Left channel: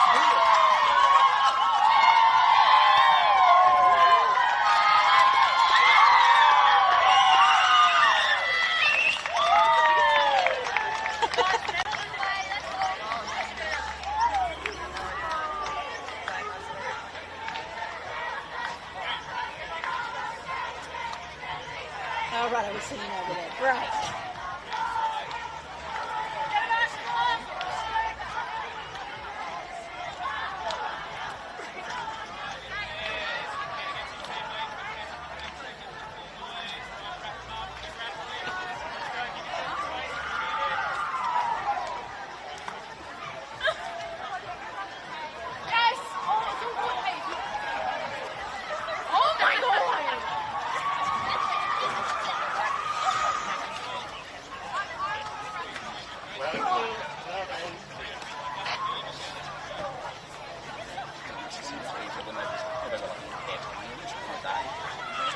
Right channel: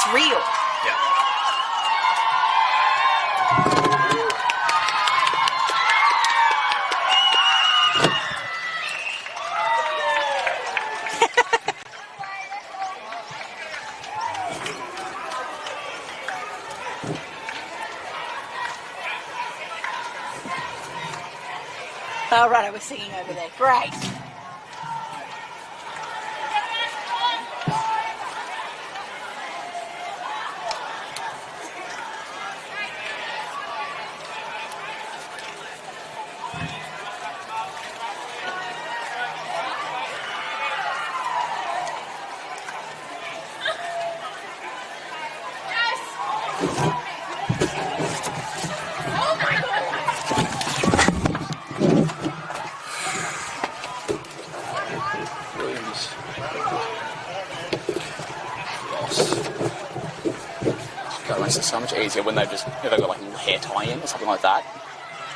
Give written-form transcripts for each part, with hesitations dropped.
it's real. All right, I was singing over there. Great. It's so much easier when they've got like a little hair tie-in or something like that.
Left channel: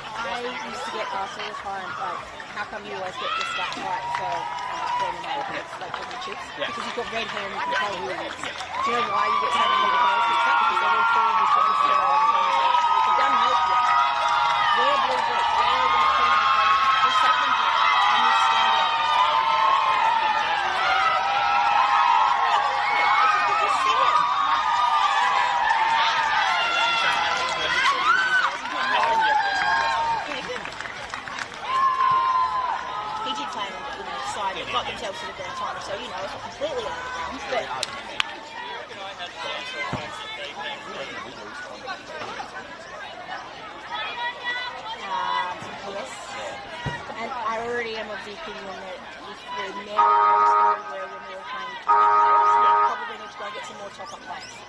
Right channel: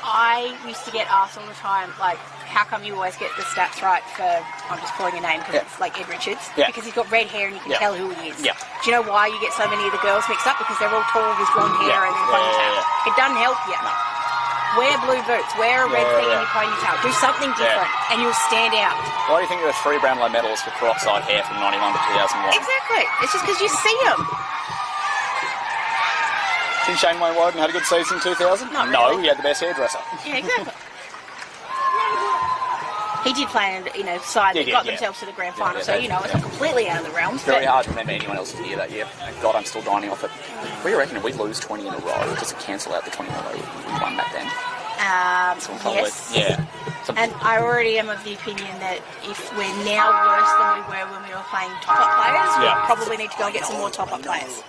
I used to get asked all the time, like, how come you always get the stats right for, I'm just calling a name because it's like Ed Richards, because he's got red hair and you can tell who he is. Do you know why you get so many of the girls mixed up? Because they're all tall with blonde hair and ponytail. It doesn't help you. Wear blue boots, wear a red thing in your ponytail, do something different and you'll stand out. Why do you think there were 3 Brownlow medals for cross-eyed hair from 91 to 2001? Exactly. It's just because you see them. Didn't Shane Wayne Wyden had a good season in 2000? No, he had the best hairdresser. Yeah, exactly. He did play and, side that got themselves to the grand final, so, it's not completely out of the realms. It's very hard to remember anyone else's year that year. God, I'm still grinding off it. What do you reckon? If we lose 20 in a row, does it cancel out the 20 in a row we won back then? Yes. Yeah. And I already am of the opinion that if we're now worse than we were when we were playing top-up players, we probably need to go and get some more top-up players.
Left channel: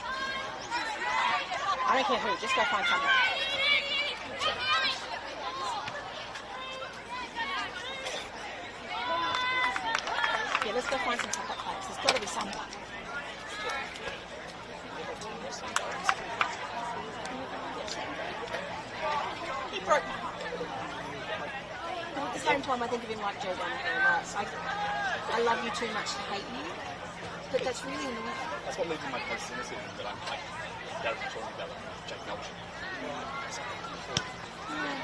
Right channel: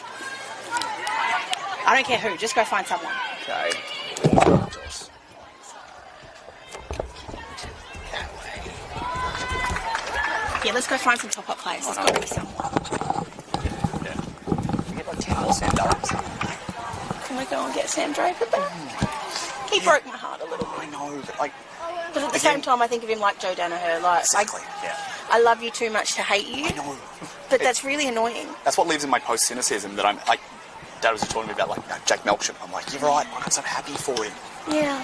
I don't care who, just go find someone. Okay. Yeah, let's go find some top-up players. There's got to be someone. Sam Draper. Can we go and get Sam Draper? He broke my heart a little bit. I know, but but at the same time, I think of him like Joe Danaher. Like, I love you too much to hate you. I know. But that's really annoying. That's what lives in my post-cynicism, that I'm like, Dad was just talking to me about Jack Melksham. I'm like, you're right, I'm so happy for him. Yeah.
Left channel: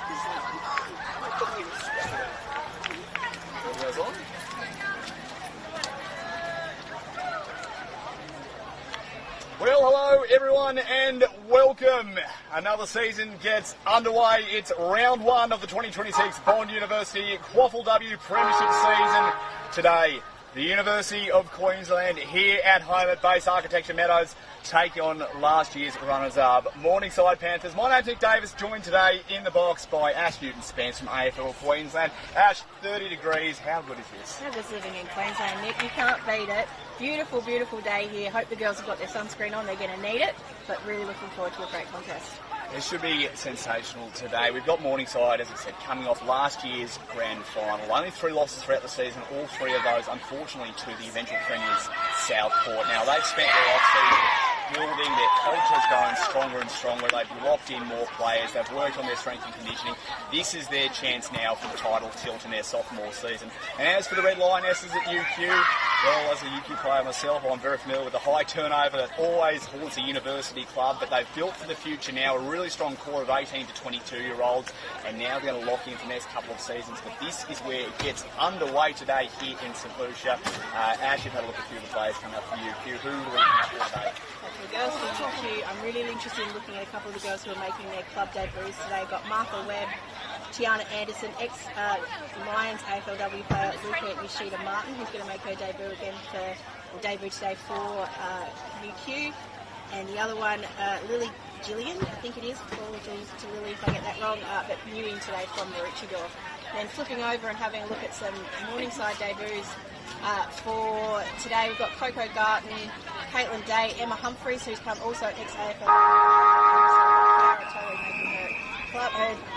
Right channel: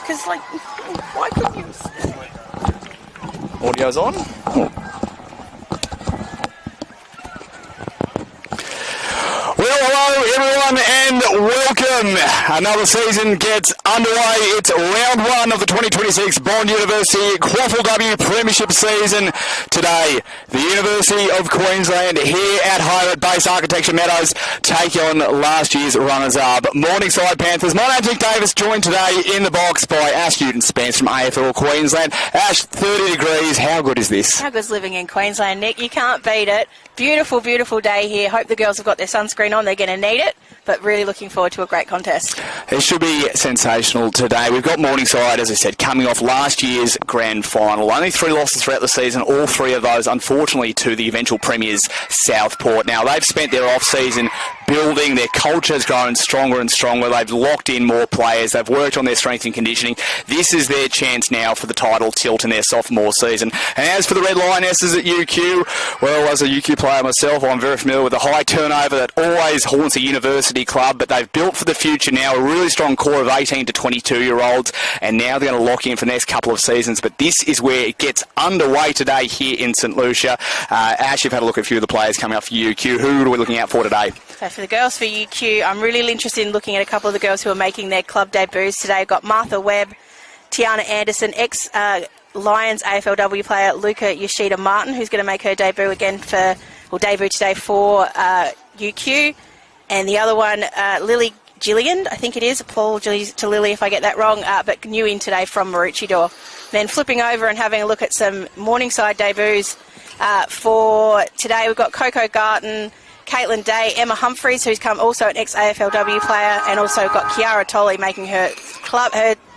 Because, why couldn't you? Audio's on. Well, hello everyone and welcome. Another season gets underway. It's round 1 of the 2026 Bond University QAFLW Premiership season. Today, the University of Queensland here at home at Base Architecture Meadows take on last year's runners-up Morningside Panthers. My name's Nick Davis, joined today in the box by Ash Newton-Spence from AFL Queensland. Ash, 30 degrees. How good is this? How good's living in Queensland, Nick? You can't beat it. Beautiful, beautiful day here. Hope the girls have got their sunscreen on. They're going to need it, but really looking forward to a great contest. It should be sensational today. We've got Morningside, as I said, coming off last year's grand final. Only 3 losses throughout the season, all 3 of those, unfortunately, to the eventual premiers, Southport. Now, they've spent their off-season building. Their culture has grown stronger and stronger. They've locked in more players. They've worked on their strength and conditioning. This is their chance now for the title tilt in their sophomore season. And as for the Red Lionesses at UQ, well, as a UQ player myself, I'm very familiar with the high turnover that always haunts a university club, but they've built for the future now a really strong core of 18 to 22-year-olds, and now they're going to lock in for the next couple of seasons. But this is where it gets underway today here in St Lucia. Ash, you've had a look at a few of the players coming up for UQ. Who are we looking out for today? So for the girls for UQ, I'm really interested in looking at a couple of the girls who are making their club debuts today. We've got Martha Webb, Tiana Anderson, ex-Lions AFLW player Luca Yoshida Martin, who's going to make her debut today for UQ. And the other one, Lily Gillian, I think it is. Apologies to Lily if I get that wrong, but new in today from Maroochydore. Then flipping over and having a look at some Morningside debuts for today, we've got Coco Garton, Caitlin Day, Emma Humphreys, who's come also an ex-AFLW player, and also got Kiara Tolley making her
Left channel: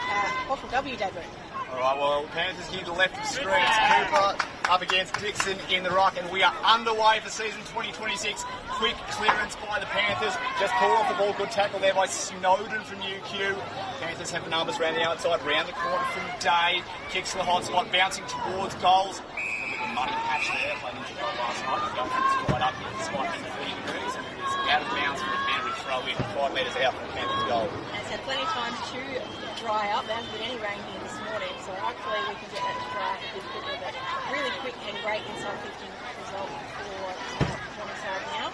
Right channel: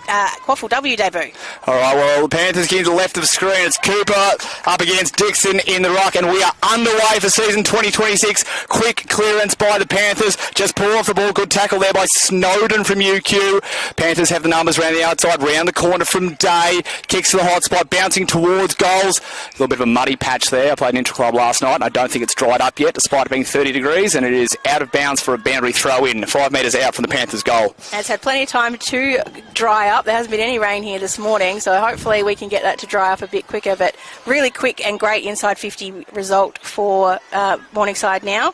QAFLW debut. All right, well, the Panthers getting to the left of the screen. It's Cooper up against Dixon in the ruck, and we are underway for season 2026. Quick clearance by the Panthers. Just pull off the ball. Good tackle there by Snowden from UQ. Panthers have the numbers around the outside, round the corner from Day. Kicks to the hot spot, bouncing towards goals. A little bit of a muddy patch there. I played an intra-club last night, and I don't think it's dried up yet, despite it being 30 degrees, and it is out of bounds for a boundary throw-in, 5 metres out from the Panthers' goal. And it's had plenty of time to dry up. There hasn't been any rain here this morning, so hopefully we can get that to dry up a bit quicker, but really quick and great inside 50 result for Morningside now.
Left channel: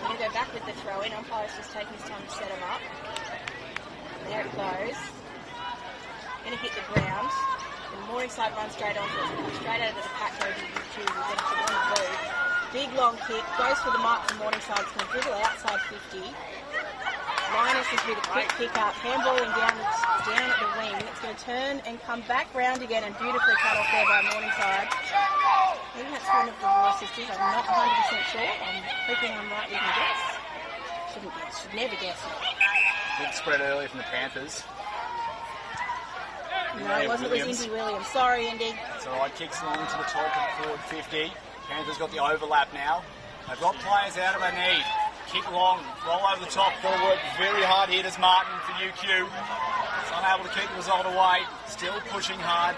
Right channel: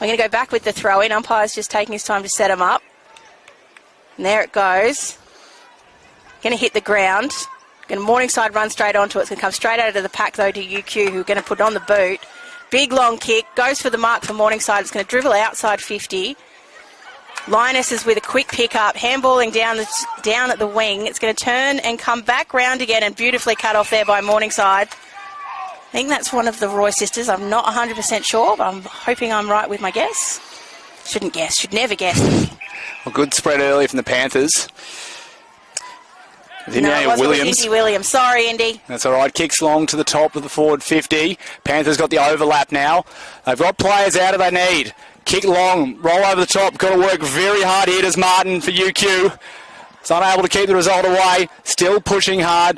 We're going to go back with the throw-in. Umpire's just taking his time to set them up. And there it goes. Going to hit the ground. Morningside run straight onto it. It's going to come straight out of the pack, though, to UQ, who are going to put on the boot. Big long kick. Goes for the mark for Morningside. It's going to dribble outside 50. Linus is with a quick pick-up, handballing down at the wing. It's going to turn and come back round again, and beautifully cut off there by Morningside. I think that's one of the Roy sisters. I'm not 100% sure, but I'm hoping I'm right with my guess. Shouldn't guess. Should never guess. A good spread early from the Panthers. No, it wasn't Indy Williams. Sorry, Indy. That's all right. Kicks long to the top of the forward 50. Panthers got the overlap now. They've got players out of their need. Kick long, roll over the top. Got to work very hard here, does Martin for UQ. It's unable to keep the result away. Still pushing hard.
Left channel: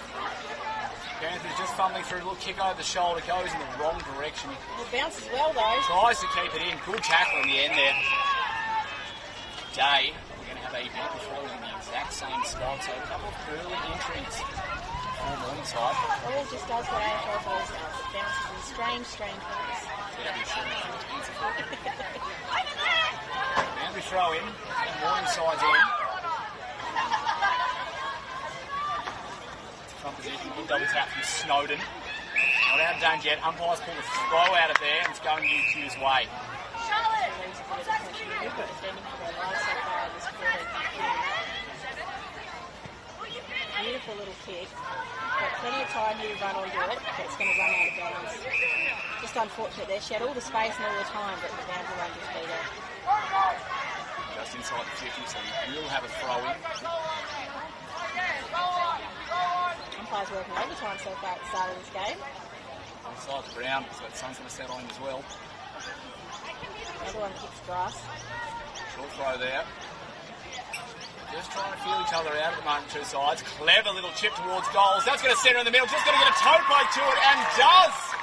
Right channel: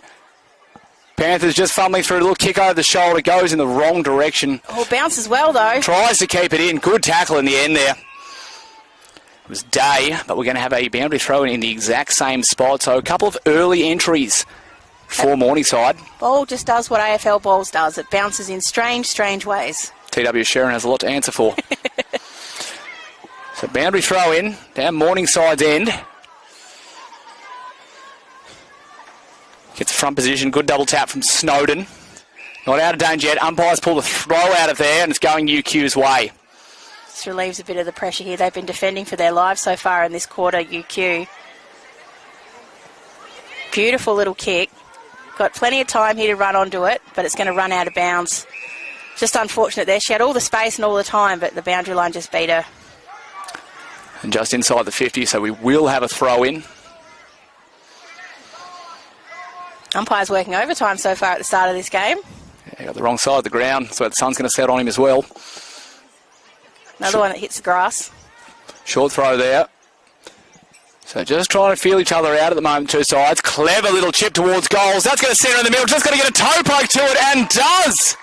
Panthers just fumbling through. A little kick over the shoulder. Goes in the wrong direction. Oh, bounces well, though. Tries to keep it in. Good tackle in the end there. It was Day, but we're going to have a boundary throw in the exact same spot. So a couple of early entries for Morningside. Ball just does what AFL balls does. It bounces in strange, strange ways. TW Sharon has a lot to answer for. So boundary throw in down Morningside's end. Gets the front position. Good double tap from Snowden. Not out of danger yet. Umpires pull the throw out of there, and it's going UQ's way. This relieves a bit of the pressure here. They've been defending for their lives so far in this quarter, UQ. Beautiful little kick. Got plenty of time here to run onto it, but it's going to run out of bounds. Just unfortunate there. She had all the space and all the time, but the boundary line just beat her. And just inside the 50, so we will have a throw in. Umpire's working overtime so far at the start of this game. Yeah, he got the wrong side of the ground, so the sun's going to set on him as well. Another one that hits the grass. Short throw there. So just trying to feel each other out at the moment, two sides. Clever little chip towards goals. That's going to centre in the middle. Just going to get a toe poke to it, and does.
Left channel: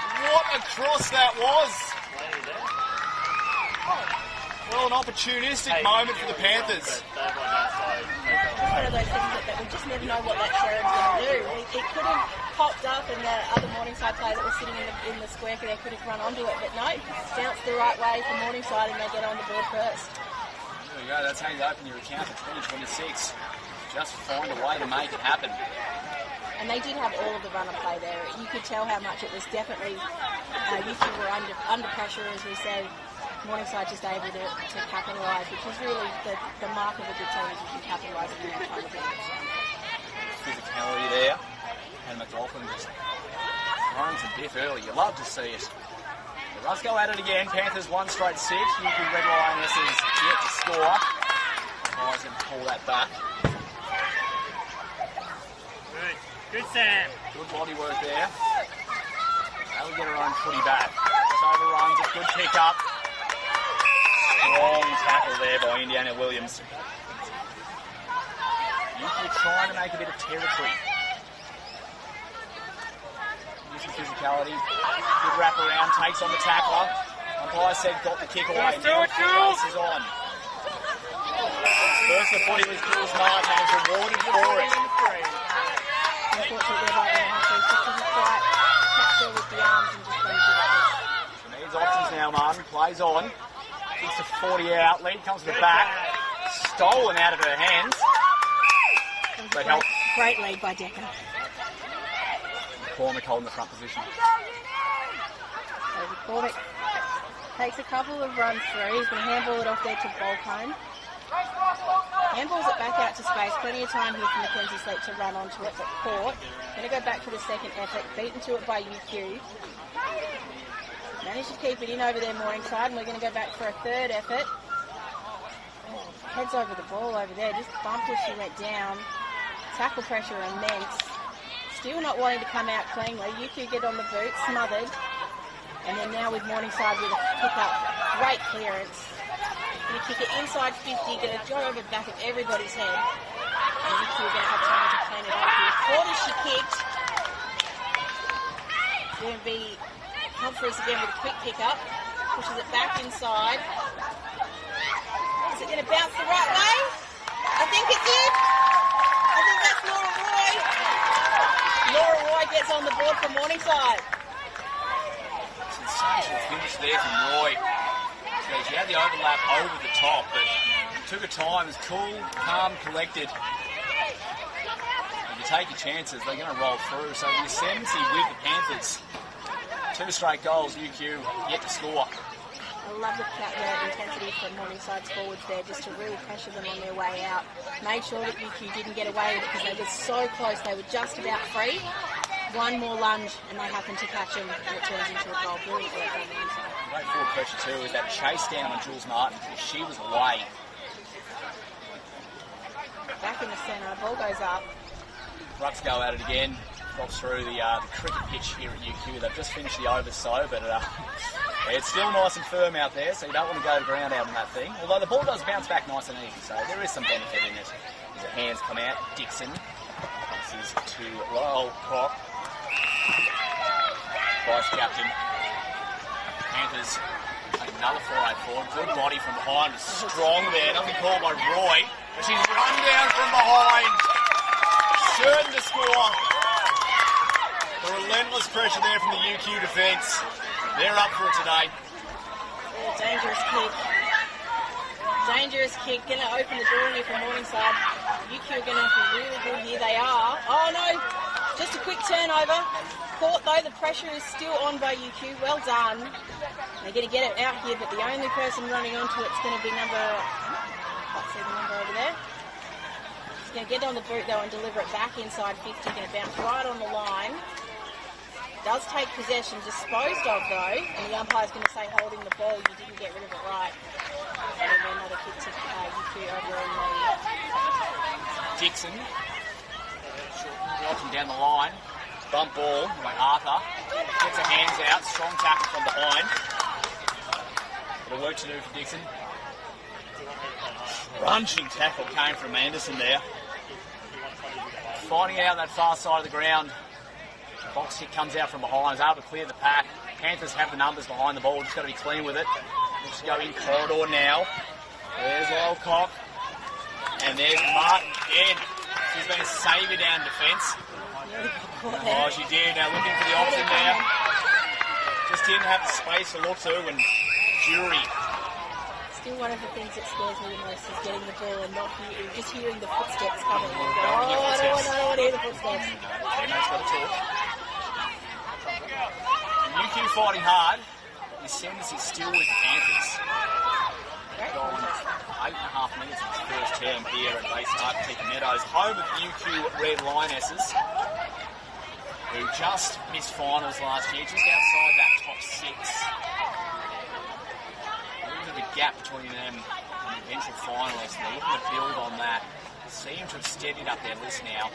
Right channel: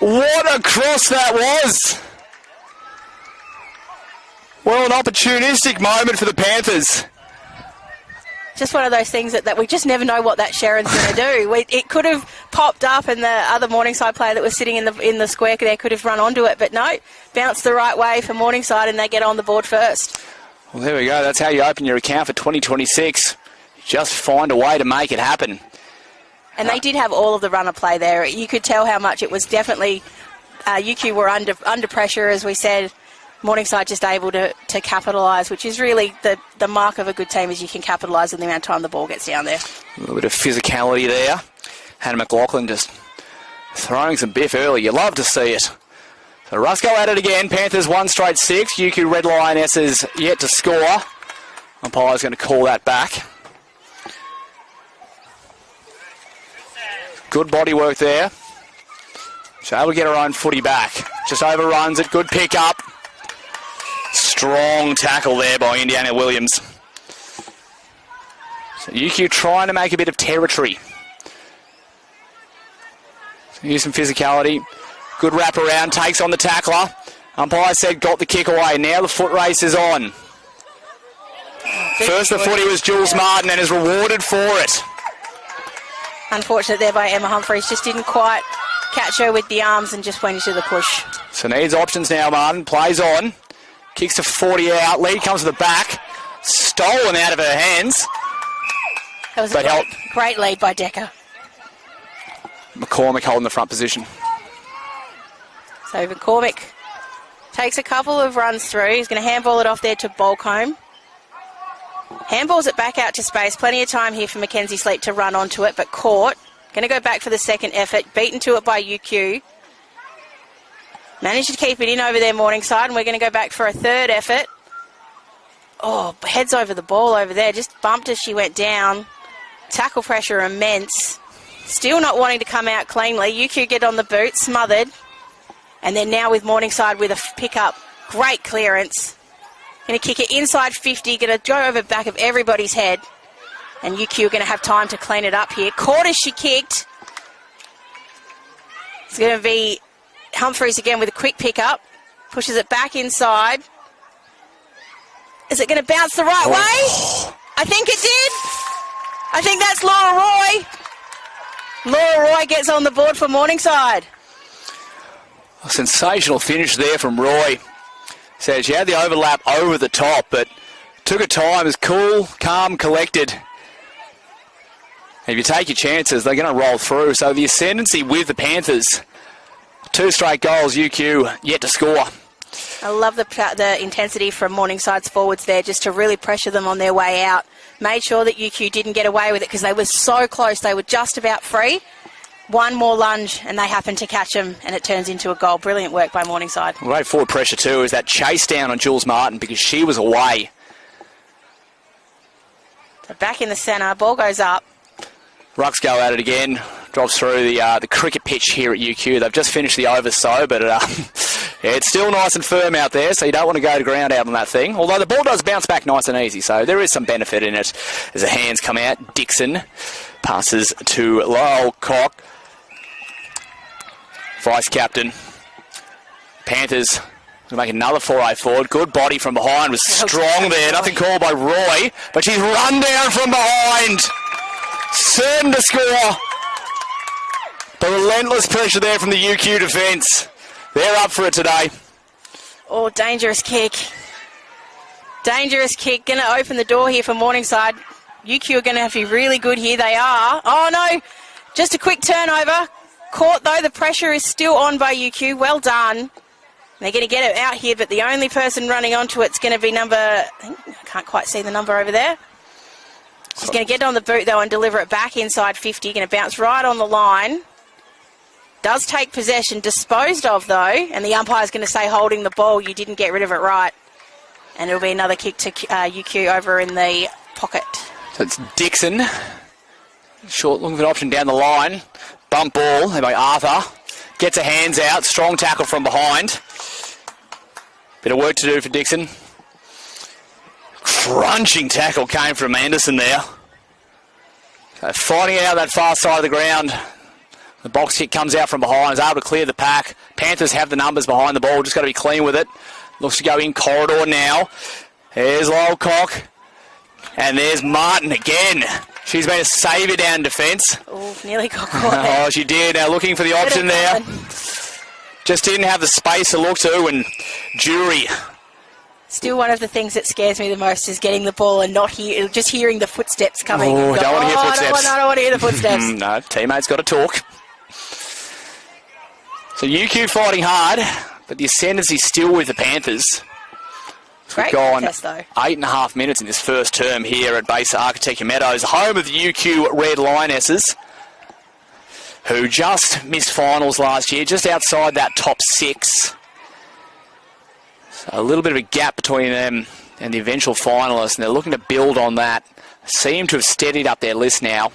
What a cross that was. Well, an opportunistic moment for the Panthers. Just one of those things that we just never know what that Sharon's going to do. It could have popped up, and the other Morningside player that was sitting in the square there could have run onto it, but no, bounced the right way for Morningside, and they get on the board first. Well, there we go. That's how you open your account for 2026. Just find a way to make it happen. And they did have all of the runner play there. You could tell how much it was definitely UQ were under pressure, as we said. Morningside just able to capitalise, which is really the mark of a good team, is you can capitalise in the amount of time the ball gets down there. A little bit of physicality there. Hannah McLaughlin just throwing some biff early. You love to see it. So Rusco at it again. Panthers 1 straight 6. UQ Red Lionesses yet to score. Umpire's going to call that back. Good body work there. She's able to get her own footy back. Just overruns it. Good pick up. Strong tackle there by Indiana Williams. So UQ trying to make a bit of territory. So use some physicality. Good wrap around, takes on the tackler. Umpire said got the kick away. Now the foot race is on. First the footy was Jules Martin and is rewarded for it. Unfortunate there by Emma Humphreys. Just didn't quite catch her with the arms and just went into the push. So needs options now, Martin. Plays on. Kicks to 40 out. Lead comes to the back. Stolen out of her hands. That was a great lead by Decker. McCormick holding the front position. So McCormick takes a couple of runs through. He's going to handball it off there to Bolcombe. Handballs it back out to space. Plenty of time here for Mackenzie Sleep to run onto it, but caught. Going to go back for the second effort. Beaten to it by UQ. Managed to keep it in over there, Morningside, and we're going to go back for a third effort. Oh, heads over the ball over there. Just bumped as she went down. Tackle pressure immense. Still not wanting to come out cleanly. UQ get on the boot, smothered. And then now with Morningside with a pick-up. Great clearance. Going to kick it inside 50. Going to go over the back of everybody's head. And UQ are going to have time to clean it up here. Caught as she kicked. It's going to be Humphreys again with a quick pick-up. Pushes it back inside. Is it going to bounce the right way? I think it did. I think that's Laura Roy. Laura Roy gets on the board for Morningside. A sensational finish there from Roy. So she had the overlap over the top, but took her time. Is cool, calm, collected. If you take your chances, they're going to roll through. So the ascendancy with the Panthers. 2 straight goals, UQ yet to score. I love the intensity from Morningside's forwards there, just to really pressure them on their way out. Made sure that UQ didn't get away with it because they were so close. They were just about free. One more lunge and they happened to catch them, and it turns into a goal. Brilliant work by Morningside. Great forward pressure too is that chase down on Jules Martin because she was away. Back in the centre, ball goes up. Rucks go at it again. Drops through the cricket pitch here at UQ. They've just finished the over so, but yeah, it's still nice and firm out there, so you don't want to go to ground out on that thing. Although the ball does bounce back nice and easy, so there is some benefit in it as the hands come out. Dixon passes to Lyle Cock, vice-captain. Panthers will make another foray forward. Good body from behind, was strong there. Nothing called by Roy, but she's run down from behind. Certain to score. The relentless pressure there from the UQ defence. They're up for it today. Oh, dangerous kick. Dangerous kick. Going to open the door here for Morningside. UQ are going to have to be really good here. They are. Oh, no. Just a quick turnover. Caught, though. The pressure is still on by UQ. Well done. They're going to get it out here, but the only person running onto it's going to be number... Can't quite see the number over there. She's going to get on the boot, though, and deliver it back inside 50. Going to bounce right on the line. Does take possession, disposed of, though, and the umpire's going to say holding the ball. You didn't get rid of it right. And it'll be another kick to UQ over in the pocket. So it's Dixon. Short looking for an option down the line. Bump ball by Arthur. Gets her hands out. Strong tackle from behind. Bit of work to do for Dixon. Crunching tackle came from Anderson there. Fighting out that far side of the ground. The box kick comes out from behind. Is able to clear the pack. Panthers have the numbers behind the ball. Just got to be clean with it. Looks to go in corridor now. There's Lowcock. And there's Martin again. She's been a saviour down defence. Oh, nearly got caught there. Oh, she did. Now looking for the option there. Just didn't have the space to look to, and Jury. Still one of the things that scares me the most is getting the ball and not just hearing the footsteps coming. Oh, don't want to hear footsteps. I don't want to hear the footsteps. No, teammates got to talk. So UQ fighting hard, but the ascendancy still with the Panthers. Great We've gone contest, though. 8.5 minutes in this first term here at Base Architecture Meadows, home of the UQ Red Lionesses, who just missed finals last year, just outside that top 6. So a little bit of a gap between them and the eventual finalists, and they're looking to build on that. Seem to have steadied up their list now.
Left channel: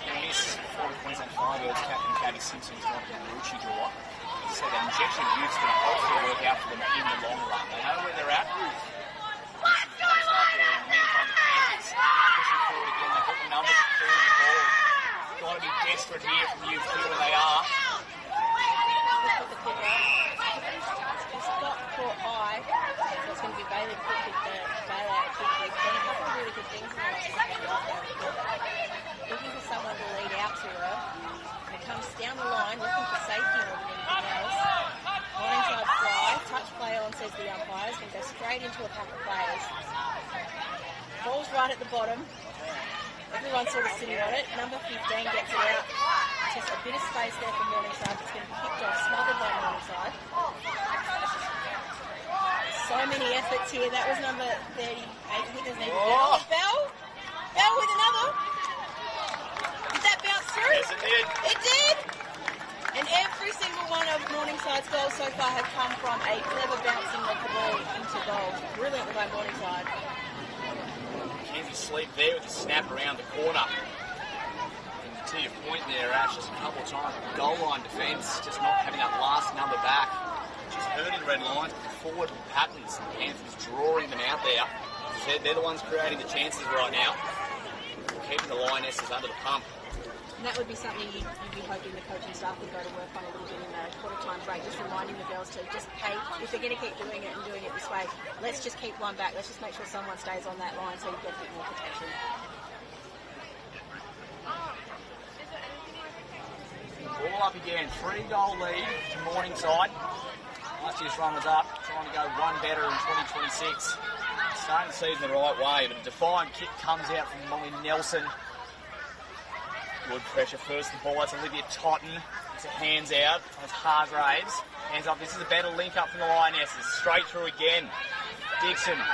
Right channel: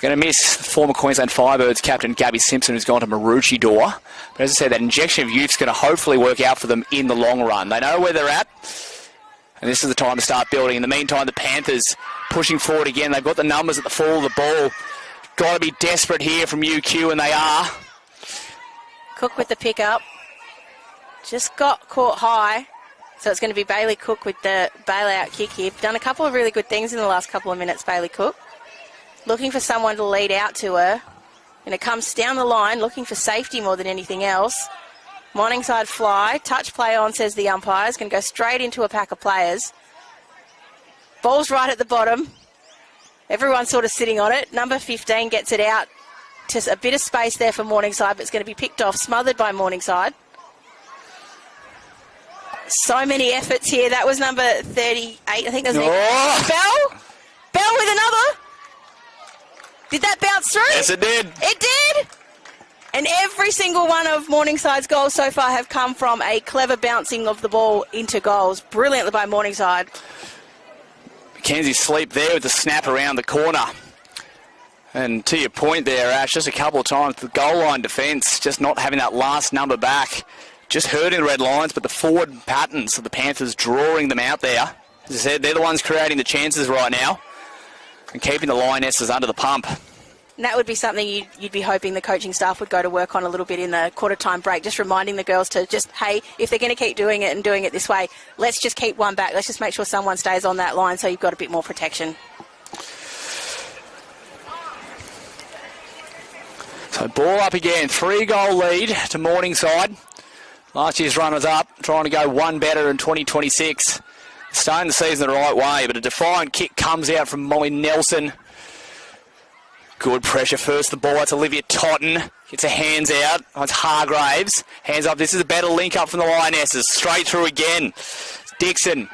Going to miss former Queensland Firebirds captain Gabby Simpson, who's gone to Maroochydore. But as I said, that injection of youth's going to hopefully work out for them in the long run. They know where they're at, and this is the time to start building. In the meantime, the Panthers pushing forward again. They've got the numbers at the fall of the ball. Got to be desperate here from UQ, and they are. Cook with the pick-up. Just got caught high. So it's going to be Bailey Cook with the bailout kick here. Done a couple of really good things in the last couple of minutes, Bailey Cook. Looking for someone to lead out to her. And it comes down the line, looking for safety more than anything else. Morningside fly. Touch play on, says the umpire. It's going to go straight into a pack of players. Ball's right at the bottom. Everyone's sort of sitting on it. Number 15 gets it out. Just a bit of space there for Morningside, but it's going to be picked off, smothered by Morningside. So many efforts here. That was number 38. I think there's Bell with another. Did that bounce through? Yes, it did. It did. And every single one of Morningside's goals so far have come from a clever bouncing of the ball into goals. Brilliantly by Morningside. Mackenzie Sleep there with the snap around the corner. And to your point there, Ash, just a couple of times, the goal line defence, just not having that last number back. Just hurting the Red Lions, but the forward patterns of the Panthers drawing them out there. As I said, they're the ones creating the chances right now and keeping the Lionesses under the pump. And that would be something you'd be hoping the coaching staff would go to work on a little bit in the quarter-time break, just reminding the girls to just, hey, if they're going to keep doing it and doing it this way, let's just keep one back. Let's just make sure someone stays on that line so you've got a bit more protection. So ball up again, 3-goal lead to Morningside. Last year's runners-up, trying to go one better in 2026. Starting the season the right way, but a defiant kick comes out from Molly Nelson. Good pressure first, the ball, that's Olivia Totten. Gets her hands out, it's Hargraves. Hands up, this is a better link up from the Lionesses. Straight through again. Dixon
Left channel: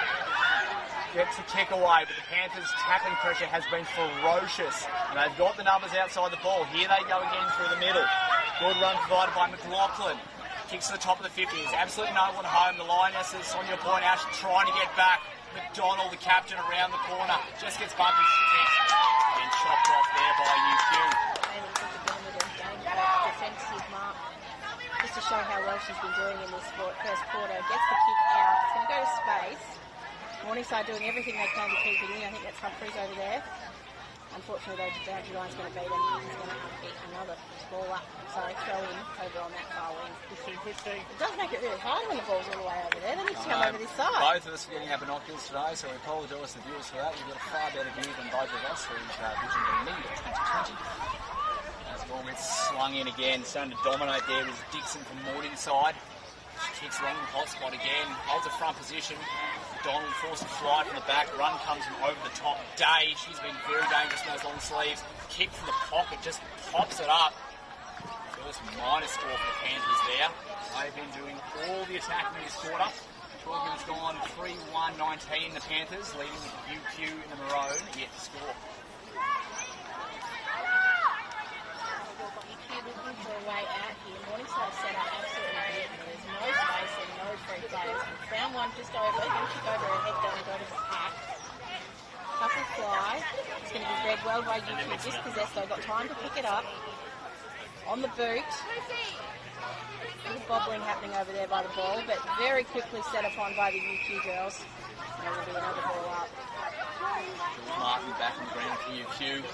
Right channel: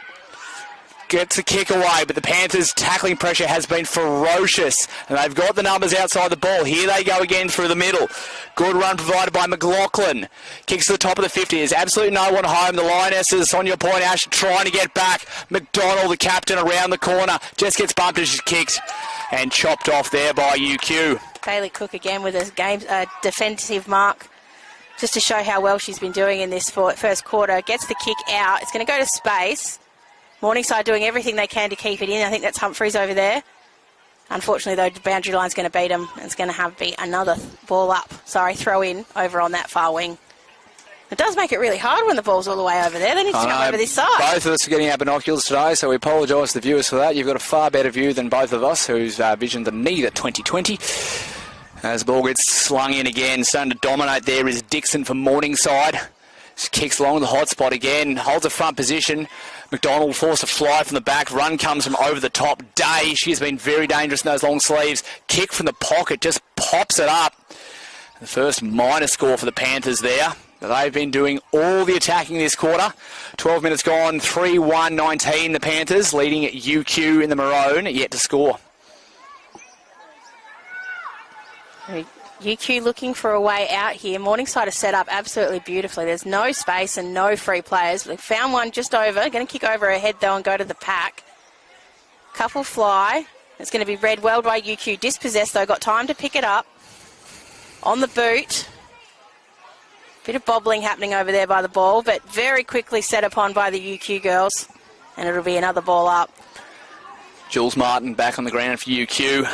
gets the kick away, but the Panthers' tackling pressure has been ferocious. And they've got the numbers outside the ball. Here they go again through the middle. Good run provided by McLaughlin. Kicks to the top of the 50. There's absolutely no one home. The Lionesses, on your point, Ash, trying to get back. McDonald, the captain, around the corner. Just gets bumped as she kicks. And chopped off there by UQ. Bailey Cook again with a defensive mark, just to show how well she's been doing in this first quarter. Gets the kick out. It's going to go to space. Morningside doing everything they can to keep it in. I think that's Humphreys over there. Unfortunately, though, the boundary line's going to beat them. It's going to have to be another throw in over on that far wing. It does make it really hard when the ball's all the way over there. They need to come over this side. Both of us are getting our binoculars today, so we apologise to the viewers for that. You've got a far better view than both of us, whose vision to need at 2020. As the ball gets slung in again, starting to dominate there is Dixon for Morningside. Just kicks along the hot spot again, holds a front position. McDonald forced a fly from the back. Run comes from over the top. Day, she has been very dangerous in those long sleeves. Kick from the pocket, just pops it up. The first minor score for the Panthers there. They've been doing all the attacking this quarter. 12 minutes gone, 3-1-19 the Panthers, leading UQ in the maroon, yet to score. UQ looking for a way out here. Morningside is set up absolutely beautifully. There's no space and no free players. They've found one just over. Going to kick over her head, though, and go to the pack. Couple fly. It's going to be read well by UQ. Dispossessed, though. Got time to pick it up. On the boot. Bit of bobbling happening over there by the ball, but very quickly set upon by the UQ girls. And it'll be another ball up. Jules Martin back on the ground for UQ.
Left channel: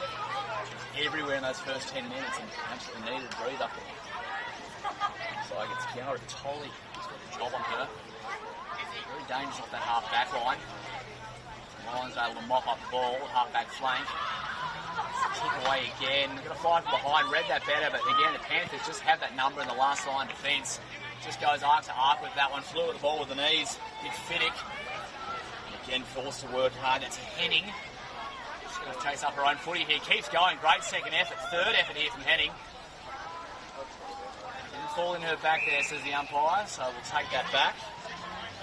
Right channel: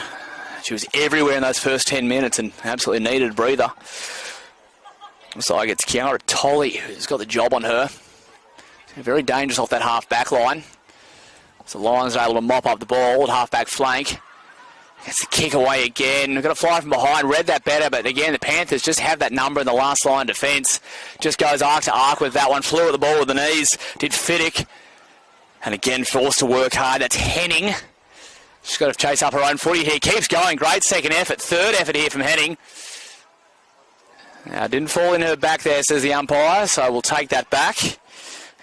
She was everywhere in those first 10 minutes and absolutely needed a breather. So I gets Kiara Tolley, who's got the job on her. Very dangerous off that half-back line. So Lions are able to mop up the ball at half-back flank. Gets the kick away again. We've got to fly from behind. Read that better, but again, the Panthers just have that number in the last line defence. Just goes arc to arc with that one. Flew at the ball with the knees. Did Fiddick. And again, forced to work hard. That's Henning. She's got to chase up her own footy here. Keeps going. Great second effort. Third effort here from Henning. Now, didn't fall in her back there, says the umpire, so we'll take that back.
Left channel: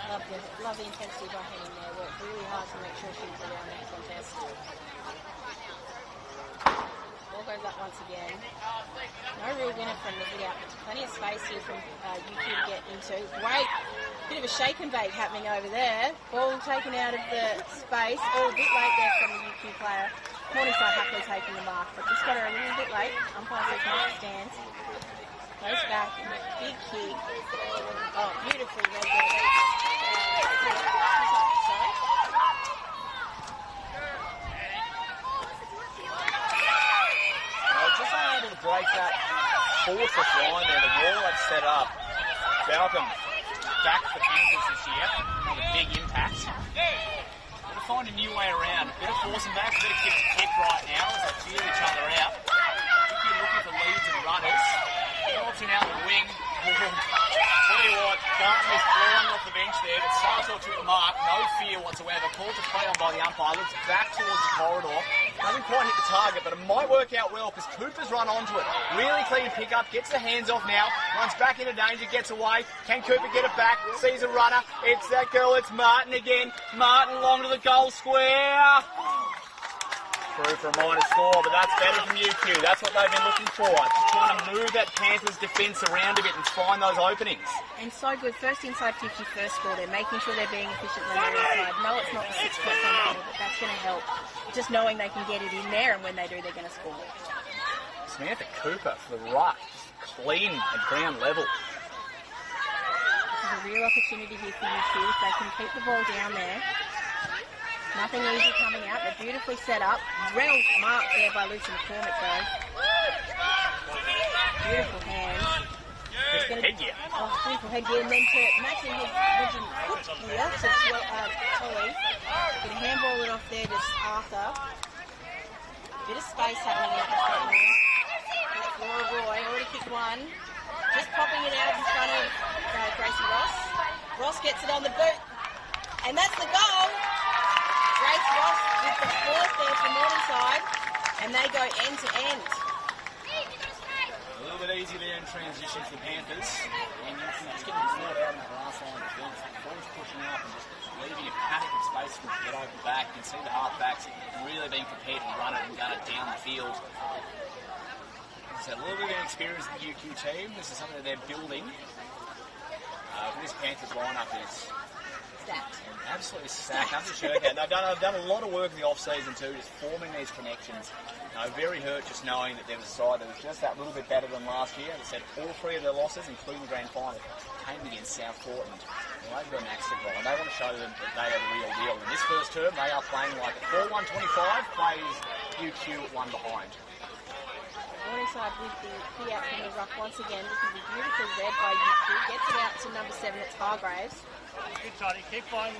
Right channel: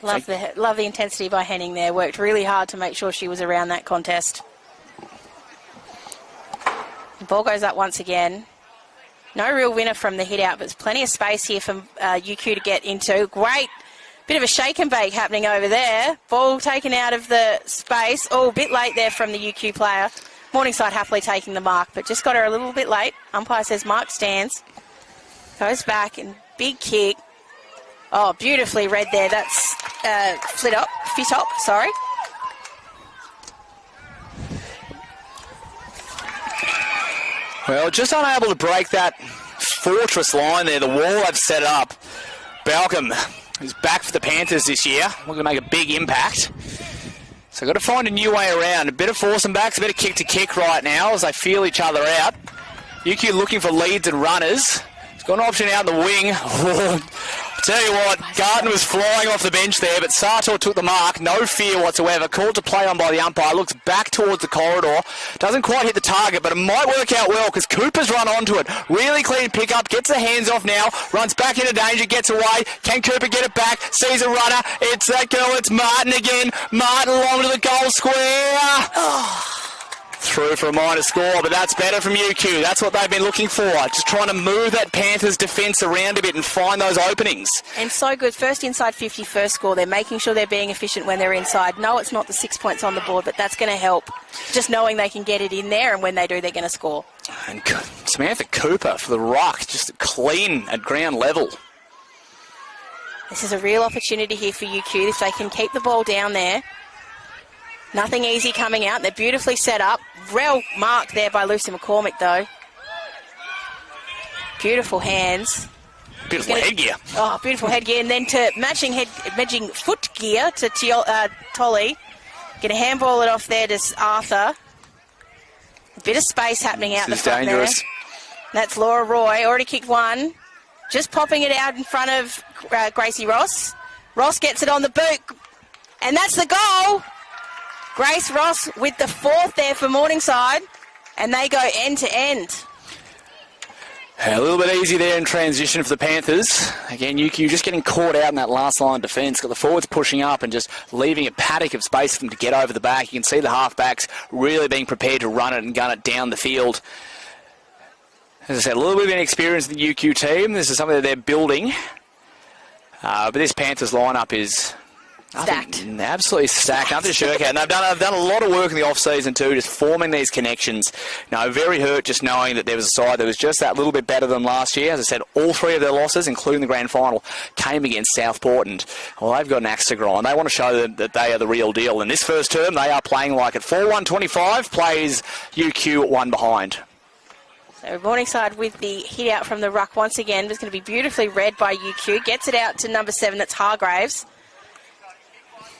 Love the intensity by Henning there. Worked really hard to make sure she was around that contest. The ball goes up once again. No real winner from the hit out, but there's plenty of space here for UQ to get into. Great bit of a shake and bake happening over there. Ball taken out of the space. Oh, a bit late there from the UQ player. Morningside happily taking the mark, but just got her a little bit late. Umpire says mark stands. Goes back and big kick. Oh, beautifully read there. That's fit up, sorry. Well, just unable to break that fortress line there, the wall I've set up. Balcom is back for the Panthers this year. We're going to make a big impact. So got to find a new way around. A bit of force and backs, a bit of kick to kick right now as they feel each other out. UQ looking for leads and runners. Got an option out the wing. Tell you what, Garden was flying off the bench there, but Sartor took the mark. No fear whatsoever. Called to play on by the umpire. Looks back towards the corridor. Doesn't quite hit the target, but it might work out well because Cooper's run onto it. Really clean pick-up. Gets the hands off now. Runs back into danger. Gets away. Can Cooper get it back? Sees a runner. It's that girl. It's Martin again. Martin along to the goal square. Through for a minor score, but that's better from UQ. That's what they've been looking for. Just trying to move that Panthers defence around a bit and find those openings. And so good. First inside 50, first score. They're making sure they're being efficient when they're inside. No, it's not the 6 points on the board, but that's going to help. Just knowing they can get it in there, and when they do, they're going to score. And Samantha Cooper for the ruck, just clean at ground level. This is a real opportunity here for UQ if they can keep the ball down there. Nothing easy coming out. They're beautifully set up. Well marked there by Lucy McCormick, though. Beautiful hands. Beautiful headgear. Oh, beautiful headgear. And then to matching foot gear to Tolly. Going to handball it off there to Arthur. A bit of space happening out the front dangerous. There. That's Laura Roy. Already kicked one. Just popping it out in front of Gracie Ross. Ross gets it on the boot. And that's the goal. Grace Ross with the fourth there for Morningside, and they go end to end. A little bit easy there in transition for the Panthers. Again, UQ just getting caught out in that last line defence. Got the forwards pushing up and just leaving a paddock of space for them to get over the back. You can see the halfbacks really being prepared to run it and gun it down the field. As I said, a little bit of inexperience in the UQ team. This is something that they're building. But this Panthers lineup is... Stacked. Absolutely stacked. Nothing to shirk at. And they've done a lot of work in the off-season too, just forming these connections. Now, very hurt just knowing that there was a side that was just that little bit better than last year. As I said, all three of their losses, including the grand final, came against Southport. And, well, they've got an axe to grind. They want to show that they are the real deal. In this first term, they are playing like it. 4-1-25 plays UQ one behind. So Morningside with the hit out from the ruck once again. It's going to be beautifully read by UQ. Gets it out to number 7, that's Hargraves.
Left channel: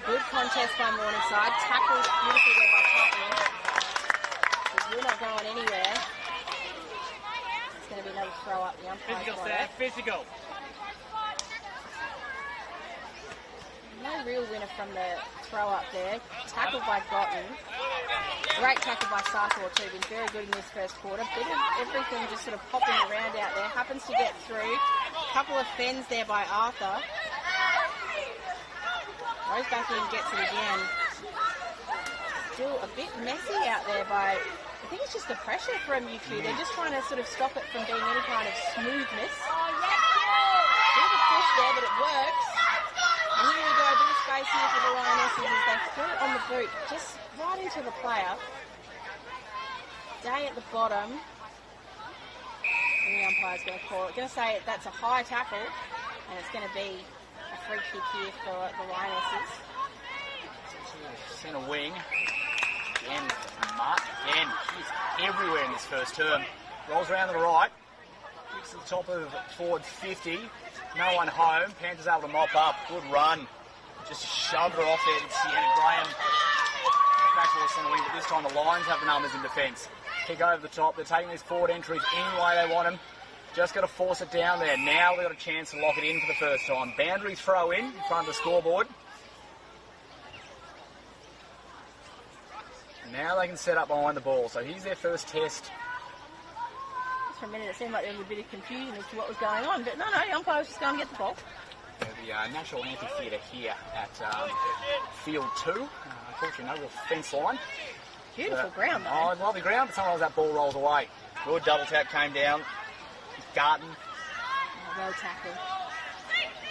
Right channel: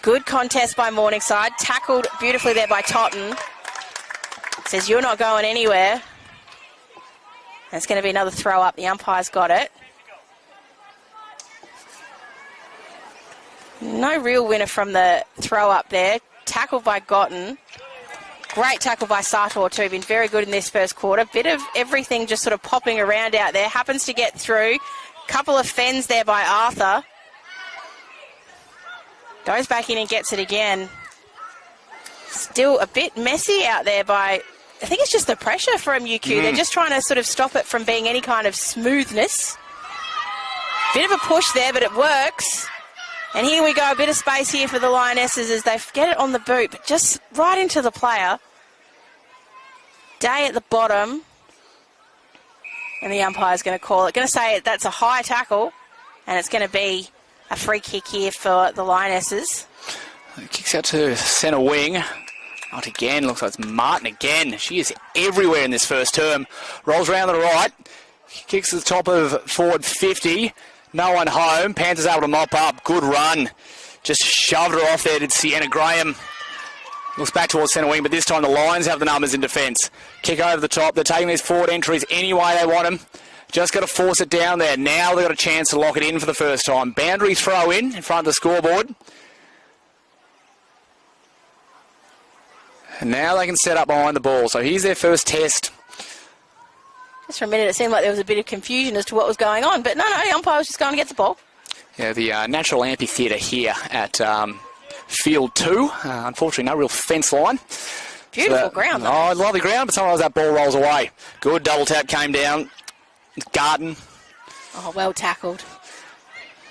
Good contest by Morningside. Tackled beautifully there by Totten. Says, you're not going anywhere. That's going to be another throw up. The umpire's got it. No real winner from the throw up there. Tackled by Gotten. Great tackle by Sartor too. Been very good in this first quarter. Bit of everything just sort of popping around out there. Happens to get through. Couple of fends there by Arthur. Goes back in and gets it again. Still a bit messy out there by... I think it's just the pressure from UQ. They're just trying to sort of stop it from being any kind of smoothness. Bit of a push there, but it works. And here we go, a bit of space here for the Lionesses as they get it on the boot, but just right into the player. Day at the bottom. And the umpire's going to call it. Going to say that's a high tackle, and it's going to be a free kick here for the Lionesses. Kicks out to centre wing. Not again. Looks like it's Martin again. She is everywhere in this first term. Rolls around to the right. Kicks to the top of forward 50. No one home. Panthers able to mop up. Good run. Just shoved her off there to Sienna Graham. Looks back towards centre wing, but this time the Lions have the numbers in defence. Kick over the top. They're taking these forward entries any way they want them. Just got to force it down there. Now they've got a chance to lock it in for the first time. Boundary throw in front of the scoreboard. And now they can set up behind the ball. So here's their first test. Just for a minute, it seemed like there was a bit of confusion as to what was going on. But no, the umpire was just going to get the ball. Yeah, the natural amphitheatre here at Field 2. Unfortunately, no real fence line. Beautiful ground, though. Oh, lovely ground, but sometimes that ball rolls away. Good double tap came down. Garden. Oh, well tackled.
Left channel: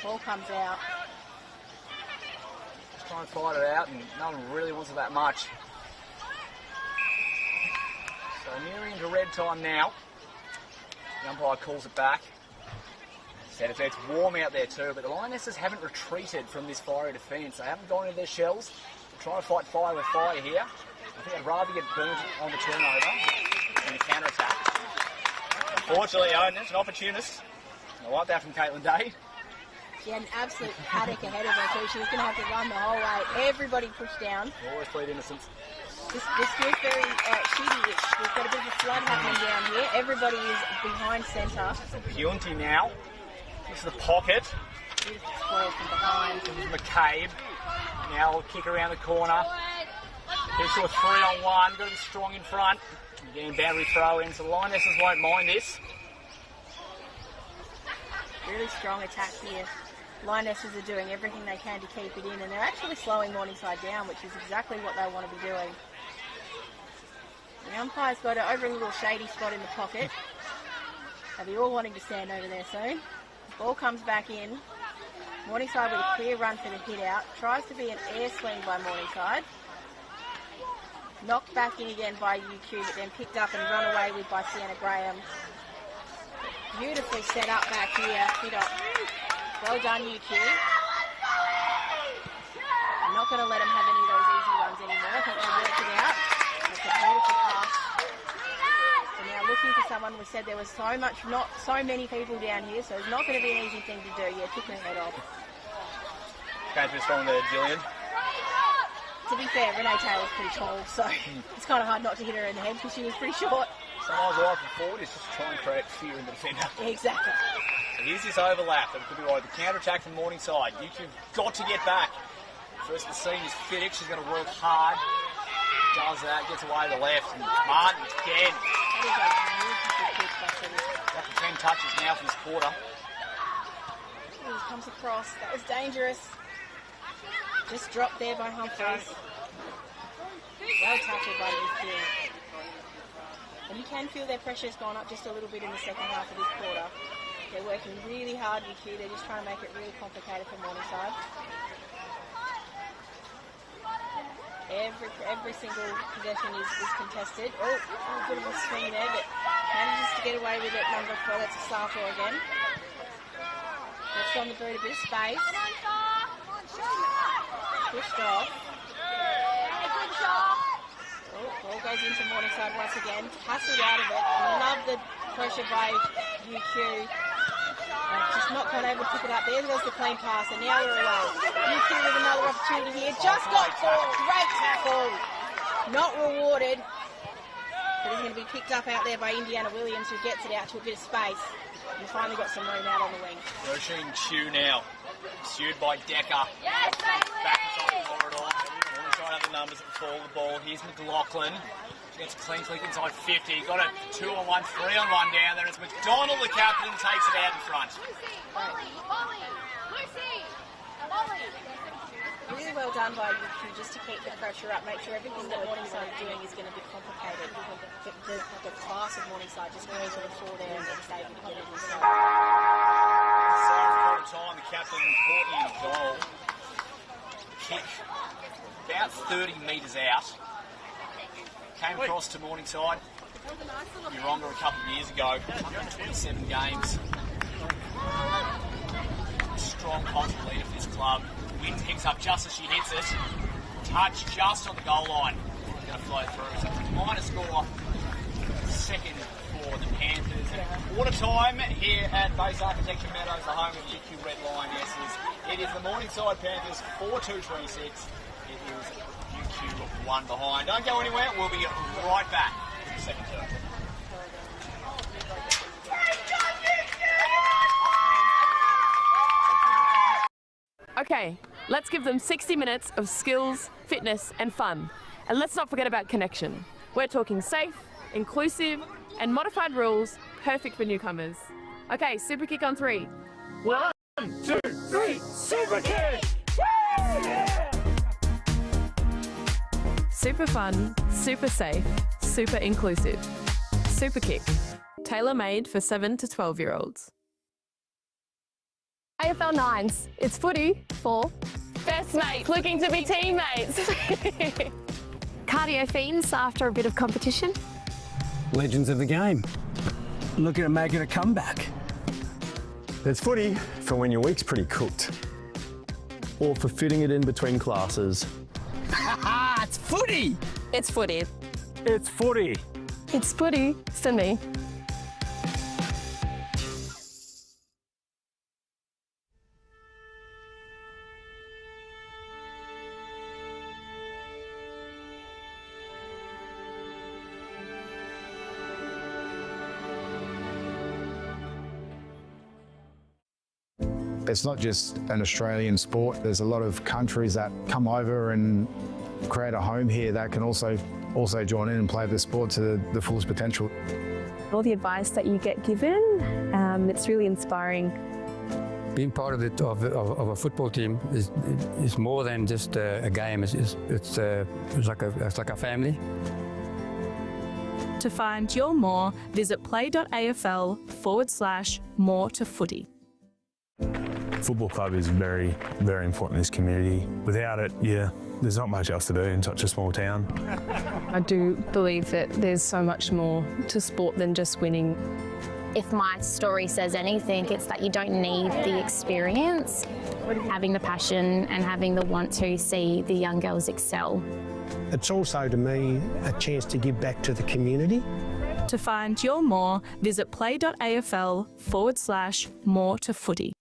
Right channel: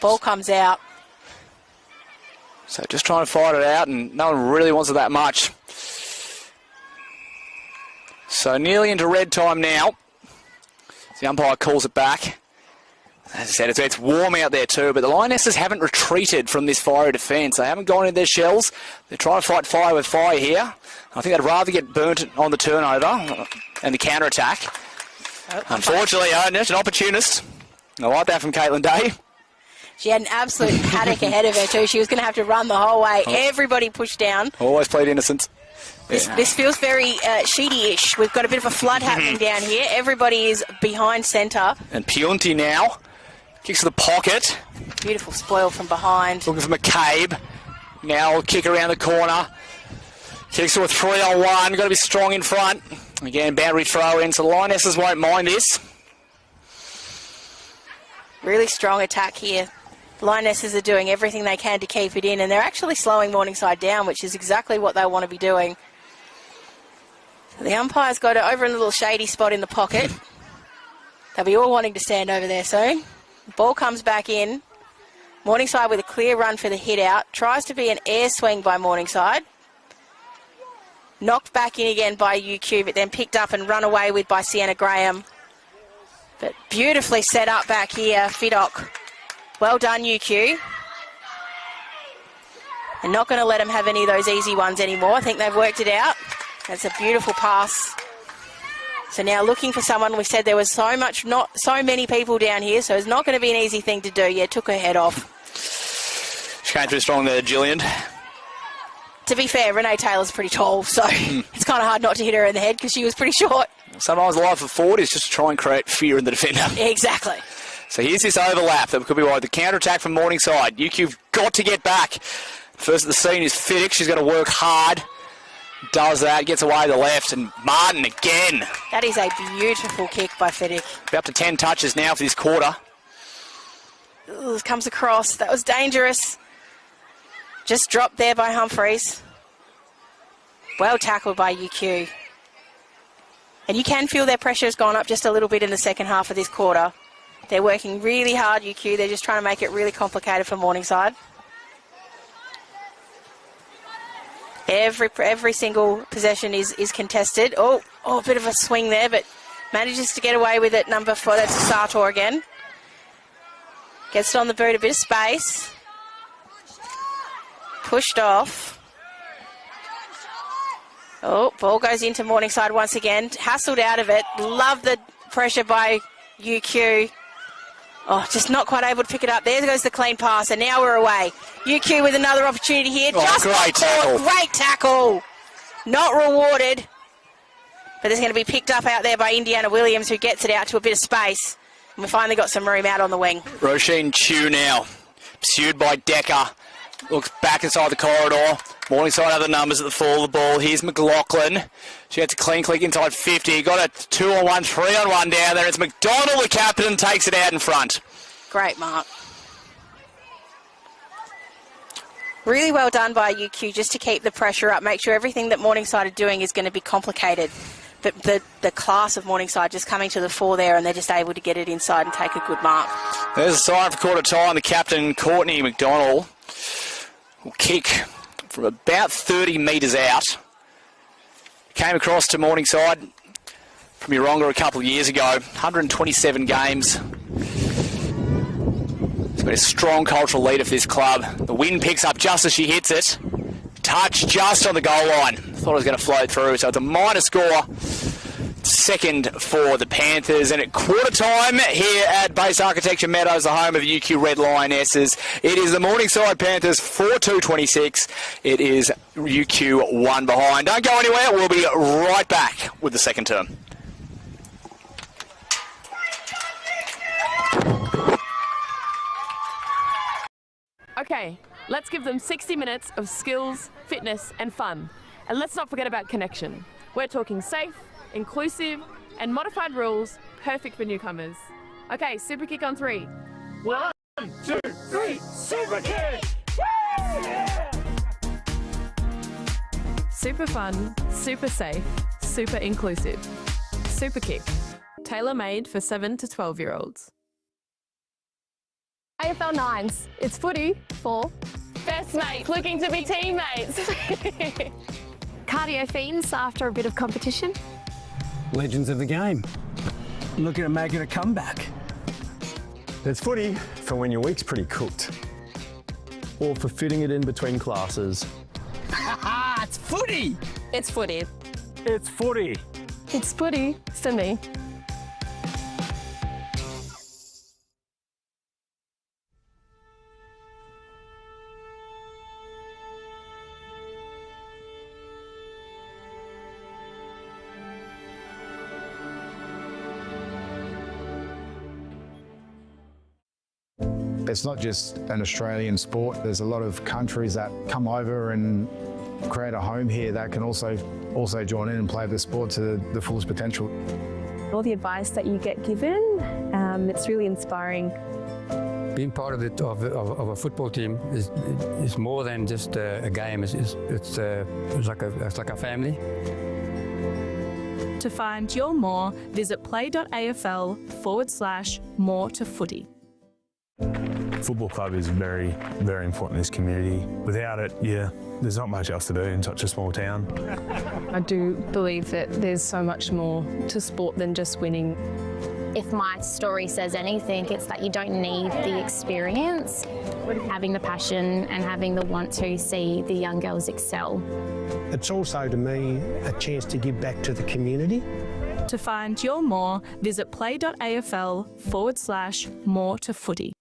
Ball comes out. So just trying to fight it out, and no one really wants it that much. So nearly into red time now. The umpire calls it back. As I said, it's warm out there too, but the Lionesses haven't retreated from this fiery defence. They haven't gone into their shells. They're trying to fight fire with fire here. I think they'd rather get burnt on the turnover and the counter-attack. Unfortunately, just an opportunist. I like that from Caitlin Day. She had an absolute paddock ahead of her too. She was going to have to run the whole way. Everybody pushed down. Always played innocent. This feels very Sheedy-ish. We've got a bit of a flood happening down here. Everybody is behind centre. And Pionti now kicks to the pocket. Beautiful spoil from behind. Looking for McCabe. Now kick around the corner. Kicks to a 3-on-1. Got to be strong in front. Again, boundary throw in, so the Lionesses won't mind this. Really strong attack here. The Lionesses are doing everything they can to keep it in, and they're actually slowing Morningside down, which is exactly what they want to be doing. The umpire's got it over in a little shady spot in the pocket. They'll be all wanting to stand over there soon. Ball comes back in. Morningside with a clear run for the hit out. Tries to be an air swing by Morningside. Knocked back in again by UQ, but then picked up and run away with by Sienna Graham. But beautifully set up back here, Fiddock. Well done, UQ. They're not going to let them have any of those easy ones anymore. I think they've worked it out. That's a beautiful pass. So now looking for someone. We said there was not so many people down here, so it's not going to be an easy thing to do. Yeah, took her head off. She came through strong there, Gillian. To be fair, Renee Taylor's pretty tall, so it's kind of hard not to hit her in the head because she was pretty short. Sometimes the life of forward is just to try and create fear in the defender. Exactly. So here's this overlap that could be wide. The counter-attack from Morningside. UQ've got to get back. First at the scene is Fiddick. She's got to work hard. Does that, gets away to the left, and Martin again. That is a beautiful kick by Fiddick. Up to 10 touches now for this quarter. Ooh, comes across. That was dangerous. Just dropped there by Humphreys. Well tackled by UQ. And you can feel their pressure has gone up just a little bit in the second half of this quarter. They're working really hard, UQ. They're just trying to make it really complicated for Morningside. Every single possession is contested. Oh, a bit of a swing there, but manages to get away with it. Number 4, that's Sartor again. Gets it on the boot, a bit of space. Pushed off. Oh, ball goes into Morningside once again. Hassled out of it. Love the pressure by UQ. Oh, just not quite able to pick it up. There goes the clean pass, and now we're away. UQ with another opportunity here. Oh, just great tackle. Great tackle. Not rewarded. But it's going to be picked up out there by Indiana Williams, who gets it out to a bit of space. And we finally got some room out on the wing. Roisin Chu now. Pursued by Decker. Looks back inside the corridor. Morningside have the numbers at the fall of the ball. Here's McLaughlin. She gets a clean click inside 50. Got a 2-on-1, 3-on-1 down there. It's McDonald, the captain, takes it out in front. Great mark. Really well done by UQ just to keep the pressure up, make sure everything that Morningside are doing is going to be complicated. But the class of Morningside just coming to the fore there, and they're just able to get it inside and take a good mark. There's a sign at the quarter time. The captain, Courtney McDonald, will kick from about 30 metres out. Came across to Morningside from Yeronga a couple of years ago. 127 games. He's been a strong cultural leader for this club. The wind picks up just as she hits it. Touch just on the goal line. Thought it was going to float through, so it's a minor score. Second for the Panthers, and at quarter time here at Base Architecture Meadows, the home of UQ Red Lionesses, it is the Morningside Panthers 4-2-26. It is UQ 1 behind. Don't go anywhere, we'll be right back with the second term. Okay, let's give them 60 minutes of skills, fitness and fun. And let's not forget about connection. We're talking safe, inclusive and modified rules, perfect for newcomers. Okay, super kick on 3. 1, 2, 3, super kick! Woo! Yeah! Super fun, super safe, super inclusive. Super kick, tailor-made for 7 to 12-year-olds. AFL 9s, it's footy for Best mates looking to be teammates. cardio fiends after a bit of competition. Legends of the game. Looking at making a comeback. There's footy for when your week's pretty cooked. Or for fitting it in between classes. Ha! It's footy! It's footy. It's footy. It's footy for me. It's not just an Australian sport. There's a lot of countries that come over and create a home here that can also join in and play the sport to the fullest potential. All the advice that you get given, it's really inspiring. Being part of a football team is more than just a game. It's like a family. To find your more, visit play.afl/more to footy. Football club is very, very important in this community. Without it, there's not much else to do in such a small town. I do believe that there's so much more to sport than just winning. If my story says anything, it's that you don't need the experience, having the passion and having the want to see the young girls excel. It's also, to me, a chance to give back to the community. To find your more, visit play.afl/more to footy.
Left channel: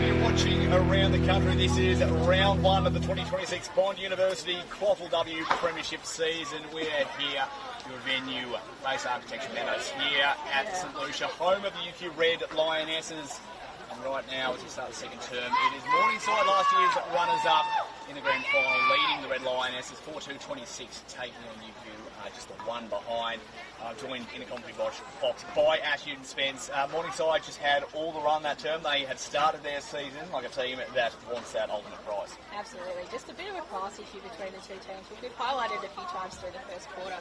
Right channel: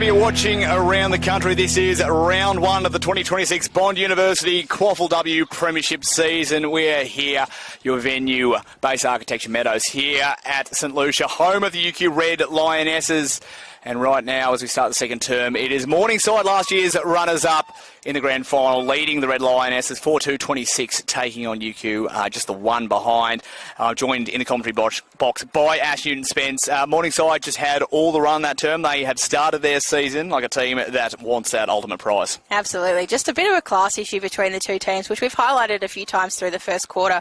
Wherever you're watching around the country, this is round one of the 2026 Bond University QAFLW Premiership season. We're here, your venue, Base Architecture Meadows, here at St Lucia, home of the UQ Red Lionesses. And right now, as we start the second term, it is Morningside, last year's runners-up in the grand final, leading the Red Lionesses 4-2-26, taking on UQ, just the one behind. Joined in the commentary box by Ash Newton-Spence. Morningside just had all the run that term. They had started their season like a team that wants that ultimate prize. Absolutely. Just a bit of a class issue between the two teams, which we've highlighted a few times through the first quarter.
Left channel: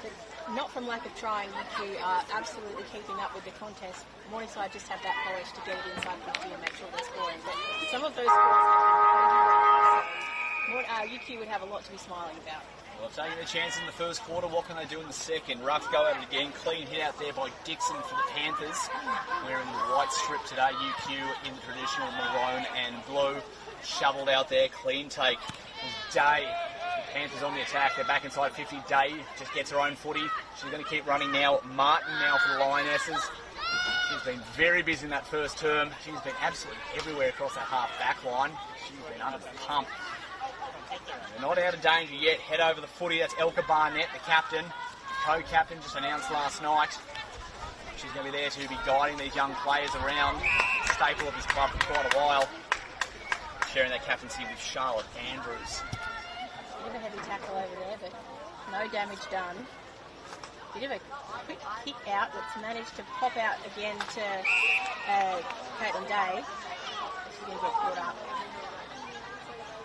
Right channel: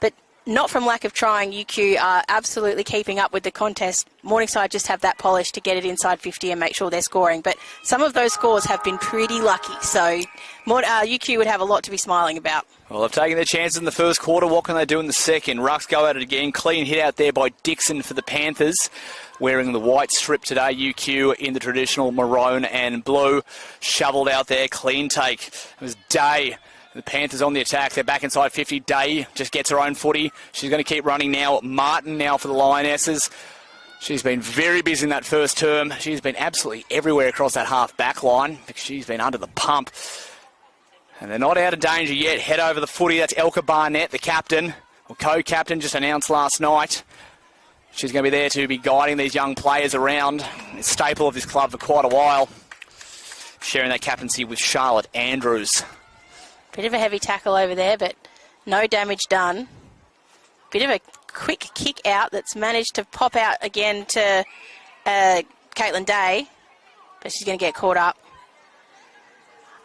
But not from lack of trying. UQ are absolutely keeping up with the contest. Morningside just have that polish to get it inside 50 and make sure they're scoring. But some of those scores have been pretty lucky. So UQ would have a lot to be smiling about. Well, they've taken their chances in the first quarter. What can they do in the second? Rucks go at it again. Clean hit out there by Dixon for the Panthers. Wearing the white strip today, UQ in the traditional maroon and blue. Shoveled out there, clean take. It was Day. The Panthers on the attack. They're back inside 50. Day just gets her own footy. She's going to keep running now. Martin now for the Lionesses. She's been very busy in that first term. She's been absolutely everywhere across that half-back line. She's been under the pump. And they're not out of danger yet. Head over the footy. That's Elka Barnett, the captain. The co-captain just announced last night. She's going to be there to be guiding these young players around. A staple of this club for quite a while. Sharing that captaincy with Charlotte Andrews. Bit of a heavy tackle over there, but no damage done. Bit of a quick kick out that's managed to pop out again to Caitlin Day, but she's going to get caught up.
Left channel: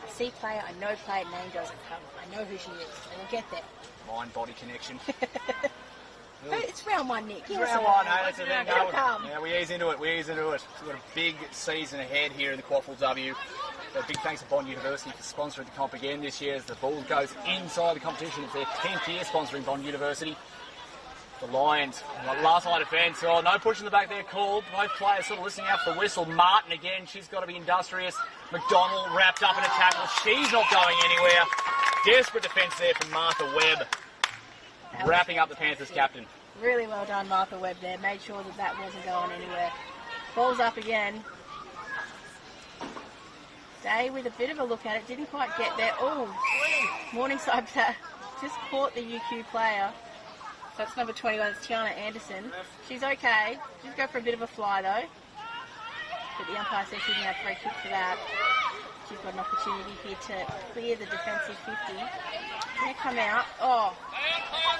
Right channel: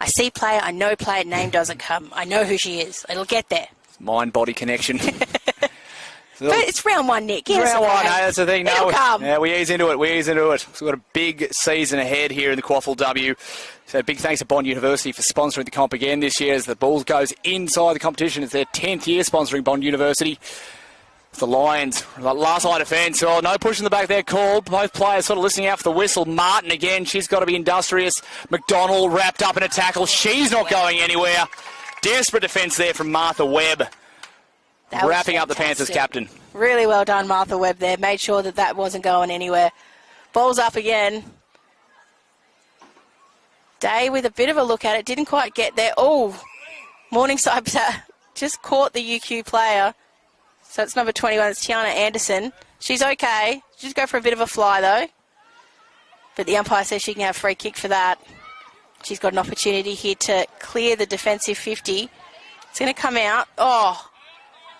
I see player, I know player, name doesn't come. I know who she is. It'll get there. Mind-body connection. But it's round one, Nick. It's round one, hey, that's the thing. It'll come. Yeah, we ease into it. We've got a big season ahead here in the QAFLW. So big thanks to Bond University for sponsoring the comp again this year as the Bulls goes inside the competition. It's their 10th year sponsoring Bond University. The Lions, last line defence. Oh, no push in the back there called. Both players sort of listening out for the whistle. Martin again, she's got to be industrious. McDonald wrapped up in a tackle. She's not going anywhere. Desperate defence there from Martha Webb. Wrapping up the Panthers captain. Really well done, Martha Webb there. Made sure that wasn't going anywhere. Ball's up again. Day with a bit of a look at it. Didn't quite get there. Oh, Morningside just caught the UQ player. So it's number 21. It's Tiana Anderson. She's okay. She's go for a bit of a fly, though. But the umpire says she can have a free kick for that. She's got an opportunity here to clear the defensive 50. It's going to come out. Oh,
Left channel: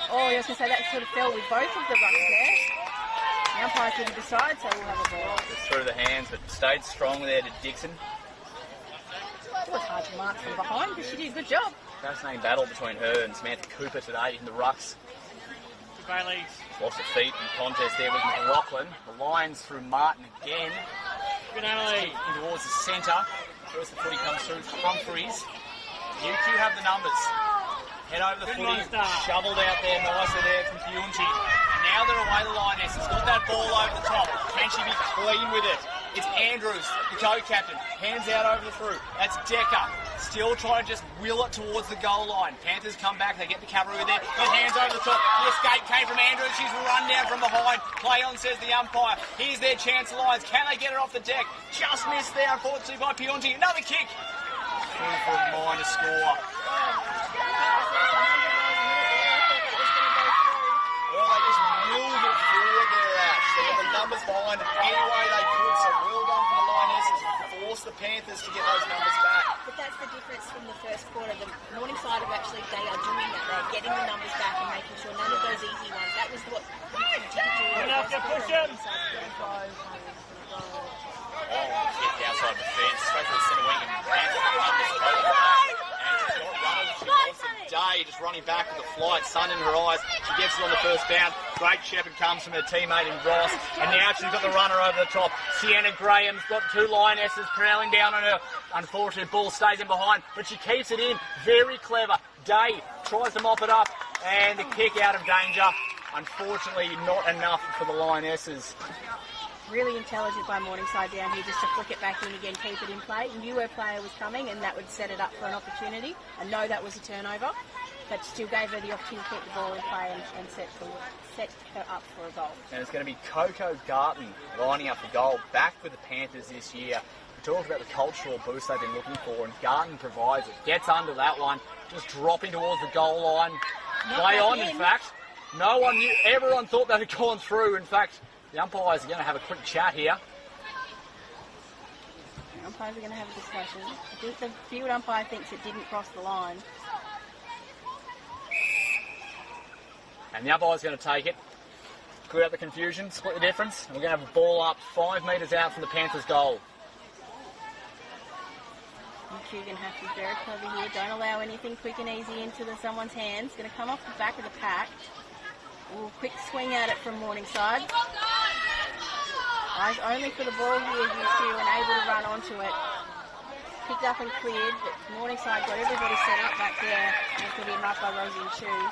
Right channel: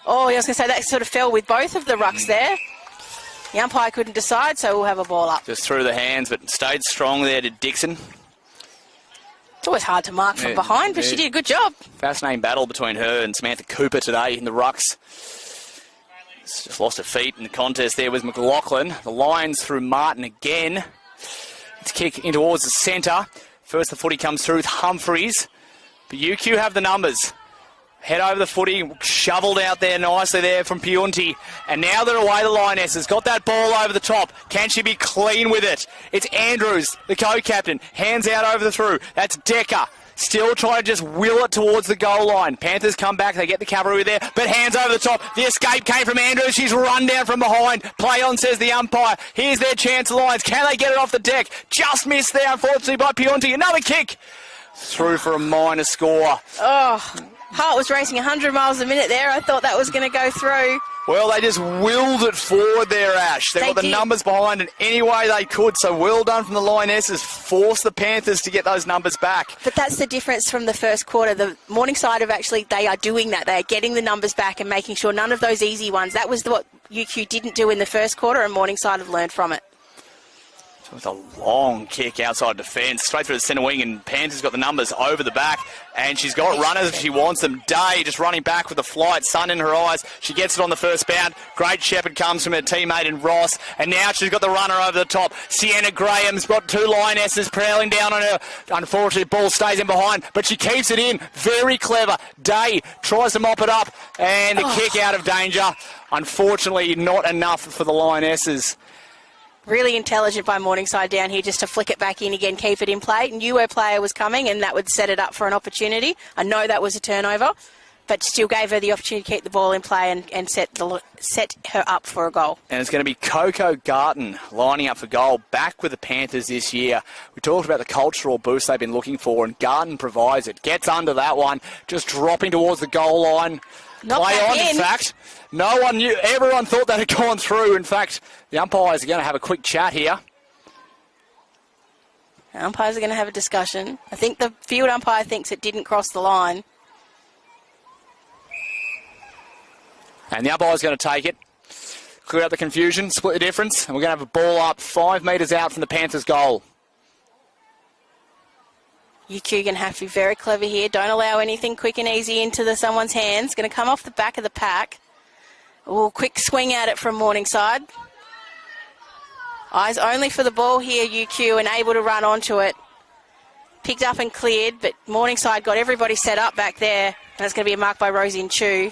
I was going to say that sort of fell with both of the rucks there. The umpire couldn't decide, so we'll have a ball up. Just through the hands, but stayed strong there to Dixon. It's always hard to mark from behind, but she did a good job. Fascinating battle between her and Samantha Cooper today in the rucks. Just lost her feet in the contest there was McLaughlin. The Lions through Martin again. Let's kick in towards the centre. First the footy comes through with Humphreys. But UQ have the numbers. Head over the footy, shoveled out there nicely there from Piunti. And now they're away, the Lionesses. Got that ball over the top. Can she be clean with it? It's Andrews, the co-captain. Hands out over the through. That's Decker. Still trying to just wheel it towards the goal line. Panthers come back. They get the cavalry there. But hands over the top. The escape came from Andrews. She's run down from behind. Play on, says the umpire. Here's their chance, Lions. Can they get it off the deck? Just missed there, unfortunately, by Piunti. Another kick. Through for a minor score. Oh, heart was racing 100 miles a minute there. I thought that was going to go through. Well, they just willed it forward there, Ash. They got the numbers behind it any way they could, so well done from the Lionesses. Forced the Panthers to get those numbers back. But that's the difference from the first quarter. The Morningside they are doing that. They are getting the numbers back and making sure none of those easy ones. That was what UQ didn't do in the first quarter, and Morningside have learned from it. It's a long kick outside defence, straight through the centre wing, and Panthers got the numbers over the back. And she's got runners if she wants them. Day just running back with the flight, sun in her eyes. She gets it on the first bound. Great shepherd comes from her teammate in Ross. And now she's got the runner over the top. Sienna Graham's got two Lionesses prowling down on her. Unfortunately, the ball stays in behind, but she keeps it in. Very clever. Day tries to mop it up, and the kick out of danger. Unfortunately, not enough for the Lionesses. Really intelligent by Morningside down here just to flick it back in again, keep it in play. Knew her player was coming and that would set it up for an opportunity. I know that was a turnover, but still gave her the opportunity to keep the ball in play and set her up for a goal. And it's going to be Coco Garton lining up for goal, back with the Panthers this year. We talked about the cultural boost they've been looking for, and Garton provides it. Gets under that one, just dropping towards the goal line. Not play on, in fact. No one knew, everyone thought that had gone through. In fact, the umpires are going to have a quick chat here. The umpires are going to have a discussion. I think the field umpire thinks it didn't cross the line. And the umpire's going to take it, clear out the confusion, split the difference, and we're going to have a ball up 5 metres out from the Panthers' goal. UQ going to have to be very clever here. Don't allow anything quick and easy into someone's hands. Going to come off the back of the pack. Oh, quick swing at it from Morningside. Eyes only for the ball here, UQ, and able to run onto it. Picked up and cleared, but Morningside got everybody set up back there, and it's going to be a mark by Rosie Chu.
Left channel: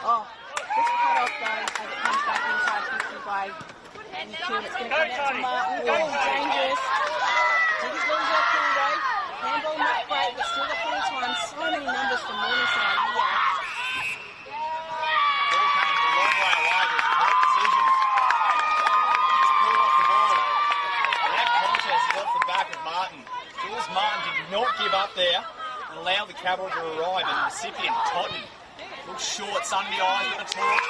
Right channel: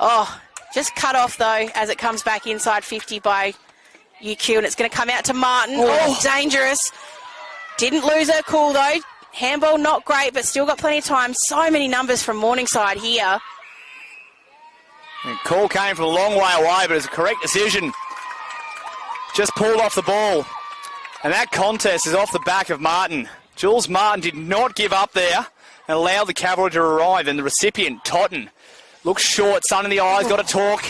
Oh, just cut off, though, as it comes back inside 50 by UQ, and it's going to come out to Martin. Oh, dangerous. Didn't lose her cool, though. Handball not great, but still got plenty of time. So many numbers from Morningside here. The call came from a long way away, but it was a correct decision. Just pulled off the ball. And that contest is off the back of Martin. Jules Martin did not give up there and allowed the cavalry to arrive. And the recipient, Totten, looks short, sun in the eyes, got to talk.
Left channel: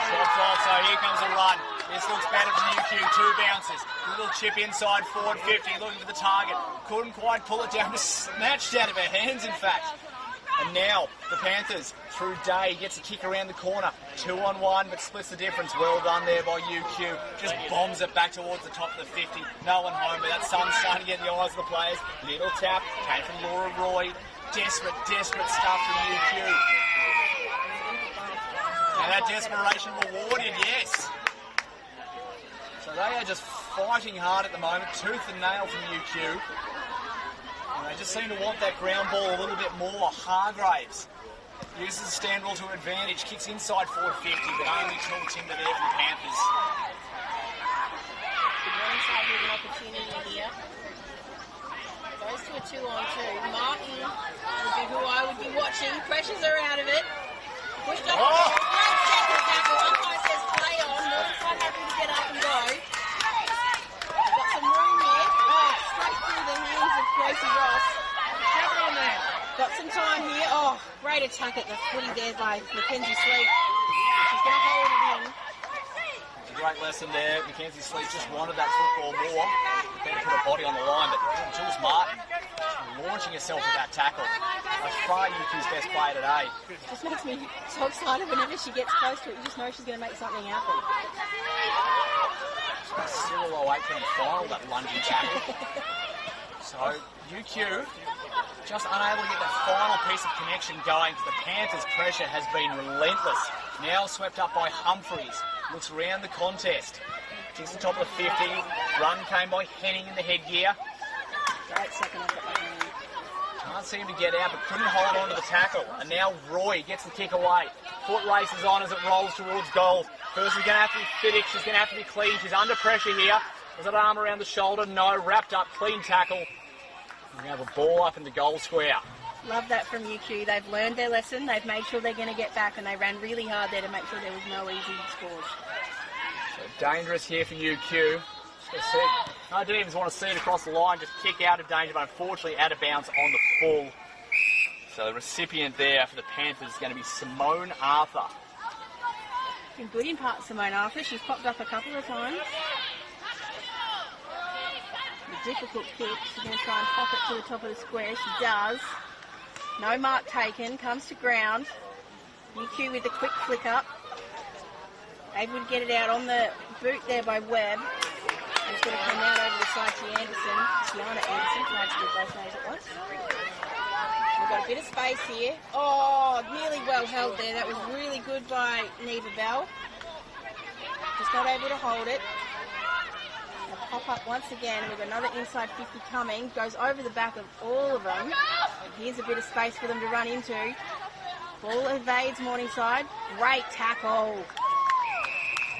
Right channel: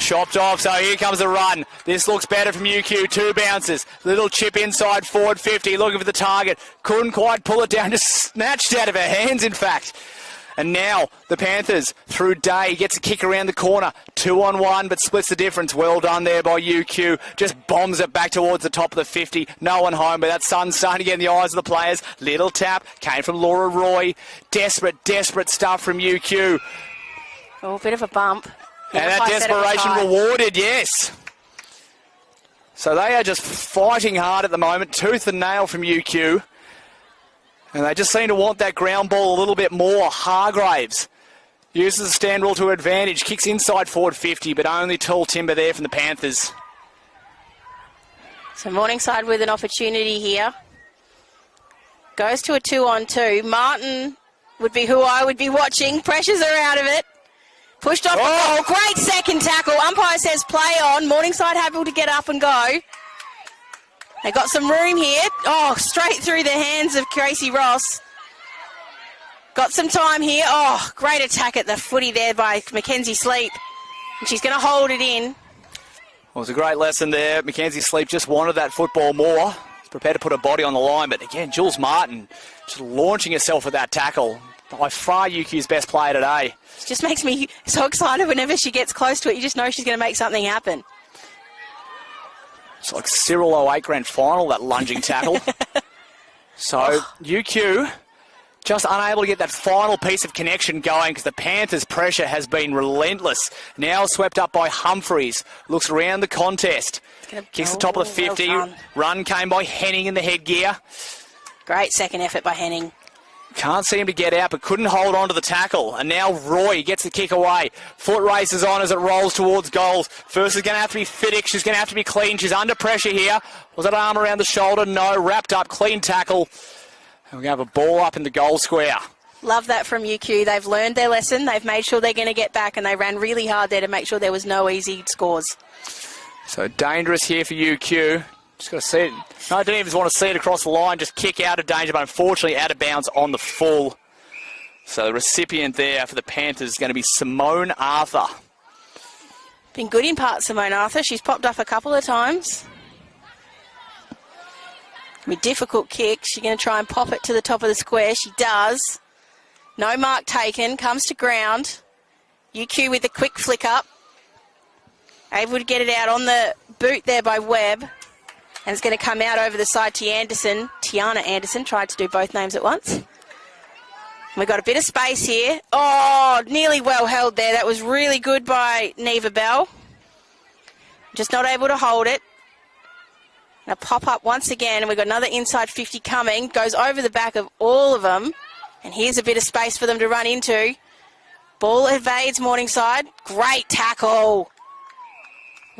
Chopped off, so here comes the run. This looks better from UQ. 2 bounces. Little chip inside forward 50, looking for the target. Couldn't quite pull it down, just snatched out of her hands, in fact. And now the Panthers, through Day, gets a kick around the corner. 2-on-1, but splits the difference. Well done there by UQ. Just bombs it back towards the top of the 50. No one home, but that sun's starting to get in the eyes of the players. Little tap came from Laura Roy. Desperate, desperate stuff from UQ. Oh, a bit of a bump. And that desperation rewarded, yes. So they are just fighting hard at the moment. Tooth and nail from UQ. And they just seem to want that ground ball a little bit more. Hargraves uses the stand rule to advantage. Kicks inside forward 50, but only tall timber there from the Panthers. So Morningside with an opportunity here. Goes to a 2-on-2. Martin would be who I would be watching. Pressures are out of it. Pushed off. Oh, great second tackle. Umpire says play on. Morningside able to get up and go. They got some room here. Oh, straight through the hands of Gracie Ross. Got some time here. Oh, great attack at the footy there by Mackenzie Sleep. And she's going to hold it in. Well, it was a great lesson there. Mackenzie Sleep just wanted that football more. Prepared to put her body on the line. But again, Jules Martin, she's launching herself with that tackle. By far UQ's best player today. It just makes me so excited whenever she gets close to it. You just know she's going to make something happen. It's like Cyril 08 grand final, that lunging tackle. So UQ just unable to get that final piece of connection going because the Panthers' pressure has been relentless. Now swept up by Humphreys. Looks around the contest. Kicks the top of the 50. Run came by Henning in the headgear. Great second effort by Henning. Can't seem to get out, but couldn't hold on to the tackle. And now Roy gets the kick away. Foot races on as it rolls towards goals. First is going to have to be Fiddick. She's going to have to be clean. She's under pressure here. Was that arm around the shoulder? No. Wrapped up. Clean tackle. And we have a ball up in the goal square. Love that from UQ. They've learned their lesson. They've made sure they're going to get back, and they ran really hard there to make sure there was no easy scores. So dangerous here for UQ. Just got to see it. No, I didn't even want to see it across the line. Just kick out of danger, but unfortunately out of bounds on the full. So the recipient there for the Panthers is going to be Simone Arthur. Been good in part, Simone Arthur. She's popped up a couple of times. Difficult kick. She's going to try and pop it to the top of the square. She does. No mark taken. Comes to ground. UQ with a quick flick up. Able to get it out on the boot there by Webb. And it's going to come out over the side to Anderson. Tiana Anderson tried to do both names at once. We've got a bit of space here. Oh, nearly well held there. That was really good by Neva Bell. Just not able to hold it. Now pop up once again, and we've got another inside 50 coming. Goes over the back of all of them. And here's a bit of space for them to run into. Ball evades Morningside. Great tackle.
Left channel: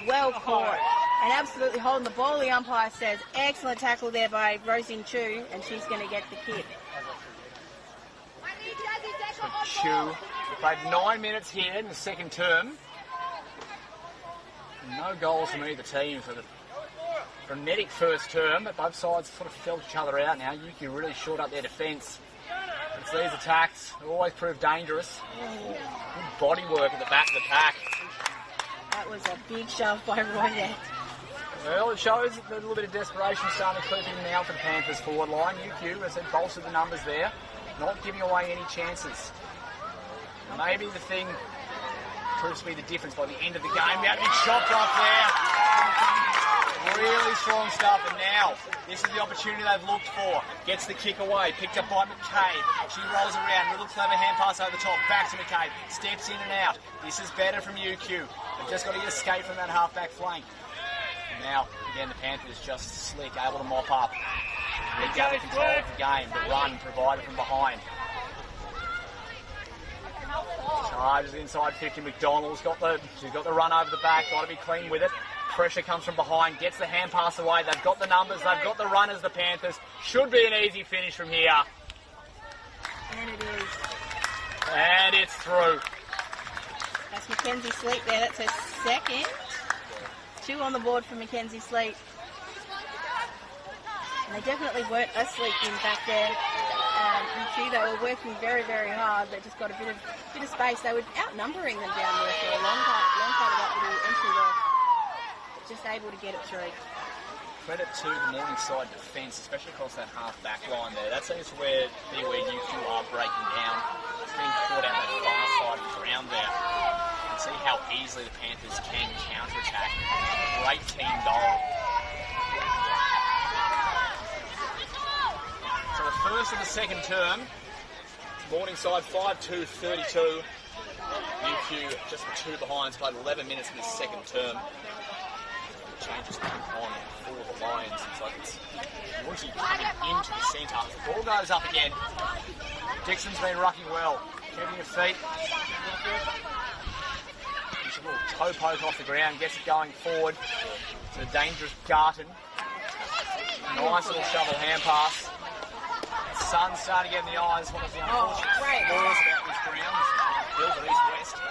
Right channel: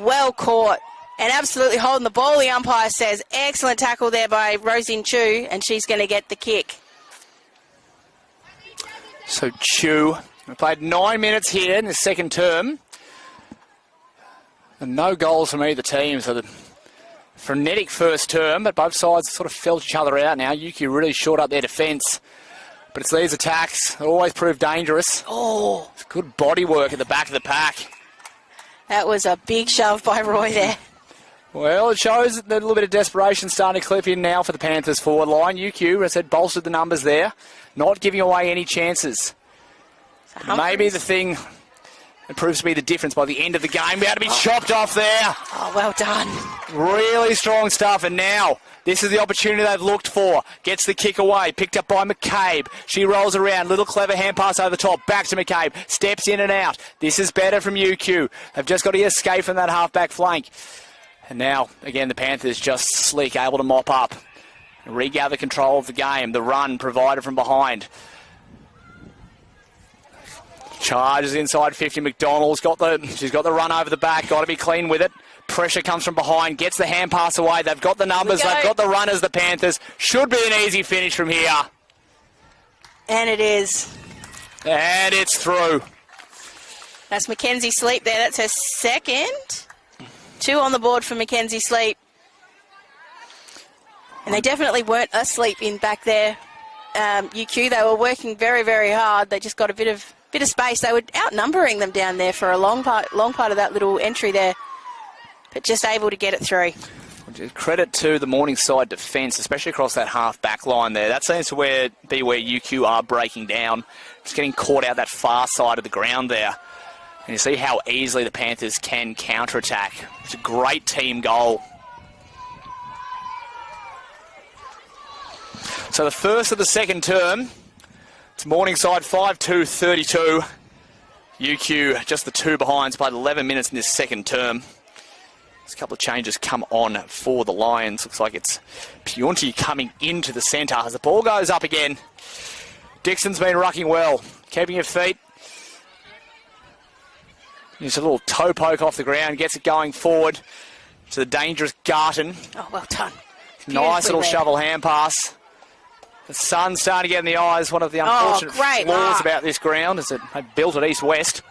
Well caught. And absolutely holding the ball, the umpire says. Excellent tackle there by Rosie Chu, and she's going to get the kick. So Chu played 9 minutes here in the second term. And no goals from either team. So the frenetic first term, but both sides sort of felt each other out now. UQ really short up their defence. But it's these attacks that always prove dangerous. Oh, it's good body work at the back of the pack. That was a big shove by Roy there. Well, it shows that a little bit of desperation starting to clip in now for the Panthers forward line. UQ, as I said, bolstered the numbers there, not giving away any chances. Maybe the thing that proves to be the difference by the end of the game. Be able to be chopped off there. Oh, well done. Really strong stuff, and now This is the opportunity they've looked for. Gets the kick away. Picked up by McCabe. She rolls around. Little clever hand pass over the top. Back to McCabe. Steps in and out. This is better from UQ. They've just got to escape from that half-back flank. And now, again, the Panthers just slick, able to mop up. Regather control of the game. The run provided from behind. Charges inside 50. McDonald's she's got the run over the back. Got to be clean with it. Pressure comes from behind. Gets the hand pass away. They've got the numbers. They've got the runners, the Panthers. Should be an easy finish from here. And it is. And it's through. That's Mackenzie Sleep there. That's her second. 2 on the board for Mackenzie Sleep. And they definitely weren't asleep in back there. UQ, they were working very, very hard. They just got a bit of space. They were outnumbering them down there for a long part of that little entry there, but just able to get it through. Credit to the Morningside defence, especially across that half-back line there. That seems to be where UQ are breaking down. Just getting caught out that far side of the ground there. And you see how easily the Panthers can counter-attack. It's a great team goal. So the first of the second term, it's Morningside 5-2-32. UQ just the 2 behinds, played 11 minutes in this second term. There's a couple of changes come on for the Lions. Looks like it's Pionti coming into the centre as the ball goes up again. Dixon's been rucking well, keeping her feet. He's a little toe poke off the ground, gets it going forward to the dangerous Garton. Oh, well done. Nice little shovel hand pass. The sun's starting to get in the eyes. One of the unfortunate flaws about this ground is it had built it east-west.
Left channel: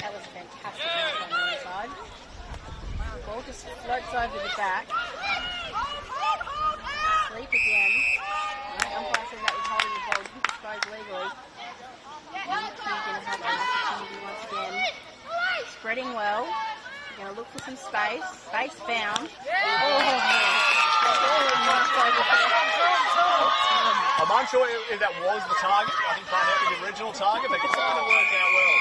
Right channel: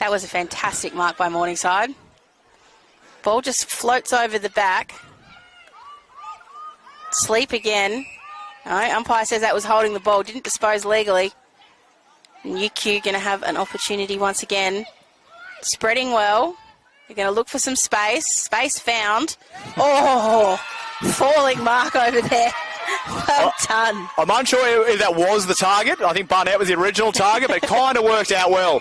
That was a fantastic mark by Morningside. Ball just floats over the back. Sleep again. No, umpire says that was holding the ball. Didn't dispose legally. And UQ going to have an opportunity once again. Spreading well. They're going to look for some space. Space found. Oh, falling mark over there. Well done. I'm unsure if that was the target. I think Barnett was the original target, but it kind of worked out well.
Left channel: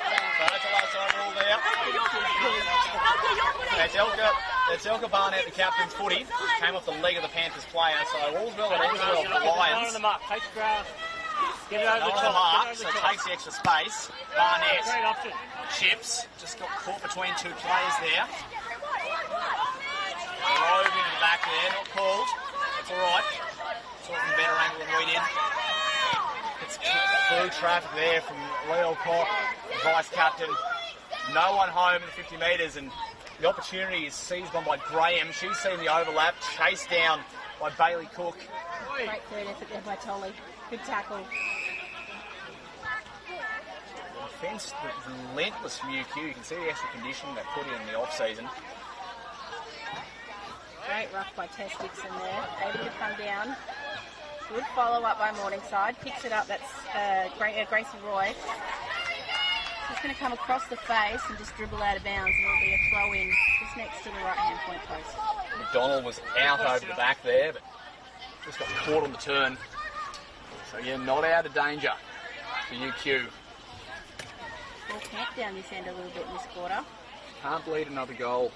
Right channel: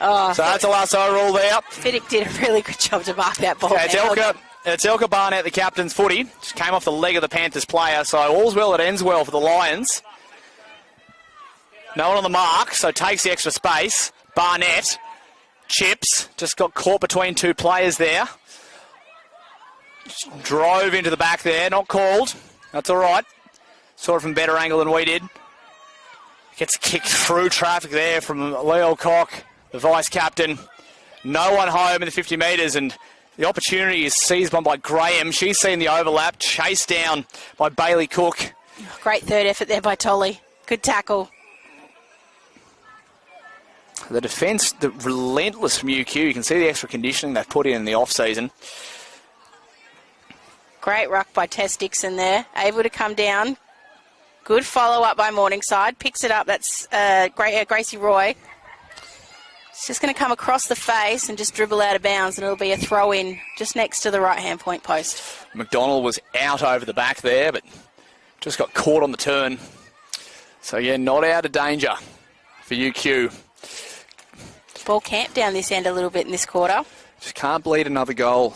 Oh, so that's a lasso rule there. Fiddick did a really good job to mark that ball. It's Elka Barnett, the captain's footy. Just came off the leg of the Panthers player, so all's well that ends well for the Lions. No one on the mark, so takes the extra space. Barnett chips, just got caught between 2 players there. Just drove into the back there, not called. That's all right. Saw it from a better angle than we did. Gets kicked through traffic there from Leo Cock, the vice-captain. No one home in the 50 metres, and the opportunity is seized by Graham. She's seen the overlap, chased down by Bailey Cook. Great third effort there by Tolly. Good tackle. The defence, the relentless from UQ. You can see the extra conditioning they've put in the off-season. Great ruck by Tess Dixon there. Able to come down. Good follow-up by Morningside. Picks it up. That's Gracie Roy. It's just going to come across the face and just dribble out of bounds, and it'll be a throw-in just next to the right-hand point post. McDonald was out over the back there, but just got caught on the turn. So, yeah, not out of danger for UQ. Ball camped down this end a little bit in this quarter. Just can't bleed another goal.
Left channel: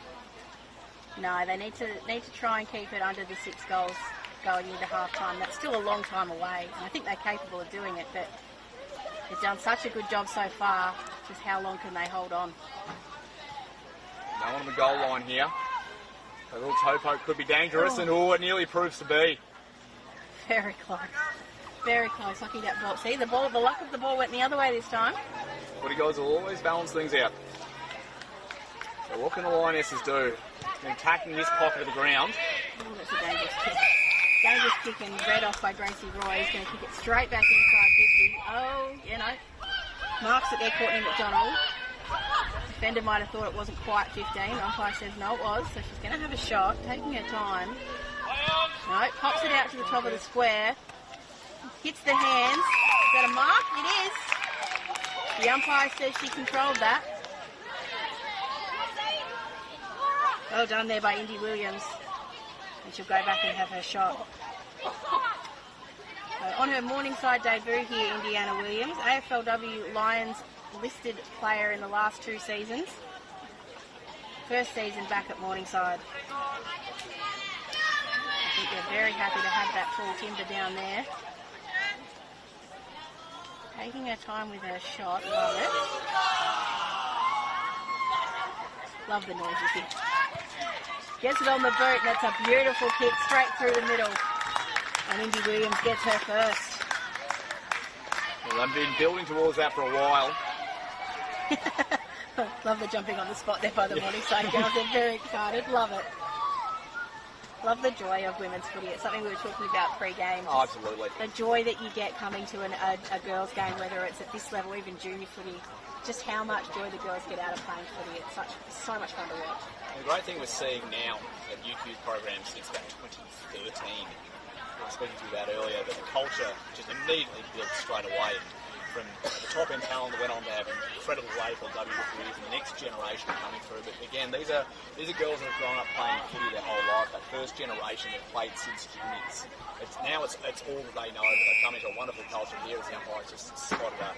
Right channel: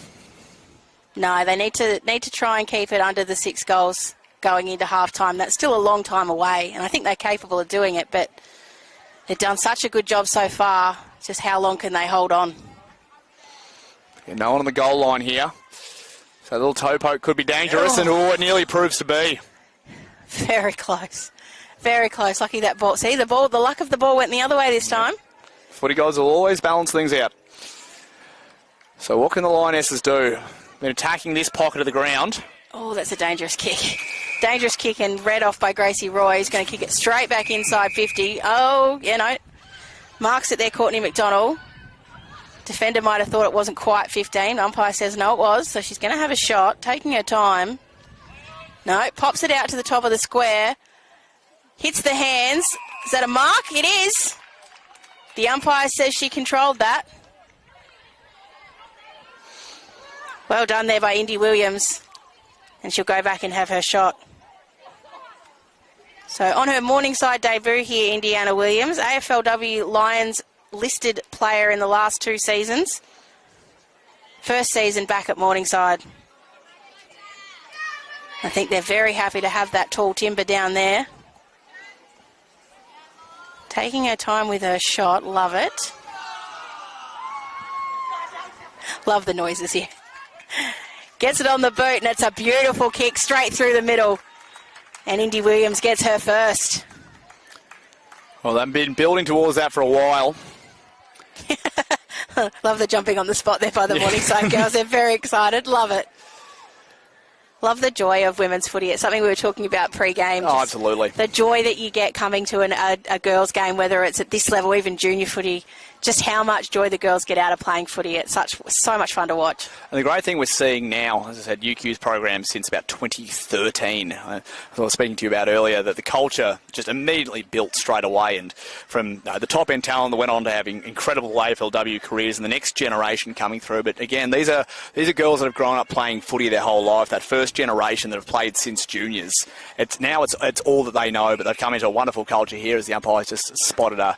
No, they need to try and keep it under the 6 goals going into half-time. That's still a long time away, and I think they're capable of doing it, but they've done such a good job so far. Just how long can they hold on? Yeah, no one on the goal line here. So a little toe poke could be dangerous, and it nearly proves to be. Very close. Very close. Lucky that ball. See, the luck of the ball went the other way this time. Footy guys will always balance things out. So what can the Lionesses do? They're attacking this pocket of the ground. Oh, that's a dangerous kick. Dangerous kick and read off by Gracie Roy. He's going to kick it straight back inside 50. Oh, you know, marks it there, Courtney McDonald. Defender might have thought it wasn't quite 15. Umpire says no, it was. So she's going to have a shot, taking her time. No, pops it out to the top of the square. Hits the hands. Is that a mark? It is. The umpire says she controlled that. Well done there by Indy Williams. And she'll go back and have her shot. So on her Morningside debut here, Indiana Williams, AFLW Lions listed player in the last 2 seasons. First season back at Morningside. I think they're very happy to have that tall timber down there. Taking her time with her shot. Love it. Love the noises here. Gets it on the boot, and it's a beautiful kick straight through the middle. And Indy Williams gets her first. Well, they've been building towards that for a while. Love the jumping on the spot there by the Morningside girls. They're very excited. Love it. Love the joy of women's footy. It's something we were talking about pre-game. Oh, absolutely. The joy that you get coming to a girls' game, whether it's at this level, even junior footy, just how much joy the girls get out of playing footy. It's so much fun to watch. And the great thing we're seeing now, as I said, UQ's program since about 2013. I was speaking to you about earlier that the culture just immediately built straight away, and from the top end talent that went on to having incredible AFLW careers and the next generation coming through. But again, these are girls that have grown up playing footy their whole life. That first generation that have played since juniors. It's all that they know, but they've come into a wonderful culture here as the umpires just spotted a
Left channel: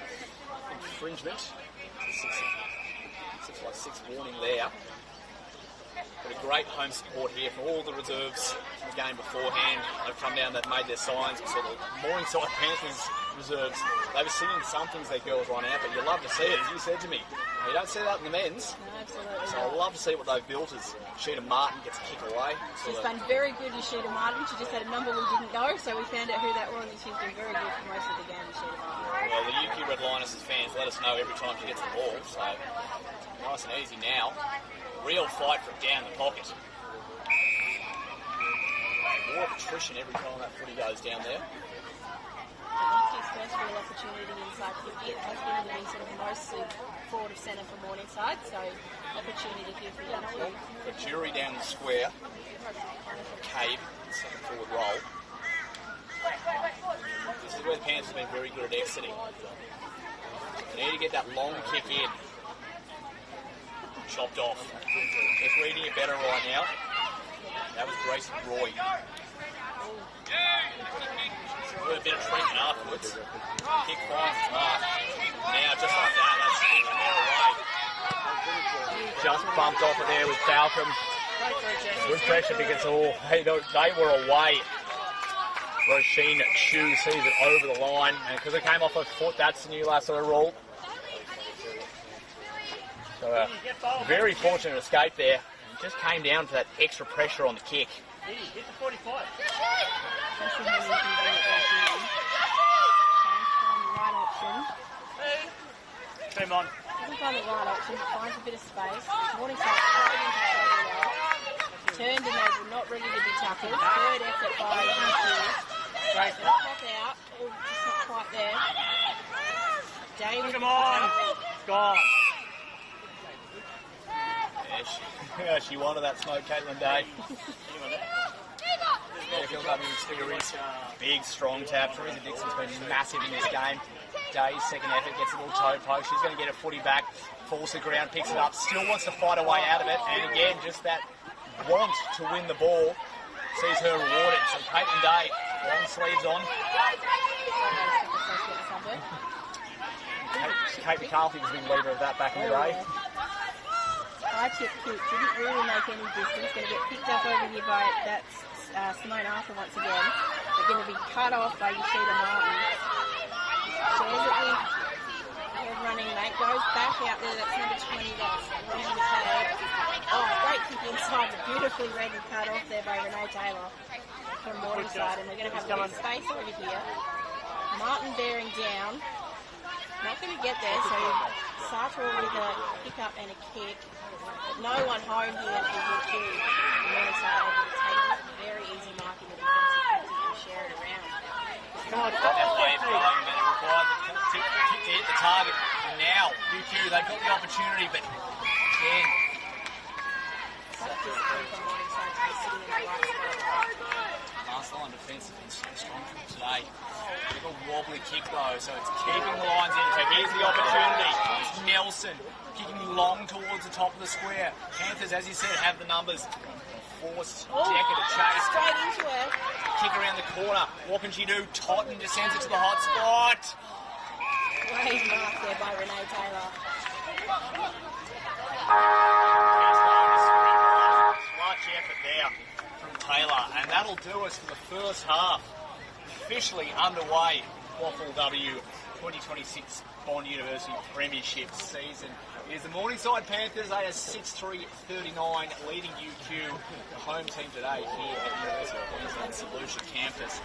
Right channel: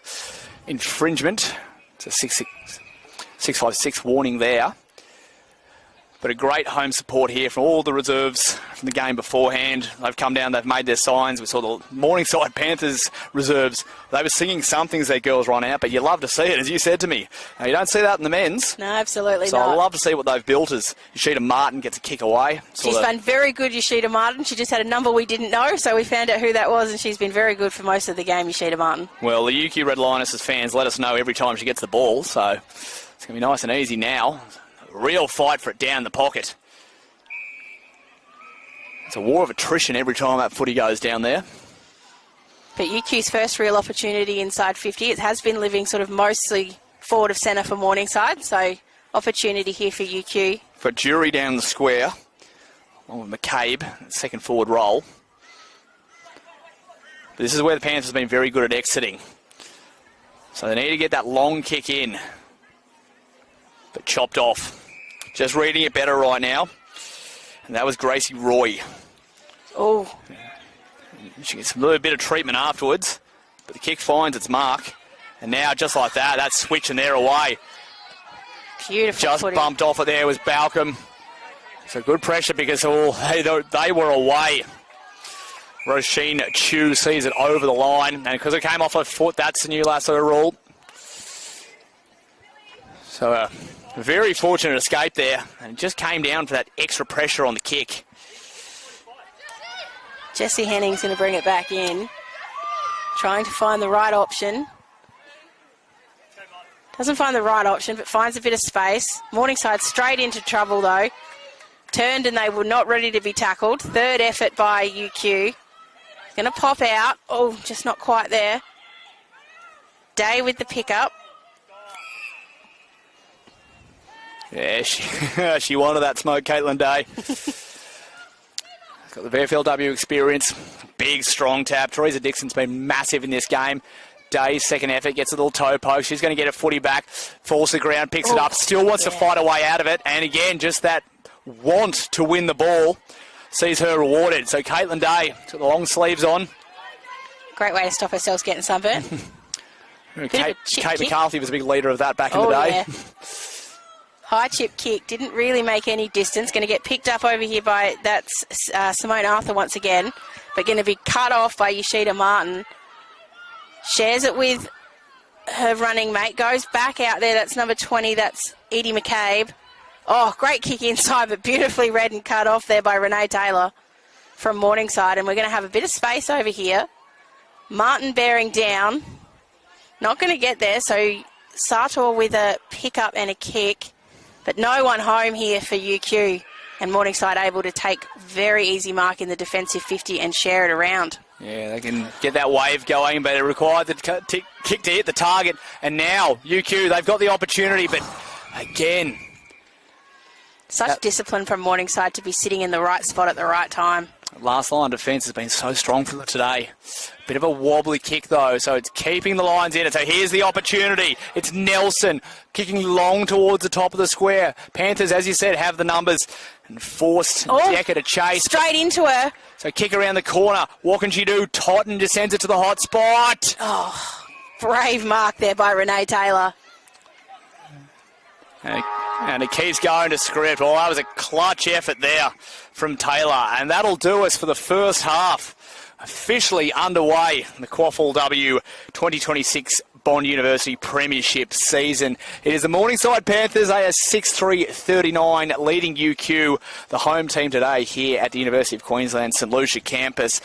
infringement. It's a 656 warning there. But a great home support here from all the reserves from the game beforehand. They've come down, they've made their signs. We saw the Morningside Panthers reserves. They were singing something as their girls run out, but you love to see it, as you said to me. Now, you don't see that in the men's. No, absolutely so not. So I love to see what they've built as Yoshida Martin gets a kick away. She's been very good, Yoshida Martin. She just had a number we didn't know, so we found out who that was, and she's been very good for most of the game, Yoshida Martin. Well, the UQ Red Lionesses fans let us know every time she gets the ball, so it's going to be nice and easy now. Real fight for it down the pocket. It's a war of attrition every time that footy goes down there. But UQ's first real opportunity inside 50. It has been living sort of mostly forward of centre for Morningside, so opportunity here for UQ. For Jury down the square. Oh, McCabe, second forward role. This is where the Panthers have been very good at exiting. So they need to get that long kick in. But chopped off. Just reading it better right now. And that was Gracie Roy. Oh. She gets a little bit of treatment afterwards. But the kick finds its mark. And now, just like that, that's switching there away. Beautiful Just footy. Bumped off it there was Balcom. So good pressure because they were away. Roisin Chu sees it over the line. And because it came off her foot, that's the new lasso rule. So a very fortunate escape there, and just came down for that extra pressure on the kick. Jessie Henning's going to bring it back in, trying to find the right option. Doesn't find the right option, but finds a bit of space. Morningside straight into trouble though. Turned and they were not ready to be tackled. Third effort by UQ. Going to pop out. Oh, just not quite there. Day with the pickup. Yeah, she wanted that smoke, Caitlin Day. Got the VFLW experience. Big, strong tap. Teresa Dixon's been massive in this game. Day's second effort gets a little toe poke. She's going to get a footy back. Falls to the ground, picks it up. Still wants to fight her way out of it. And again, just that want to win the ball sees her rewarded. So Caitlin Day, got the long sleeves on. Great way to stop ourselves getting sunburnt. Kate McCarthy was a big leader of that back in the day. Yeah. High chip kick, didn't really make any distance. Going to get picked up over here by, that's Simone Arthur once again, but going to be cut off by Yoshida Martin. Shares it with her running mate, goes back out there, that's number 20, that's Edie McCabe. Oh, great kick inside, but beautifully read and cut off there by Renee Taylor from Morningside, and we're going to have a bit of space over here. Martin bearing down, not going to get there, so Sartor with a pick-up and a kick. But no one home here for UQ, and Morningside able to take very easy mark in the defensive 50 and share it around. Yeah, they can get that wave going, but it required the kick to hit the target. And now UQ, they've got the opportunity, but again. Such discipline from Morningside to be sitting in the right spot at the right time. Last line defence has been so strong for them today. Bit of a wobbly kick though, so it's keeping the lines in it. So here's the opportunity. It's Nelson kicking long towards the top of the square. Panthers, as you said, have the numbers. And forced Decker to chase. Straight into her. So kick around the corner. What can she do? Totten just sends it to the hot spot. Oh, brave mark there by Renee Taylor. And it keeps going to script. Well, that was a clutch effort there from Taylor. And that'll do us for the first half. Officially underway in the QAFLW 2026 Bond University Premiership season. It is the Morningside Panthers. They are 6-3-39 leading UQ, the home team today here at the University of Queensland St Lucia campus.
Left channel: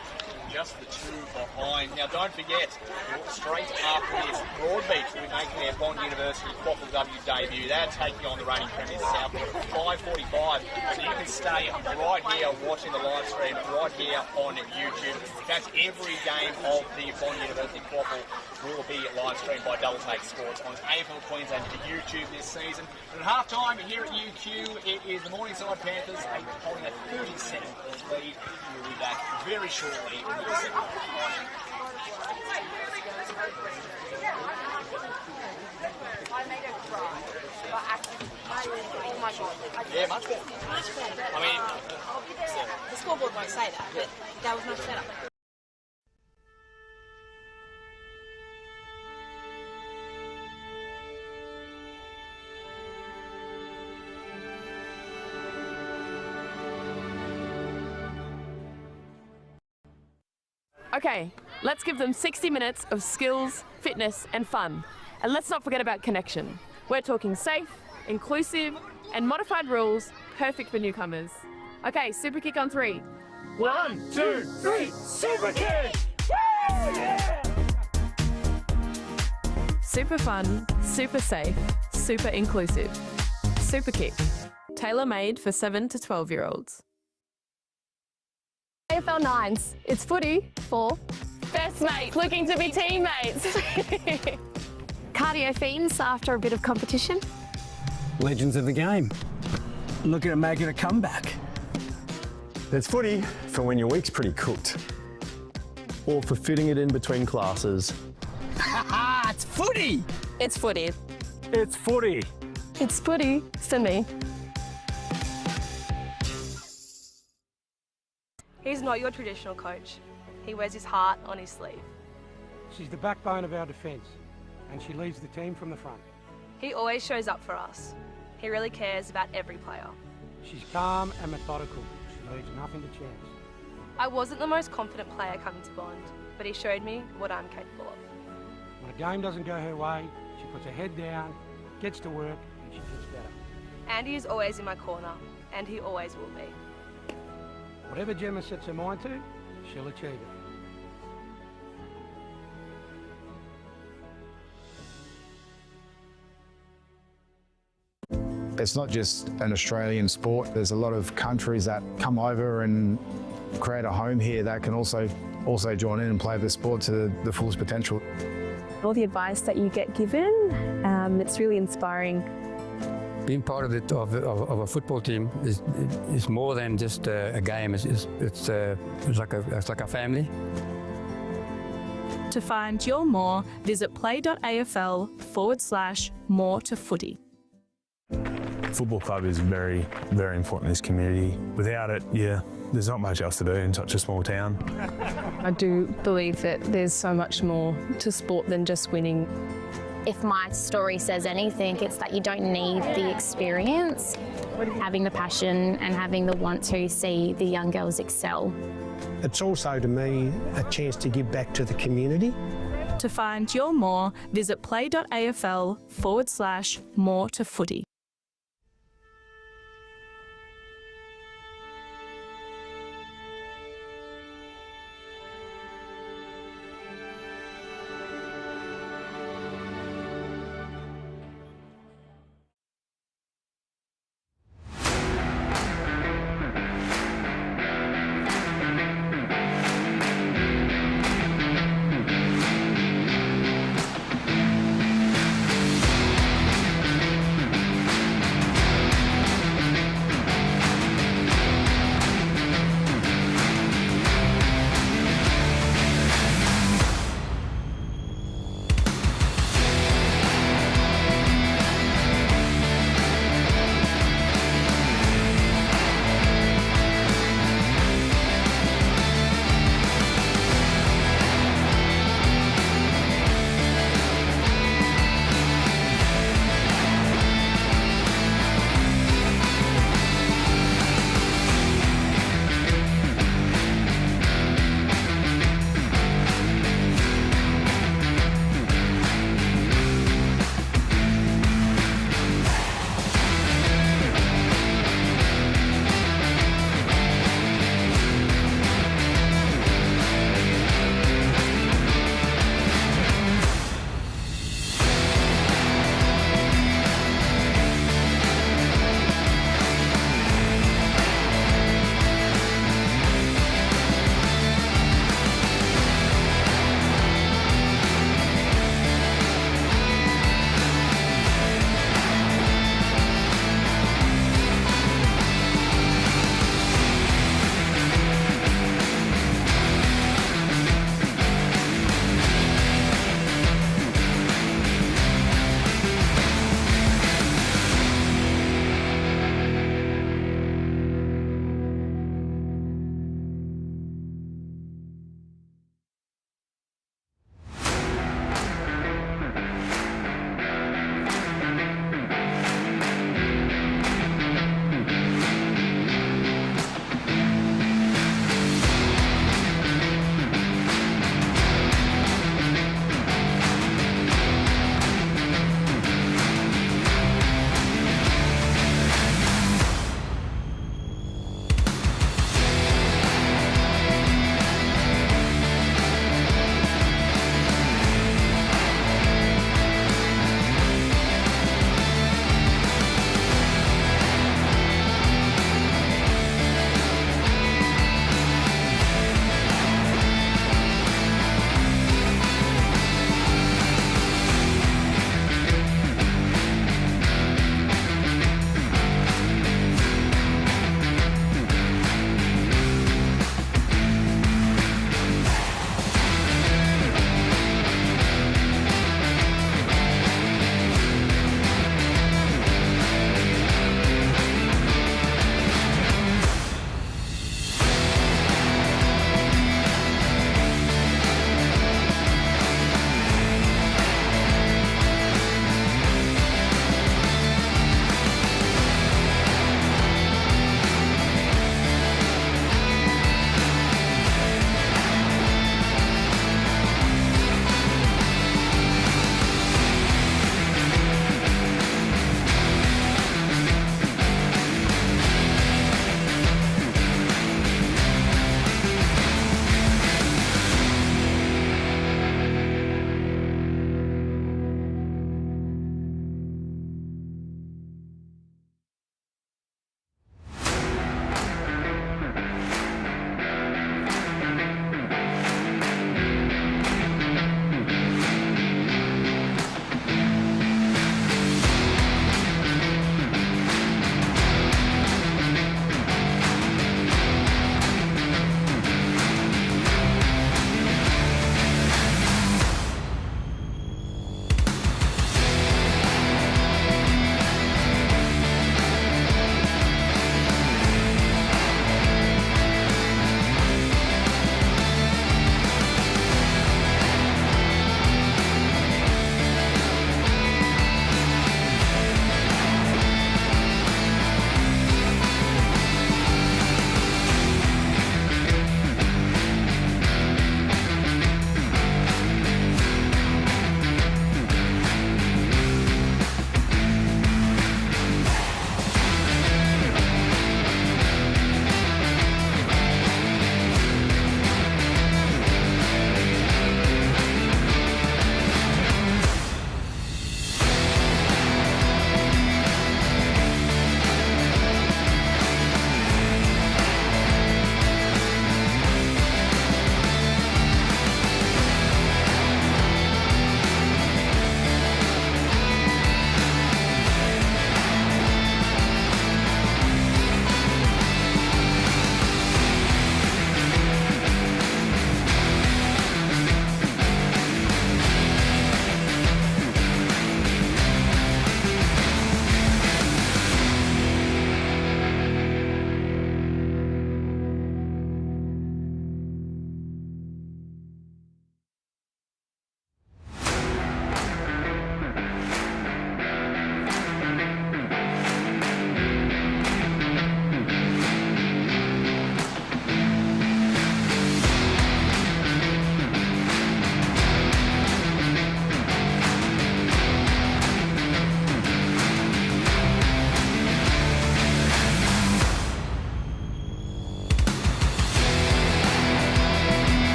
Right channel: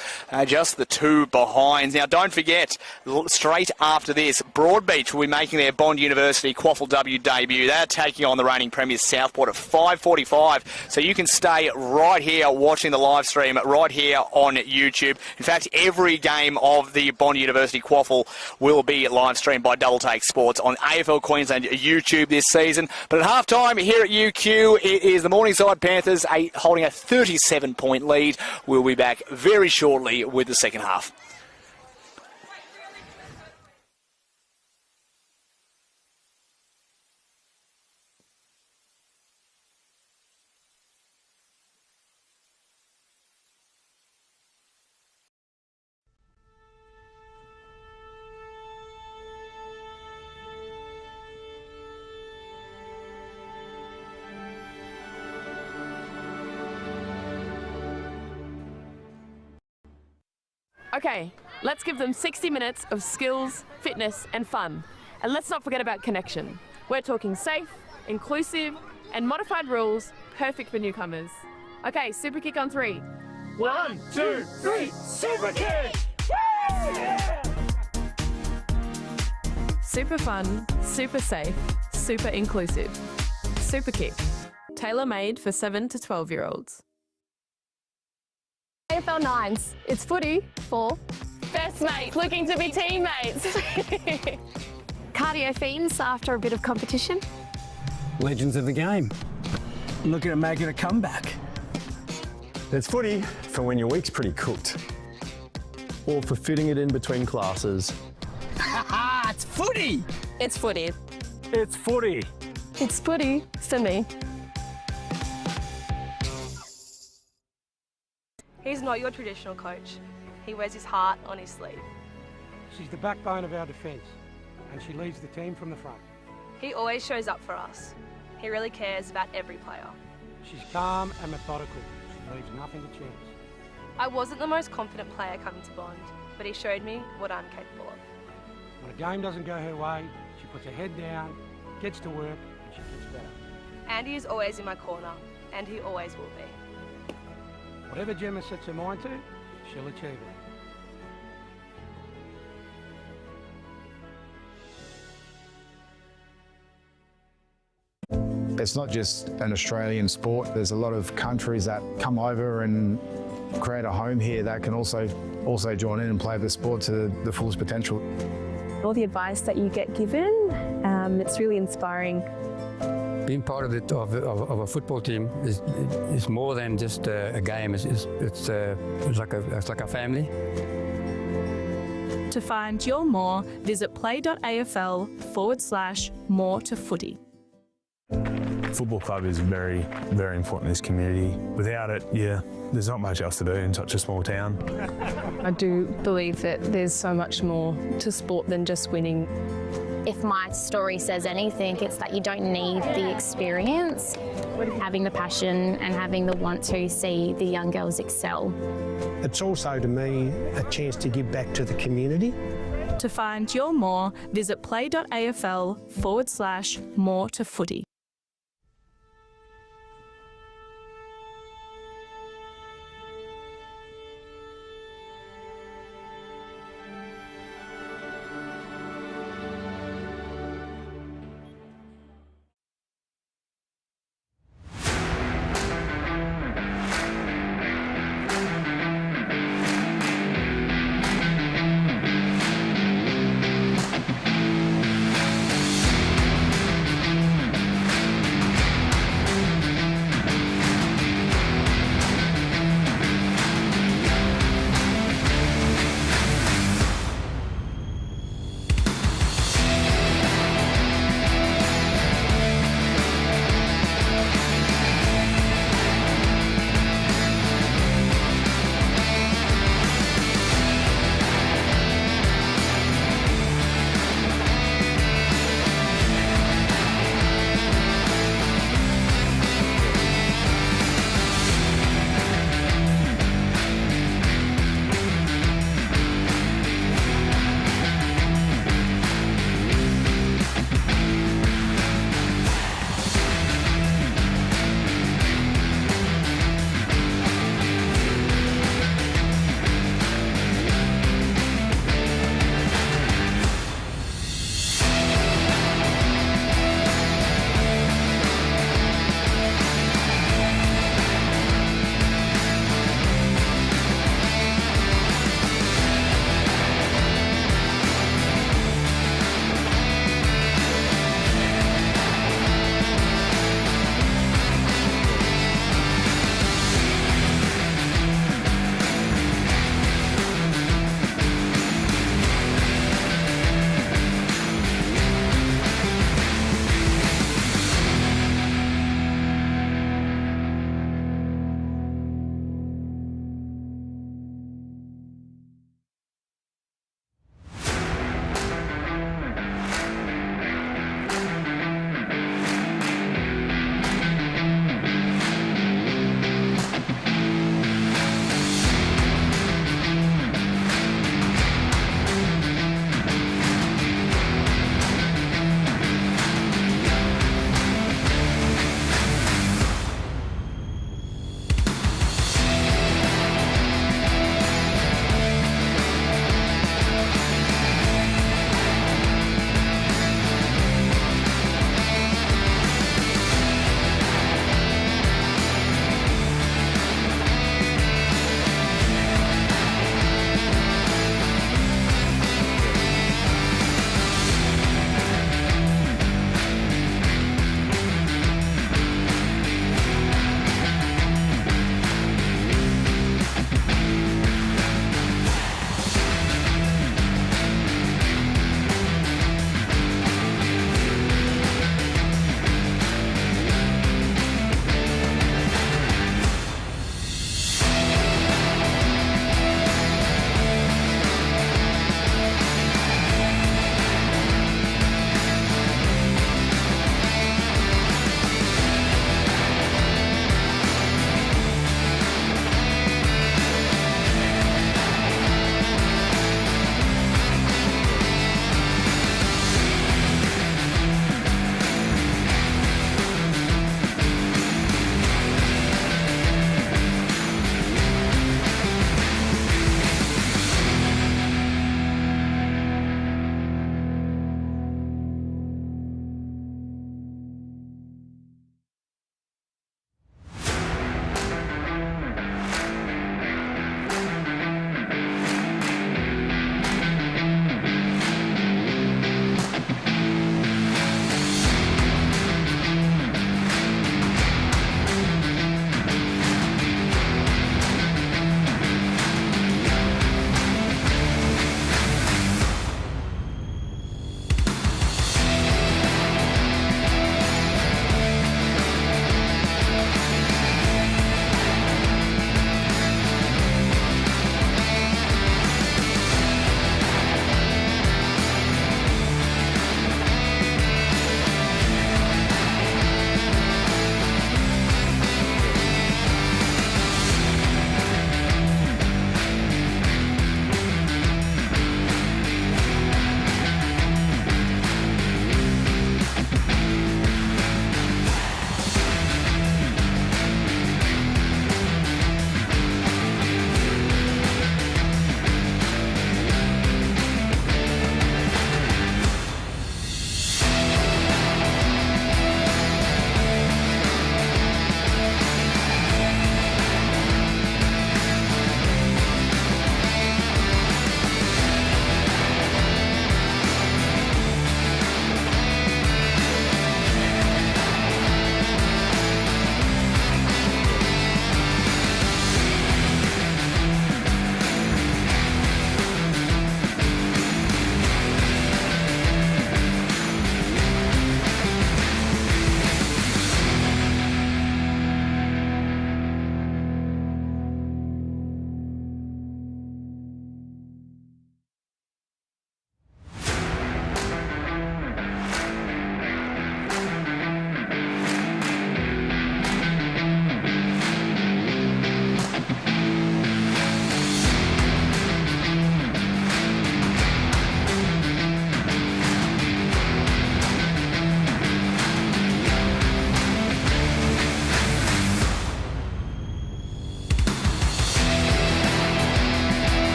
Just the two behind. Now don't forget, straight after this, Broadbeach will be making their Bond University QAFLW debut. They're taking on the reigning premiers Southport at 5:45. So you can stay right here watching the live stream right here on YouTube. In fact, every game of the Bond University QAFL will be live streamed by Double Take Sports on AFL Queensland YouTube this season. But at half-time here at UQ, it is the Morningside Panthers holding a 37-point lead. We'll be back very shortly with the second half. Yeah, much better. I mean, the scoreboard won't say that, but that was much better. Okay, let's give them 60 minutes of skills, fitness and fun. And let's not forget about connection. We're talking safe, inclusive and modified rules, perfect for newcomers. Okay, super kick on 3. 1, 2, 3, super kick! Woo! Yeah! Super fun, super safe, super inclusive. Super kick, tailor-made for 7 to 12-year-olds. AFL 9s. It's footy for Best mates looking to be teammates. Cardio fiends after a bit of competition. Legends of the game. Looking at making a comeback. There's footy for when your week's pretty cooked. Or for fitting it in between classes. It's footy! It's footy. It's footy. It's footy for me. He's not your traditional coach. He wears his heart on his sleeve. She's the backbone of our defence, and she leads the team from the front. He always shows up for us. He really cares about every player. She's calm and methodical. She leaves nothing to chance. I wasn't the most confident player coming to Bond, but he showed me what I'm capable of. When a game doesn't go her way, she puts her head down, gets to work, and she gets better. Andy is always in my corner, and he always will be. Whatever Gemma sets her mind to, she'll achieve it. It's not just an Australian sport. There's a lot of countries that come over and create a home here that can also join in and play the sport to the fullest potential. All the advice that you get given, it's really inspiring. Being part of a football team is more than just a game. It's like a family. To find your more, visit play.afl/more to footy. Football club is very, very important in this community. Without it, there's not much else to do in such a small town. I do believe that there's so much more to sport than just winning. If my story says anything, it's that you don't need the experience, having the passion and having the want to see the young girls excel. It's also, to me, a chance to give back to the community. To find your more, visit play.afl/more to footy.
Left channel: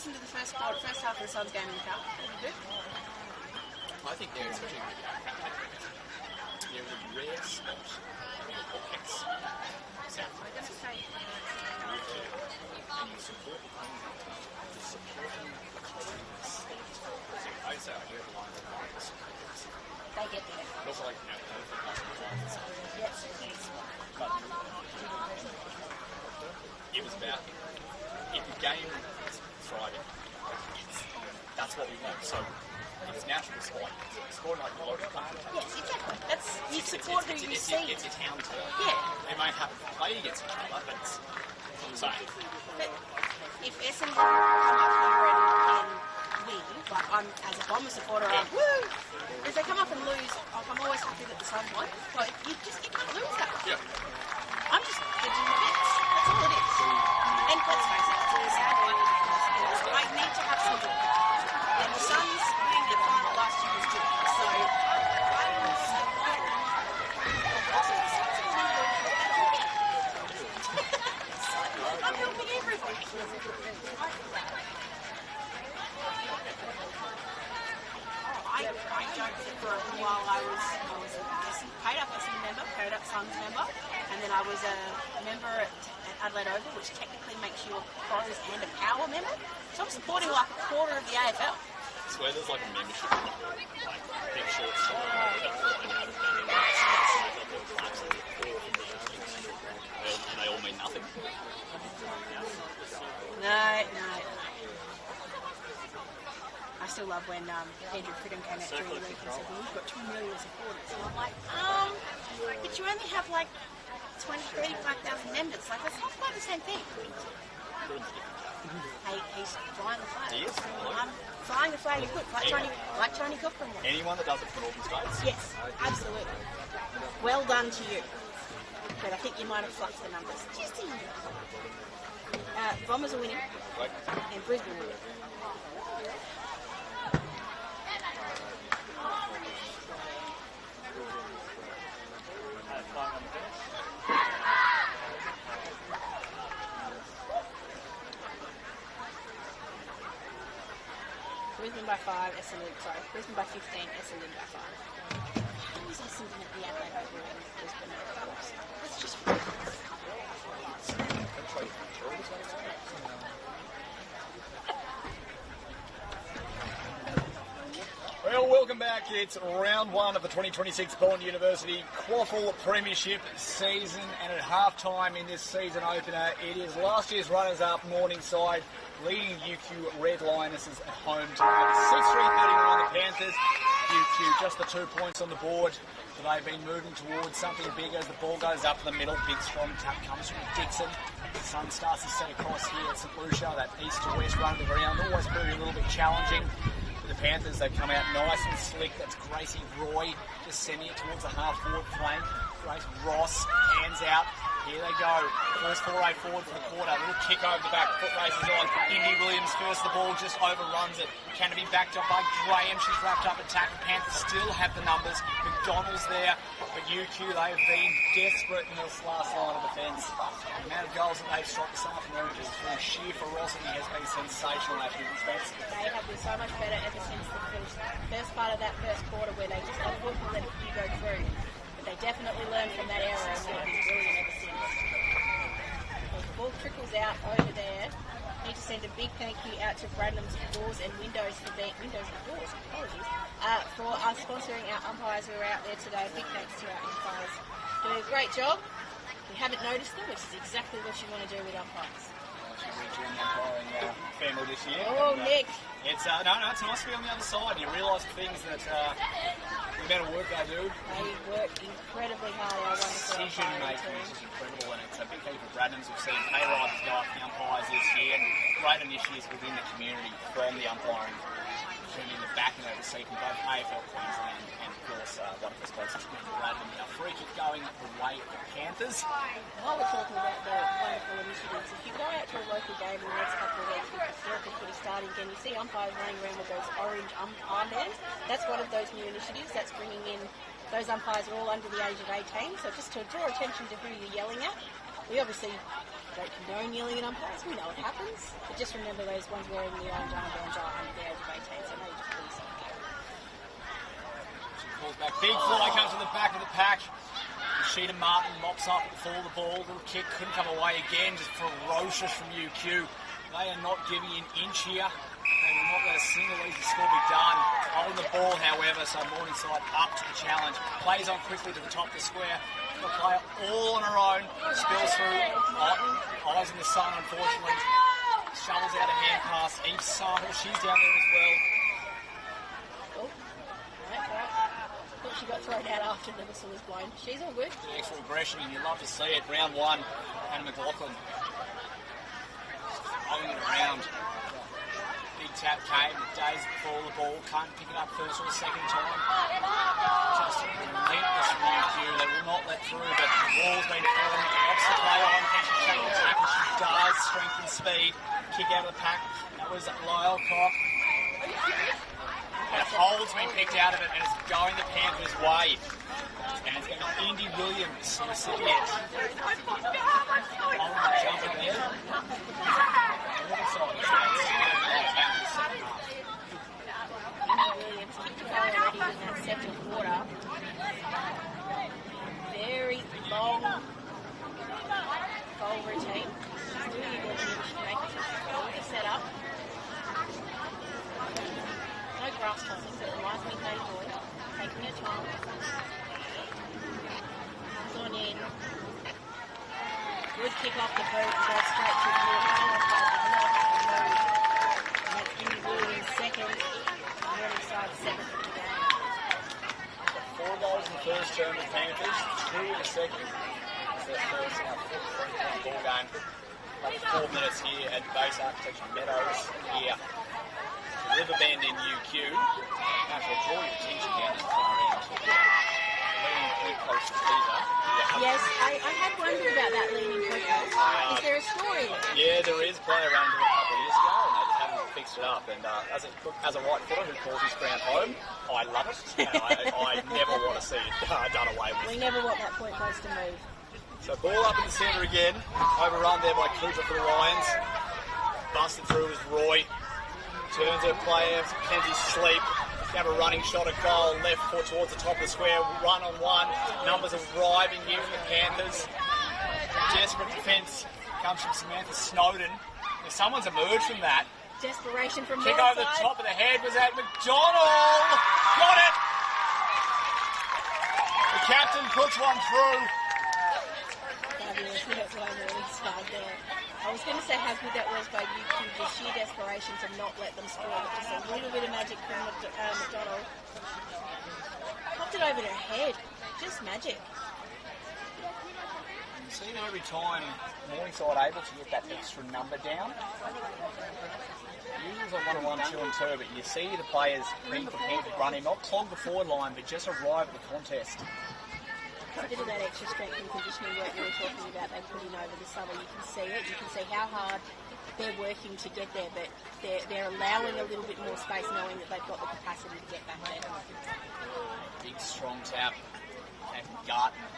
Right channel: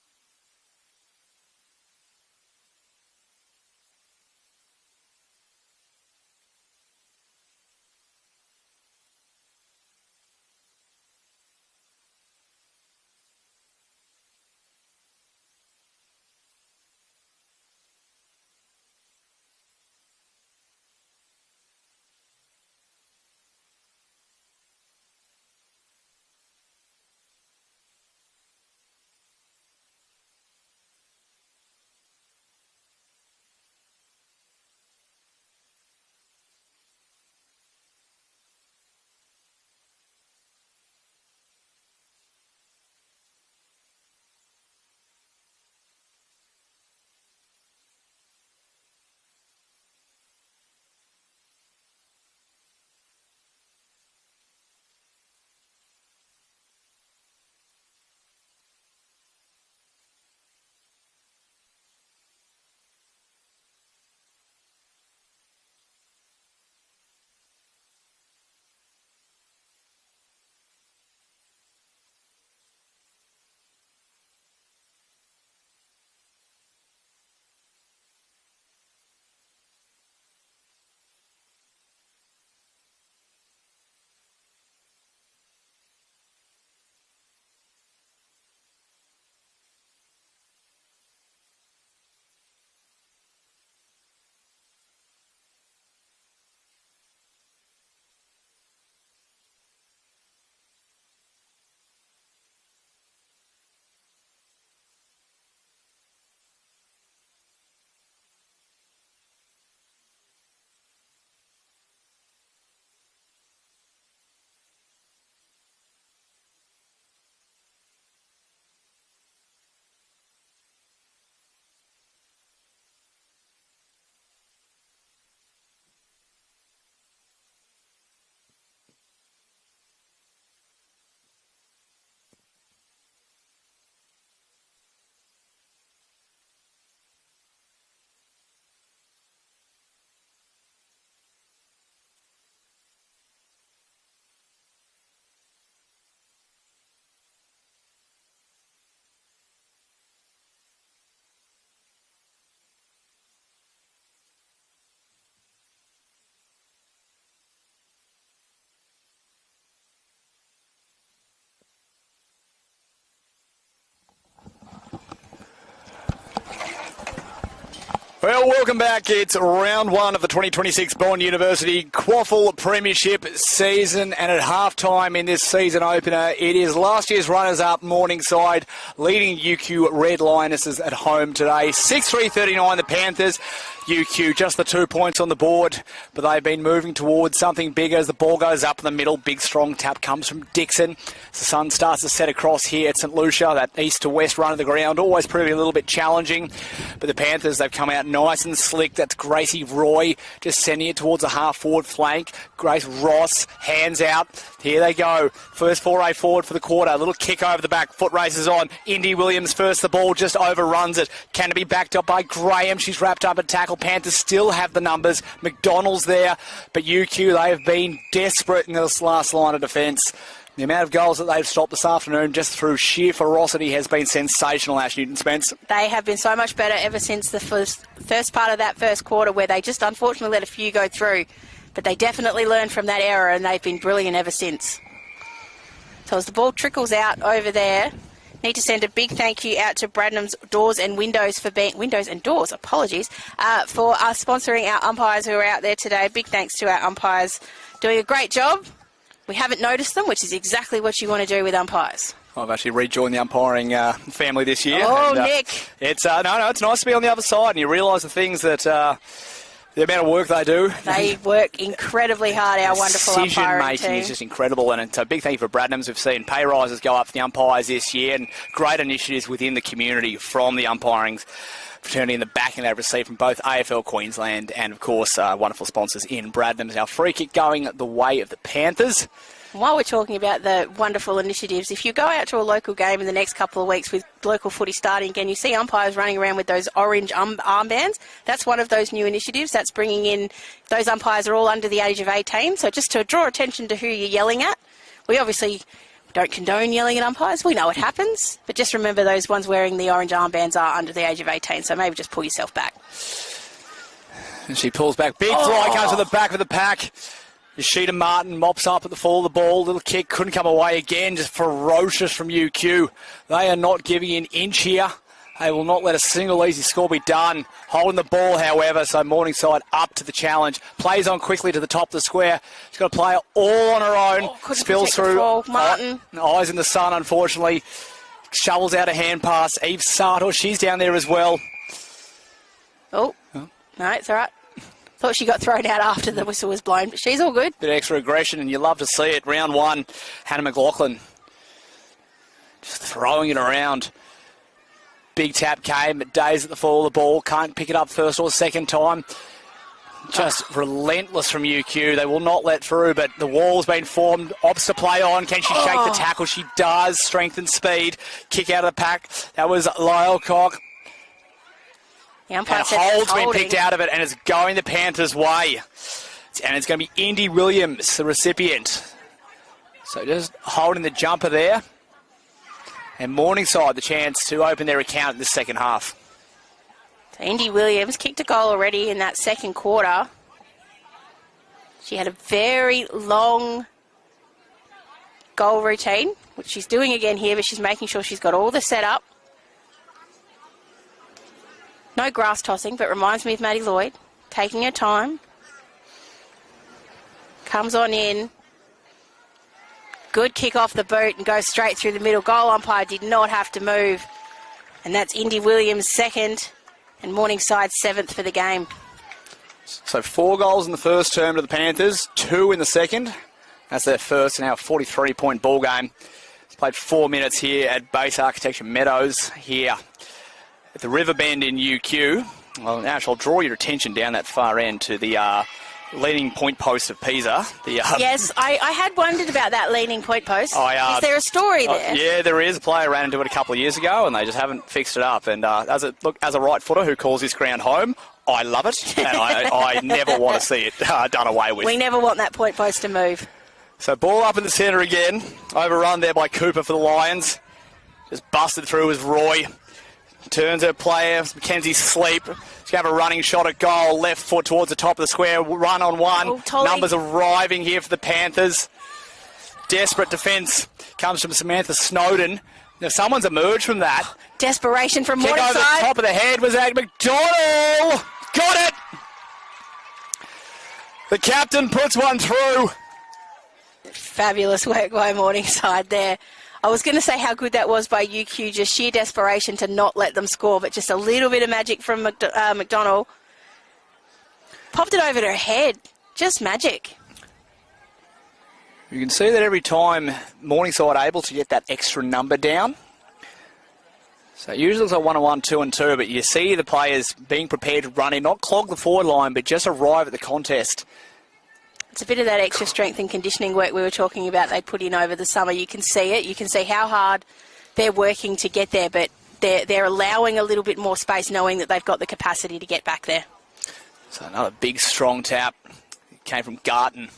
listen to the first half of the Suns game in the car? I think there is a rare spot in the pockets. South Wales. And you support the home to supporting the colonies. I say I hear the line of the supporters. They get there. Also like, Yes. But it was about, if the game is Friday, that's what we want. So it's natural to sport. Sport like the local country. Yes, exactly. That's, you support who you see. It's your town tour. Yeah. It might have a player gets each other, but it's the same. But if Essendon come up here and win, like I'm, as a Bomber supporter, I'm woo! If they come up and lose, I'm always happy that the Suns won. Like, you can't lose that. Yeah. I'm just hedging the bets. That's all it is. And let's face it, it's a sad one. I need to have some joy. And the Suns winning the final last year was good. So, I'm helping everybody. I joked that for a while I was paid up Essendon member, paid up Suns member, and then I was a member at Adelaide Oval, which technically makes you a pros and a power member. So I'm supporting like a quarter of the AFL. So where there's like a membership, like big shorts, and they all mean nothing. No. I still love when Andrew Pridham came out during the week and said, well, we've got 2 million supporters. And I'm like, but you only have like 35,000 members. Like, that's not quite the same thing. Hey, he's flying the flag. He is. Flying the flag is good, like Tony Cochran was. Anyone that does it for Northern States? Yes, absolutely. Well done to you. But I think you might have fluffed the numbers. Just a little. Bombers are winning. Right. And Brisbane are winning. Brisbane by 5, Brisbane by 15, Essendon by 5. How is Essendon at the Adelaide Oval and Brisbane at the Hawks? That's just ridiculous. Well, welcome back. It's round 1 of the 2026 Bond University QAFL Premiership season, and at halftime in this season opener, it is last year's runners-up Morningside leading UQ Red Lionesses at home today. 6-3-39 the Panthers. UQ just the 2 points on the board, but they've been moving towards something bigger as the ball goes up in the middle. Big strong tap comes from Dixon. The sun starts to set across here at St Lucia. That east to west run of the ground always proving a little bit challenging, but the Panthers, they've come out nice and slick. That's Gracie Roy just sending it towards a half forward flank. Grace Ross hands out. Here they go. First foray forward for the quarter. A little kick over the back. Foot races on. Indy Williams first. The ball just overruns it. Can it be backed up by Graham? She's wrapped up at tackle. Panthers still have the numbers. McDonald's there. But UQ, they have been desperate in this last line of defence. The amount of goals that they've stopped this afternoon just through sheer ferocity has been sensational, Ash Newton-Spence. They have been so much better ever since the first part of that first quarter, where they just unfortunately let a few go through. But they definitely learned from that error, and they've been brilliant ever since. So as the ball trickles out over there, need to send a big thank you out to Bradnam's Doors and Windows for being for us sponsoring our umpires who are out there today. Big thanks to our umpires, doing a great job. We haven't noticed them, which is exactly what you want to do with umpires. I've actually rejoined the umpiring family this year. Oh, and, Nick! It's it's nice to be on the other side, and you realise the things that the amount of work they do. They work incredibly hard. Our wonderful umpiring team. Decision-making is just incredible, and it's a big thank you for Bradnams. We've seen pay rises go up for the umpires this year, and great initiatives within the community from the umpiring fraternity and the backing they've received from both AFL Queensland and, of course, wonderful sponsors in Bradnams. Our free kick going the way of the Panthers. While we're talking about the wonderful initiatives, if you go out to a local game in the next couple of weeks with local footy starting again, you see umpires running around with those orange armbands. That's one of those new initiatives. That's bringing in, those umpires are all under the age of 18, so just to draw attention to who you're yelling at. We obviously Don't condone yelling at umpires. We know it happens. But just remember those ones wearing the orange armbands are under the age of 18, so maybe just pull yourself back. And she pulls back. Big fly comes to the back of the pack. Rashida Martin mops up at the fall of the ball. Little kick couldn't come away again. Just ferocious from UQ. They are not giving an inch here. They will not let a single easy score be done. Holding the ball, however, so Morningside up to the challenge. Plays on quickly to the top of the square. She's got to play it all on her own. Spills through. Martin. Eyes in the sun, unfortunately. Shovels out a hand pass. Eve Sato, she's down there as well. Oh, no, it's all right. Thought she got thrown out after the whistle was blown, but she's all good. Bit of extra aggression, and you love to see it. Round one, Hannah McLaughlin just throwing it around. Big tap came, Days at the fall of the ball. Can't pick it up first or second time. Just relentless from UQ. They will not let through, but the wall's been formed. Opts to play on. Can she shake the tackle? She does. Strength and speed. Kick out of the pack. That was Lyle Cock. And Hold's been picked out of it, and it's going the Panthers' way. And it's going to be Indy Williams, the recipient. So just holding the jumper there. And Morningside the chance to open their account in the second half. Indy Williams kicked a goal already in that second quarter. She had a very long goal routine, which she's doing again here, but she's making sure she's got all the setup. No grass tossing, but reminds me of Maddie Lloyd. Taking her time. Comes on in. Good kick off the boot and goes straight through the middle. Goal umpire did not have to move. And that's Indy Williams' second and Morningside 7th for the game. So 4 goals in the first term to the Panthers, 2 in the second. That's their first now 43-point ball game. Played 4 minutes here at Base Architecture Meadows here at the Riverbend in UQ. Well, now I'll draw your attention down that far end to the leaning point post of Pisa. Yes, I had wondered about that leaning point post. Is there a story there? Yeah, there is. A player ran into it a couple of years ago, and they just haven't fixed it up. And as a right footer who calls this ground home, I love it, and I never want to see it done away with. We never want that point post to move. So ball up in the centre again. Overrun there by Cooper for the Lions. Just busted through as Roy. Turns her player, Mackenzie Sleep. She's going to have a running shot at goal. Left foot towards the top of the square. Run on one. Numbers arriving here for the Panthers. Desperate defence comes from Samantha Snowden. Now someone's emerged from that. Desperation from Kick Morningside. over the top of the head was Ag McDonald. Got it. The captain puts one through. Fabulous work by Morningside there. I was going to say how good that was by UQ, just sheer desperation to not let them score, but just a little bit of magic from McDonald. Popped it over her head. Just magic. You can see that every time Morningside able to get that extra number down. So usually it's a 1-on-1, 2-on-2, but you see the players being prepared to run in, not clog the forward line, but just arrive at the contest. It's a bit of that extra strength and conditioning work we were talking about they put in over the summer. You can see it. You can see how hard they're working to get there, but they're allowing a little bit more space, knowing that they've got the capacity to get back there. So another big, strong tap came from Garton.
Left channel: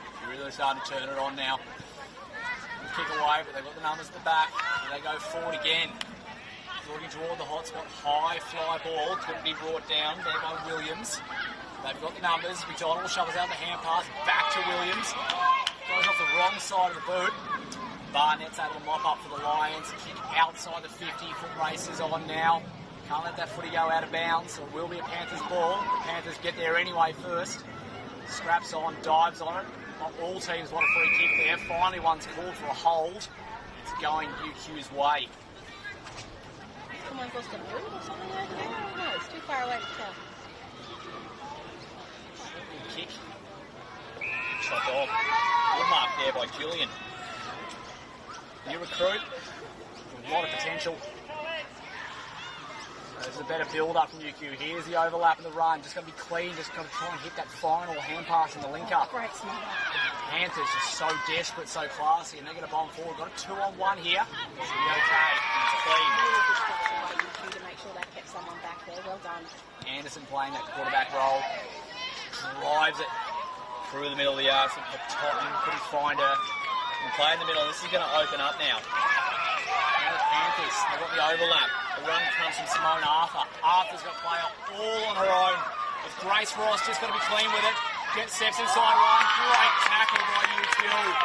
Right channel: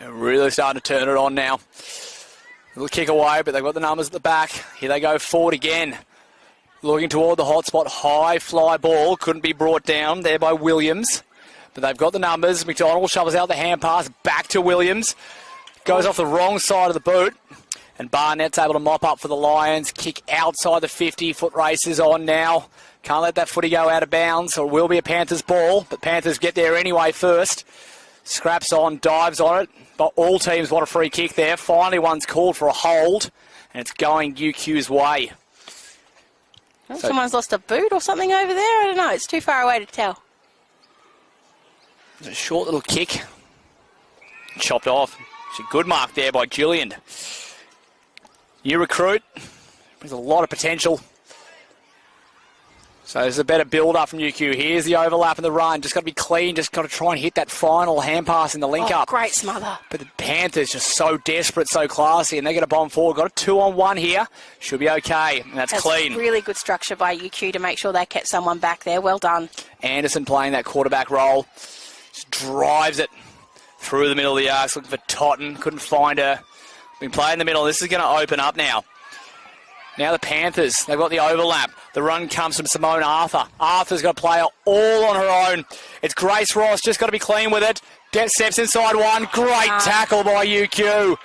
They're really starting to turn it on now. Little kick away, but they've got the numbers at the back. Here they go forward again. Looking toward the hot spot. High fly ball. Couldn't be brought down there by Williams. But they've got the numbers. McDonald shovels out the hand pass back to Williams. Goes off the wrong side of the boot. And Barnett's able to mop up for the Lions. Kick outside the 50. Foot race is on now. Can't let that footy go out of bounds, or it will be a Panthers ball. But Panthers get there anyway first. Scraps on, dives on it. But all teams want a free kick there. Finally one's called for a hold. And it's going UQ's way. I think someone's lost a boot or something over there. I don't know. It's too far away to tell. A short little kick. Chopped off. It's a good mark there by Gillian. New recruit. There's a lot of potential. So there's a better build-up from UQ. Here's the overlap and the run. Just got to be clean. Just got to try and hit that final hand pass in the link-up. Great smother. But the Panthers just so desperate, so classy, and they're going to bomb forward. Got a 2-on-1 here. Should be okay, and that's clean. Really good structure by UQ to make sure they kept someone back there. Well done. Anderson playing that quarterback role. Just drives it through the middle of the arc. Looking for Totten. Couldn't find her. We can play in the middle. This is going to open up now. Now the Panthers, they've got the overlap. The run comes from Simone Arthur. Arthur's got to play all on her own. It's Grace Ross, just got to be clean with it. Steps inside one. Great tackle by UQ.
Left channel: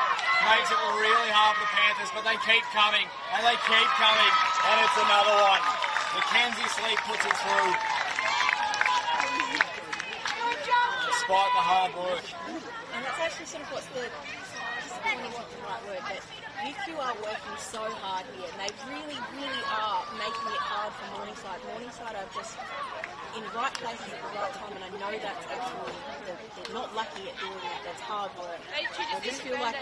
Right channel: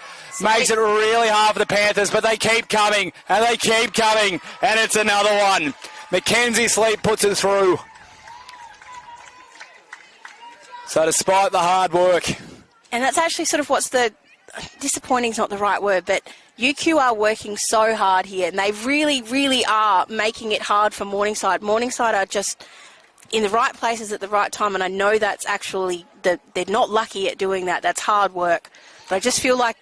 Makes it really hard for the Panthers, but they keep coming, and they keep coming, and it's another one. Mackenzie Sleep puts it through. So despite the hard work. And that's actually sort of what's the... disappointing is not the right word, but UQ are working so hard here, and they really, really are making it hard for Morningside. Morningside are just in the right places at the right time, and I know that's actually... they're not lucky at doing that. That's hard work. But I just feel like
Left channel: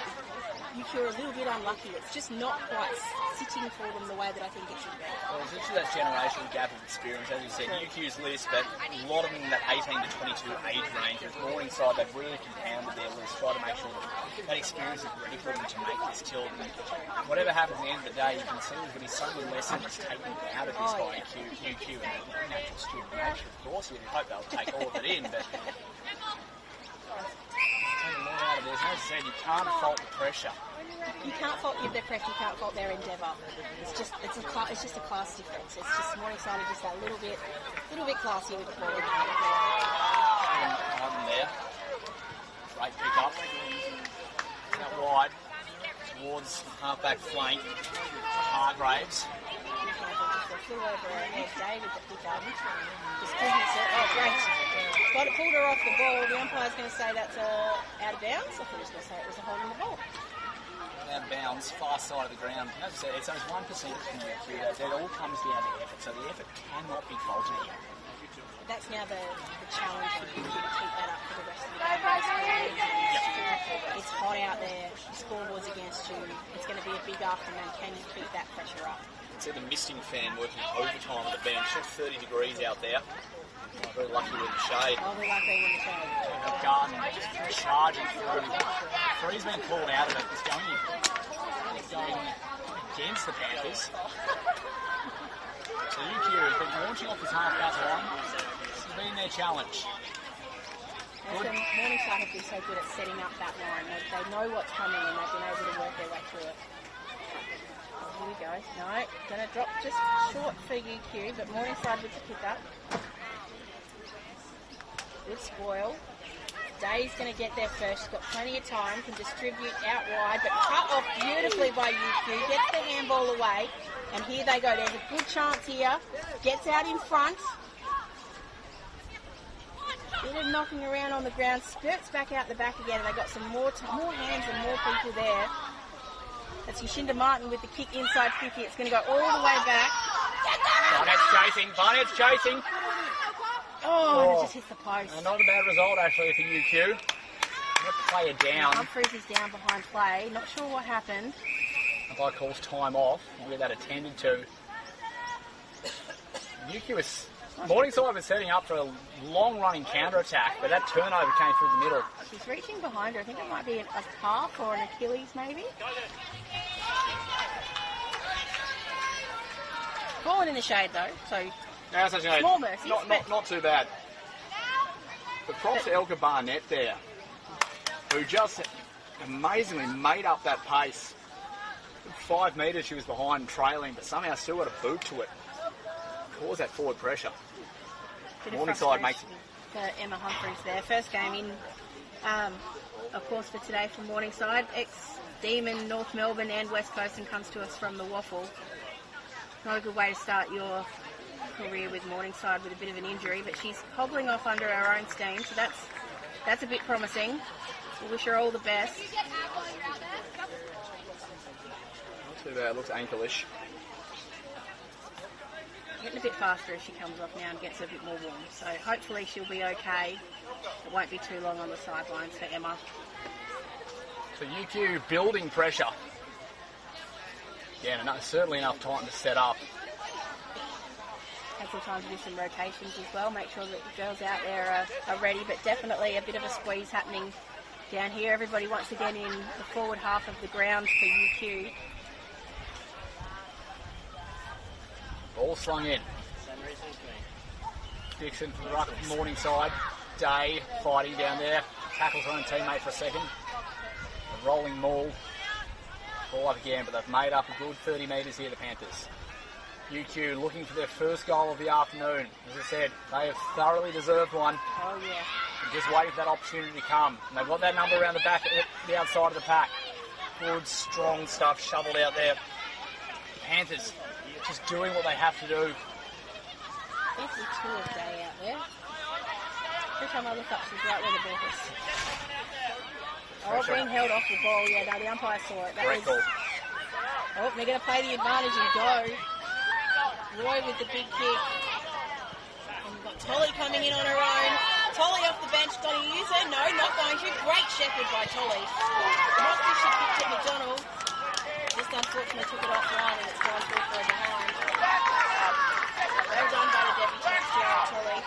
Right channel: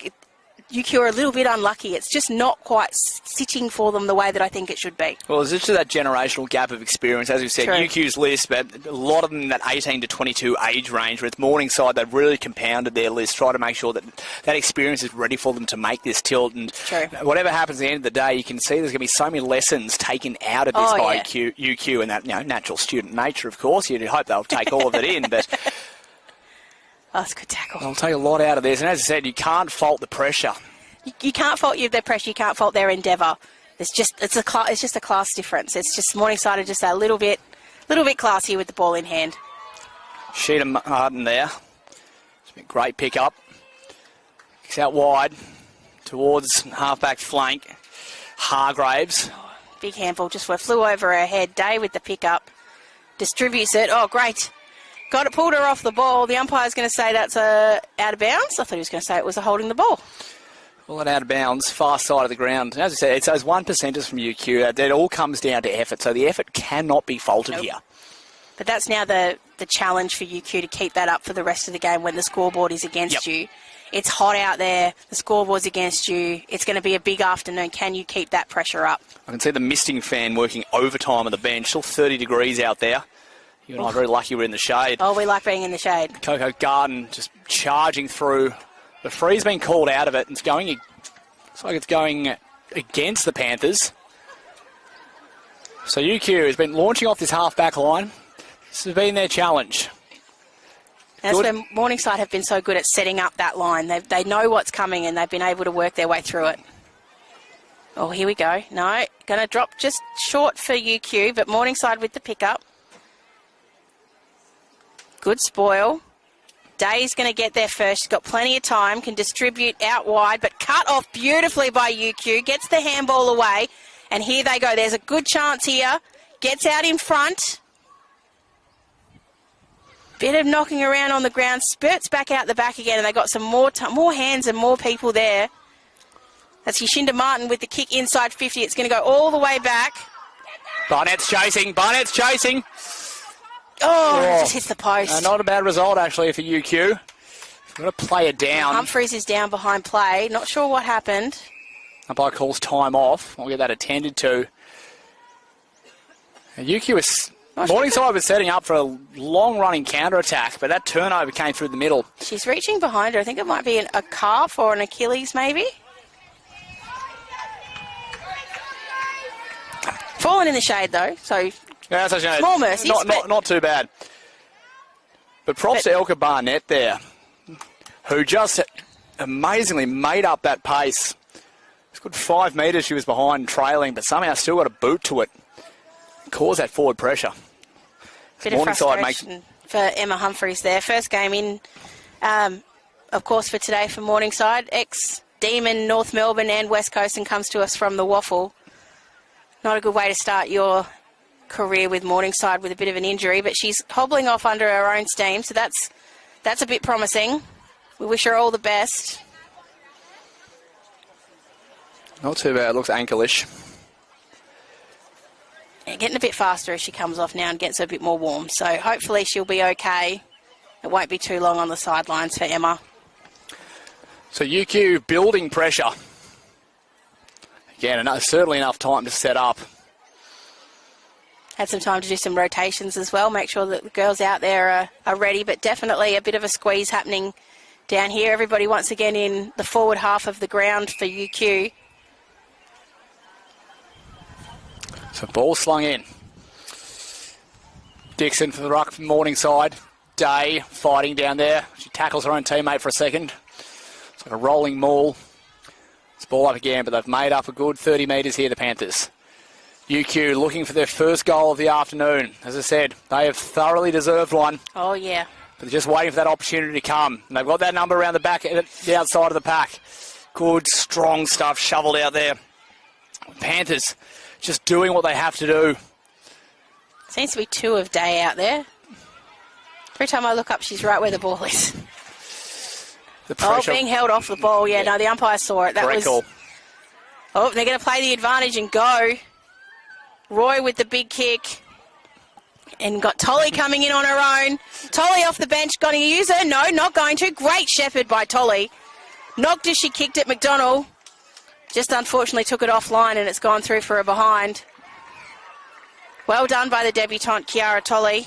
UQ are a little bit unlucky. It's just not quite sitting for them the way that I think it should be. Well, there's just that generational gap of experience. As you said, True. UQ's list, but a lot of them in that 18 to 22 age range. With Morningside, they've really compounded their list, try to make sure that that experience is ready for them to make this tilt. And True. whatever happens at the end of the day, you can see there's going to be so many lessons taken out of this by UQ and that natural student nature, of course. You'd hope they'll take all of it in, but... Oh, that's a good tackle. They'll take a lot out of this. And as I said, you can't fault the pressure. You can't fault their pressure. You can't fault their endeavour. It's just a class difference. It's just Morningside are just a little bit classier with the ball in hand. Sheeta Martin there. Great pick up. It's out wide towards halfback flank. Hargraves. Big handful just flew over her head. Day with the pick up. Distributes it. Oh, great. Got it, pulled her off the ball. The umpire's going to say that's out of bounds. I thought he was going to say it was a holding the ball. Well, it out of bounds, far side of the ground. And as I said, it's those 1%ers from UQ. It all comes down to effort, so the effort cannot be faulted here. But that's now the challenge for UQ to keep that up for the rest of the game when the scoreboard is against you. It's hot out there. The scoreboard's against you. It's going to be a big afternoon. Can you keep that pressure up? I can see the misting fan working overtime on the bench. Still 30 degrees out there. You and I are very lucky we're in the shade. Oh, we like being in the shade. Coco Garden just charging through. The free's been called out of it. It's going against the Panthers. So UQ has been launching off this half-back line. This has been their challenge. That's where Morningside have been so good at setting up that line. They know what's coming and they've been able to work their way through it. Oh, here we go. No, going to drop just short for UQ, but Morningside with the pickup. Good spoil. Day's going to get there first. She's got plenty of time, can distribute out wide, but cut off beautifully by UQ. Gets the handball away, and here they go. There's a good chance here. Gets out in front. Bit of knocking around on the ground. Spurts back out the back again, and they got some more hands and more people there. That's Yashinda Martin with the kick inside 50. It's going to go all the way back. Barnett's chasing. Barnett's chasing. Oh, it just hits the post. Not a bad result, actually, for UQ. Going to play it down. Humphreys is down behind play. Not sure what happened. Umpire calls time off. I'll get that attended to. And UQ is... Morningside was setting up for a long-running counter-attack, but that turnover came through the middle. She's reaching behind her. I think it might be a calf or an Achilles, maybe. Fallen in the shade, though, so... Yeah, so small mercies. Not too bad. But props to Elka Barnett there, who just amazingly made up that pace. It's good 5 metres she was behind trailing, but somehow still got a boot to it. Cause that forward pressure. Bit of frustration for Emma Humphreys there. First game in, of course, for today for Morningside. Ex-Demon, North Melbourne and West Coast, and comes to us from the Waffle. Not a good way to start your career with Morningside with a bit of an injury, but she's hobbling off under her own steam, so that's a bit promising. We wish her all the best. Not too bad. Looks ankle-ish. Yeah, getting a bit faster as she comes off now and gets a bit more warm, so hopefully she'll be okay. It won't be too long on the sidelines for Emma. So UQ building pressure. Again, certainly enough time to set up. Had some time to do some rotations as well, make sure that the girls out there are ready, but definitely a bit of a squeeze happening down here. Everybody once again in the forward half of the ground for UQ. So ball slung in. Dixon for the ruck from Morningside. Day fighting down there. She tackles her own teammate for a second. It's like a rolling maul. It's ball up again, but they've made up a good 30 metres here, the Panthers. UQ looking for their first goal of the afternoon. As I said, they have thoroughly deserved one. Oh, yeah. But just waiting for that opportunity to come. And they've got that number around the back, the outside of the pack. Good, strong stuff shoveled out there. Panthers just doing what they have to do. Seems to be 2 of Day out there. Every time I look up, she's right where the ball is. The pressure. Being held off the ball. Yeah, no, the umpire saw it. That Correct was. call. Oh, they're going to play the advantage and go. Roy with the big kick. And got Tolly coming in on her own. Tolly off the bench. Going to use her? No, not going to. Great shepherd by Tolly. Knocked as she kicked it, McDonald. Just unfortunately took it offline and it's gone through for a behind. Well done by the debutante, Kiara Tolly.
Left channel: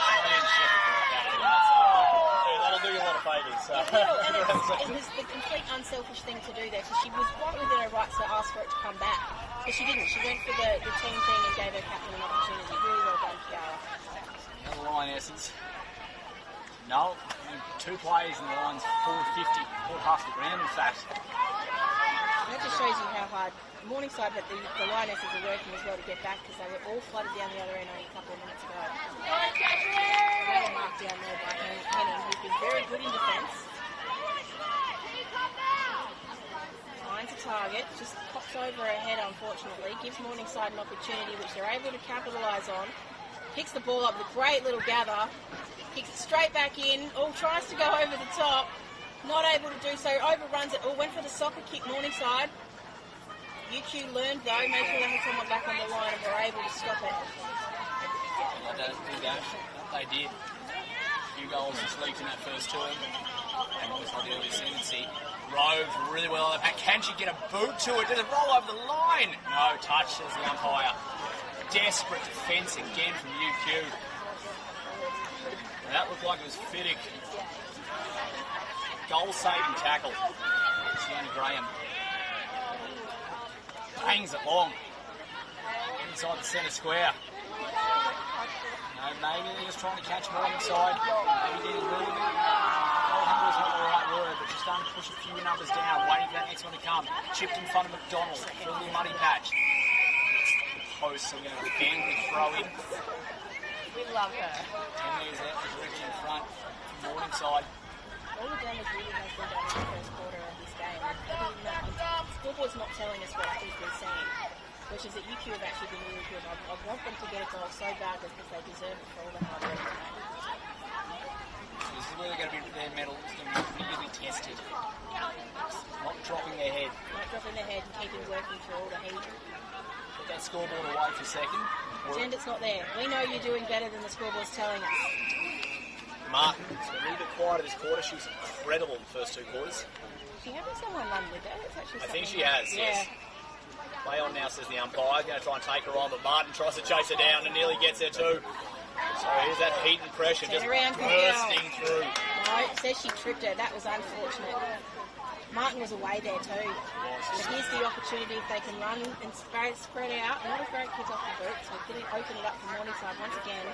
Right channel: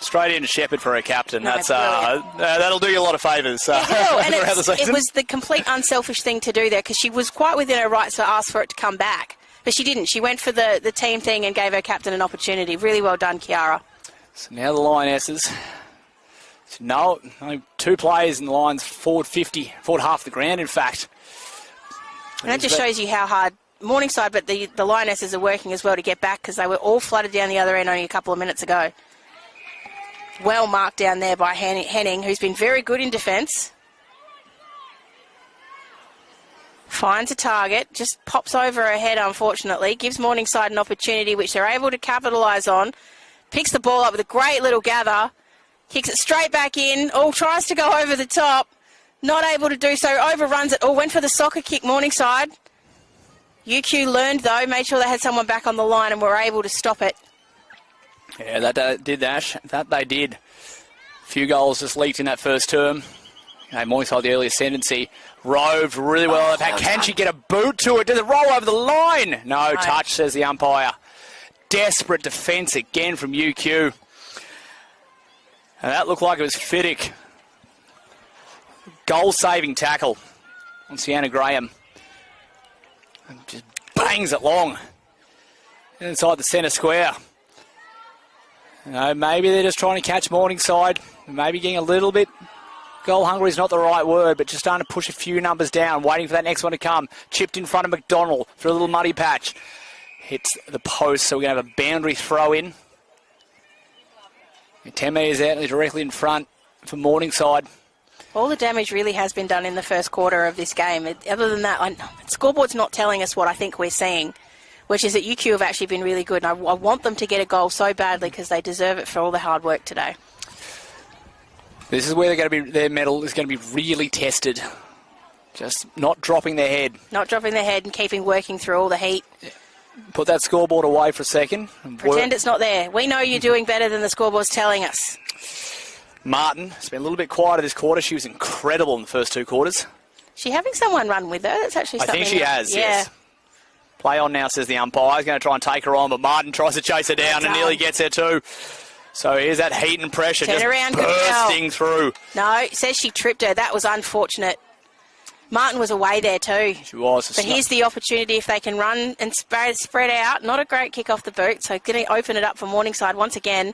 Straight into Shepherd for her captain. That's that'll do you a lot of favours. And it was the complete unselfish thing to do there because she was quite within her rights to ask for it to come back. But she didn't. She went for the team thing and gave her captain an opportunity. Really well done, Kiara. So now the Lionesses. No, only 2 players in the Lions forward 50, forward half the ground, in fact. And that just shows you how hard Morningside, but the Lionesses are working as well to get back because they were all flooded down the other end only a couple of minutes ago. Well marked down there by Henning, who's been very good in defence. Finds a target, just pops over her head, unfortunately. Gives Morningside an opportunity, which they're able to capitalise on. Picks the ball up with a great little gather. Kicks it straight back in. Oh, tries to go over the top. Not able to do so. Overruns it. Oh, went for the soccer kick, Morningside. UQ learned, though. Made sure they had someone back on the line and were able to stop it. Yeah, that did, Ash. That they did. A few goals just leaked in that first term. And Morningside, the early ascendancy, roved really well. Can she get a boot to it? Does it roll over the line? No touch, says the umpire. Desperate defence again from UQ. And that looked like it was Fiddick. Goal-saving tackle. And Sienna Graham just bangs it long inside the centre square. You know, maybe they're just trying to catch Morningside. Maybe getting a little bit goal hungry is not the right word, but just starting to push a few numbers down, waiting for that next one to come. Chipped in front of McDonald for a little muddy patch. Hits the post, so we're going to have a boundary throw in. 10 metres out, they're directly in front for Morningside. All the damage really has been done in the first quarter of this game. Other than that, scoreboard's not telling us what I think we're seeing, which is that UQ have actually been really good. And I want them to get a goal so badly because they deserve it for all the hard work today. This is where they're going to be. Their medal is going to be really tested. Just not dropping their head. Not dropping their head and keeping working through all the heat. Put that scoreboard away for a second. Pretend it's not there. We know you're doing better than the scoreboard's telling us. Martin has been a little bit quieter this quarter. She was incredible in the first 2 quarters. Is she having someone run with her? That's actually something. I think she has, yes. Play on now, says the umpire. He's going to try and take her on, but Martin tries to chase her down and nearly gets her too. So here's that heat and pressure just bursting through. No, it says she tripped her. That was unfortunate. Martin was away there too. She was. But here's the opportunity if they can run and spread out. Not a great kick off the boot, so going to open it up for Morningside once again.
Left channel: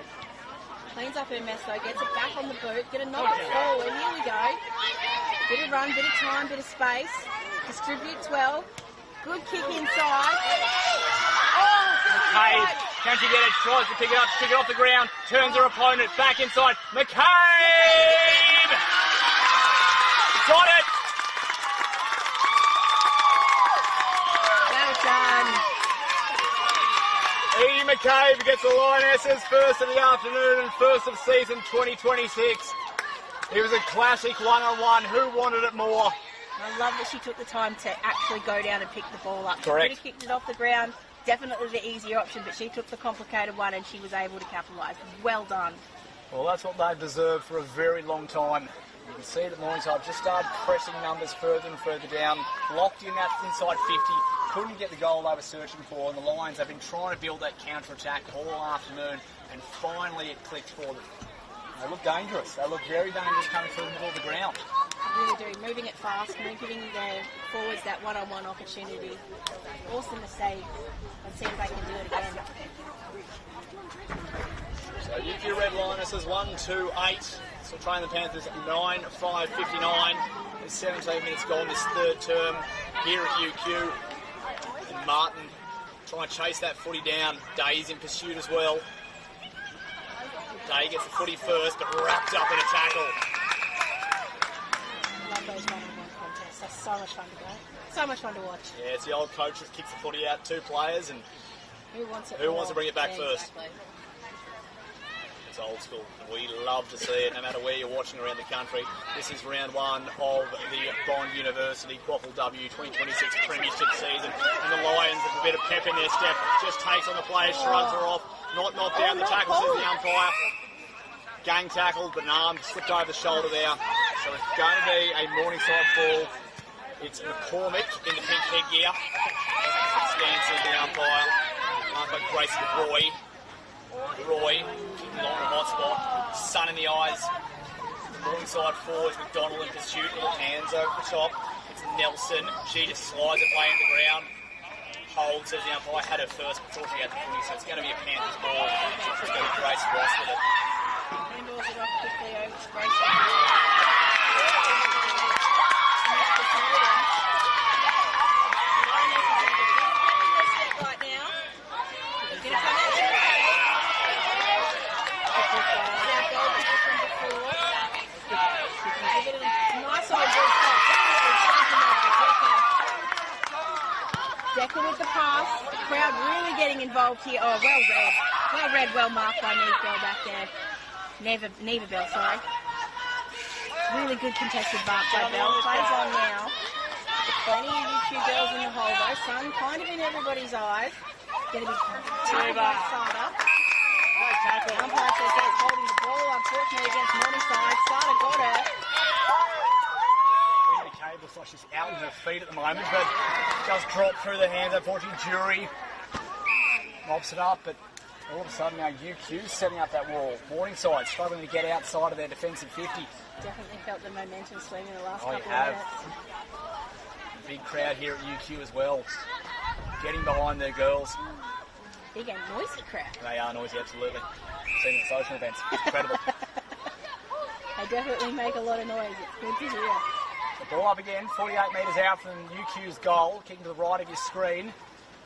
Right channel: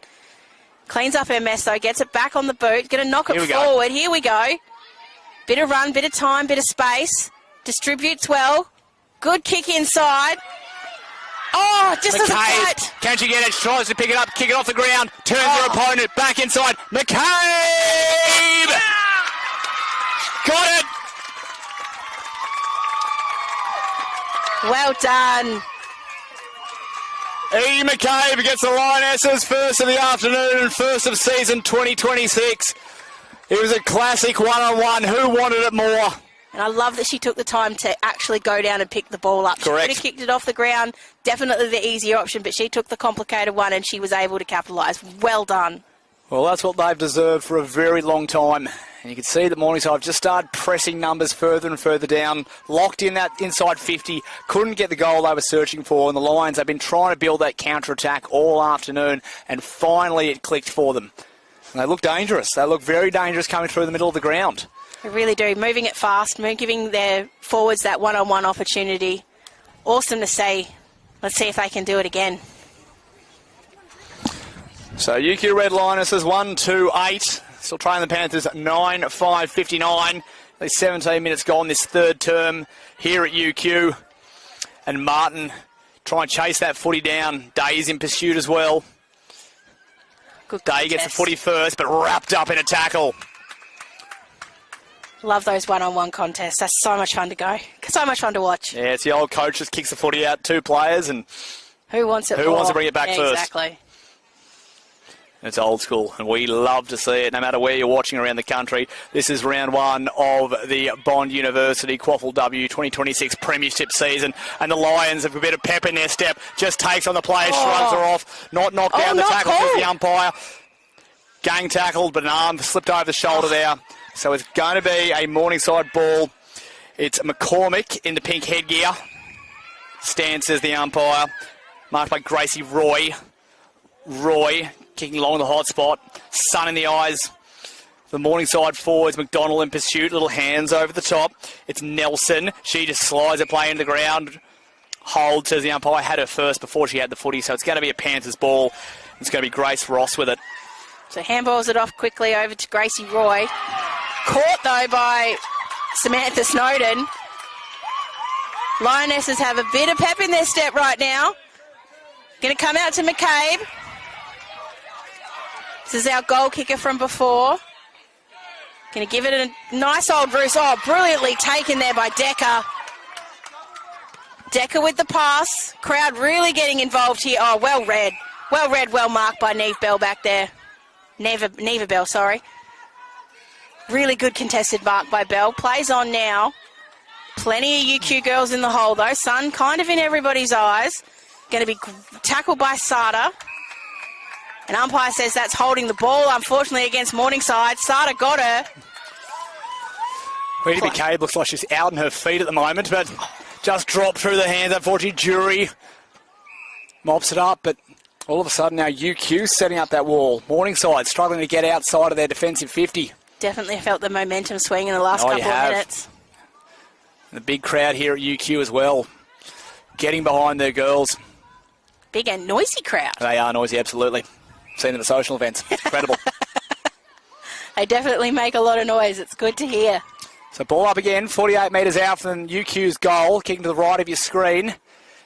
Cleans up her mess though, gets it back on the boot. Going to knock it forward. Here we go. Bit of run, bit of time, bit of space. Distributes well. Good kick inside. Oh, just as a fight. Can she get it? She tries to pick it up, kick it off the ground. Turns her opponent back inside. McCabe! Got it! Well done. Edie McCabe gets the Lionesses first of the afternoon and first of season 2026. It was a classic one-on-one. Who wanted it more? And I love that she took the time to actually go down and pick the ball up. Correct. She could have kicked it off the ground. Definitely the easier option, but she took the complicated one and she was able to capitalise. Well done. Well, that's what they've deserved for a very long time. And you can see that Morningside just started pressing numbers further and further down, locked in that inside 50, couldn't get the goal they were searching for, and the Lions have been trying to build that counter-attack all afternoon, and finally it clicked for them. And they look dangerous. They look very dangerous coming through the middle of the ground. They really do. Moving it fast, giving their forwards that one-on-one opportunity. Awesome to see. Let's see if they can do it again. So UQ Red Lionesses 1-2-8. Still trailing the Panthers at 9-5-59. There's 17 minutes gone this third term here at UQ. And Martin trying to chase that footy down. Day is in pursuit as well. Good Day gets the footy first, but wrapped up in a tackle. Love those one-on-one contests. That's so much fun to go. So much fun to watch. Yeah, it's the old coach just kicks the footy out, 2 players, and who wants it? Who wants to bring it back yeah, first? Exactly. It's old school, and we love to see it, no matter where you're watching around the country. This is round 1 of the Bond University QAFLW 2026 Premiership season, and the Lions have a bit of pep in their step. Just takes on the player, shrugs her off, not knocked down. The tackle to the umpire. Gang tackled, but an arm slipped over the shoulder there. So it's going to be a Morningside ball. It's McCormick in the pink headgear. Stands as the umpire, marked by Gracie Roy. Roy kicking along the hot spot. Sun in the eyes. The Morningside forwards, McDonald in pursuit. Little hands over the top. It's Nelson. She just slides it playing to the ground. Hold, says the umpire. Had her first before she had the footy, so it's going to be a Panthers ball. It's going to be Grace Ross with it. So handballs it off quickly over to Gracie Roy. Caught, though, by Samantha Snowden. Lionesses have a bit of pep in their step right now. Going to come out to McCabe. This is our goal kicker from before. Going to give it a nice old Bruce. Oh, brilliantly taken there by Decker. Decker with the pass. Crowd really getting involved here. Oh, well read. Well read, well marked by Neve Bell back there. Neva Bell, sorry. Really good contested mark by Bell. Plays on now. Plenty of UQ girls in the hole, though. Sun kind of in everybody's eyes. Going to be tackled by Sada. An umpire says that's holding the ball, unfortunately, against Morningside. Sada got her. Rita McCabe looks like she's out on her feet at the moment, but just dropped through the hands, unfortunately. Jury mops it up, but all of a sudden now UQ setting up that wall. Morningside struggling to get outside of their defensive 50. Definitely felt the momentum swing in the last couple of minutes. The big crowd here at UQ as well, getting behind their girls. Big and noisy crowd. They are noisy, absolutely. Seen them at the social events. Incredible. They definitely make a lot of noise. It's good to hear. So ball up again, 48 metres out from UQ's goal, kicking to the right of your screen.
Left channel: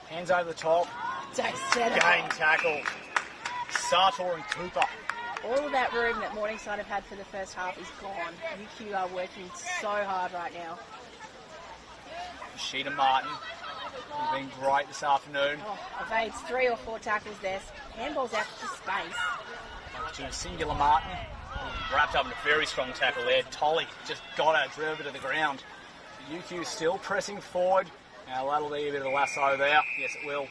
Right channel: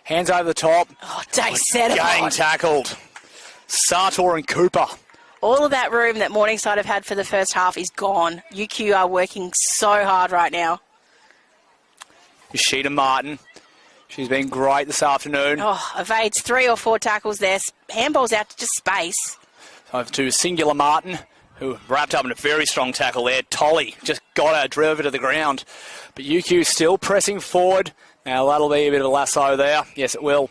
Hands over the top. Oh, Day set it Gang on. tackled. Sartor and Cooper. All of that room that Morningside have had for the first half is gone. UQ are working so hard right now. Yoshida Martin. She's been great this afternoon. Oh, evades 3 or 4 tackles there. Handballs out to just space. Over to Singular Martin, who wrapped up in a very strong tackle there. Tolly just got her, drove her to the ground. But UQ still pressing forward. Now that'll be a bit of a lasso there. Yes, it will.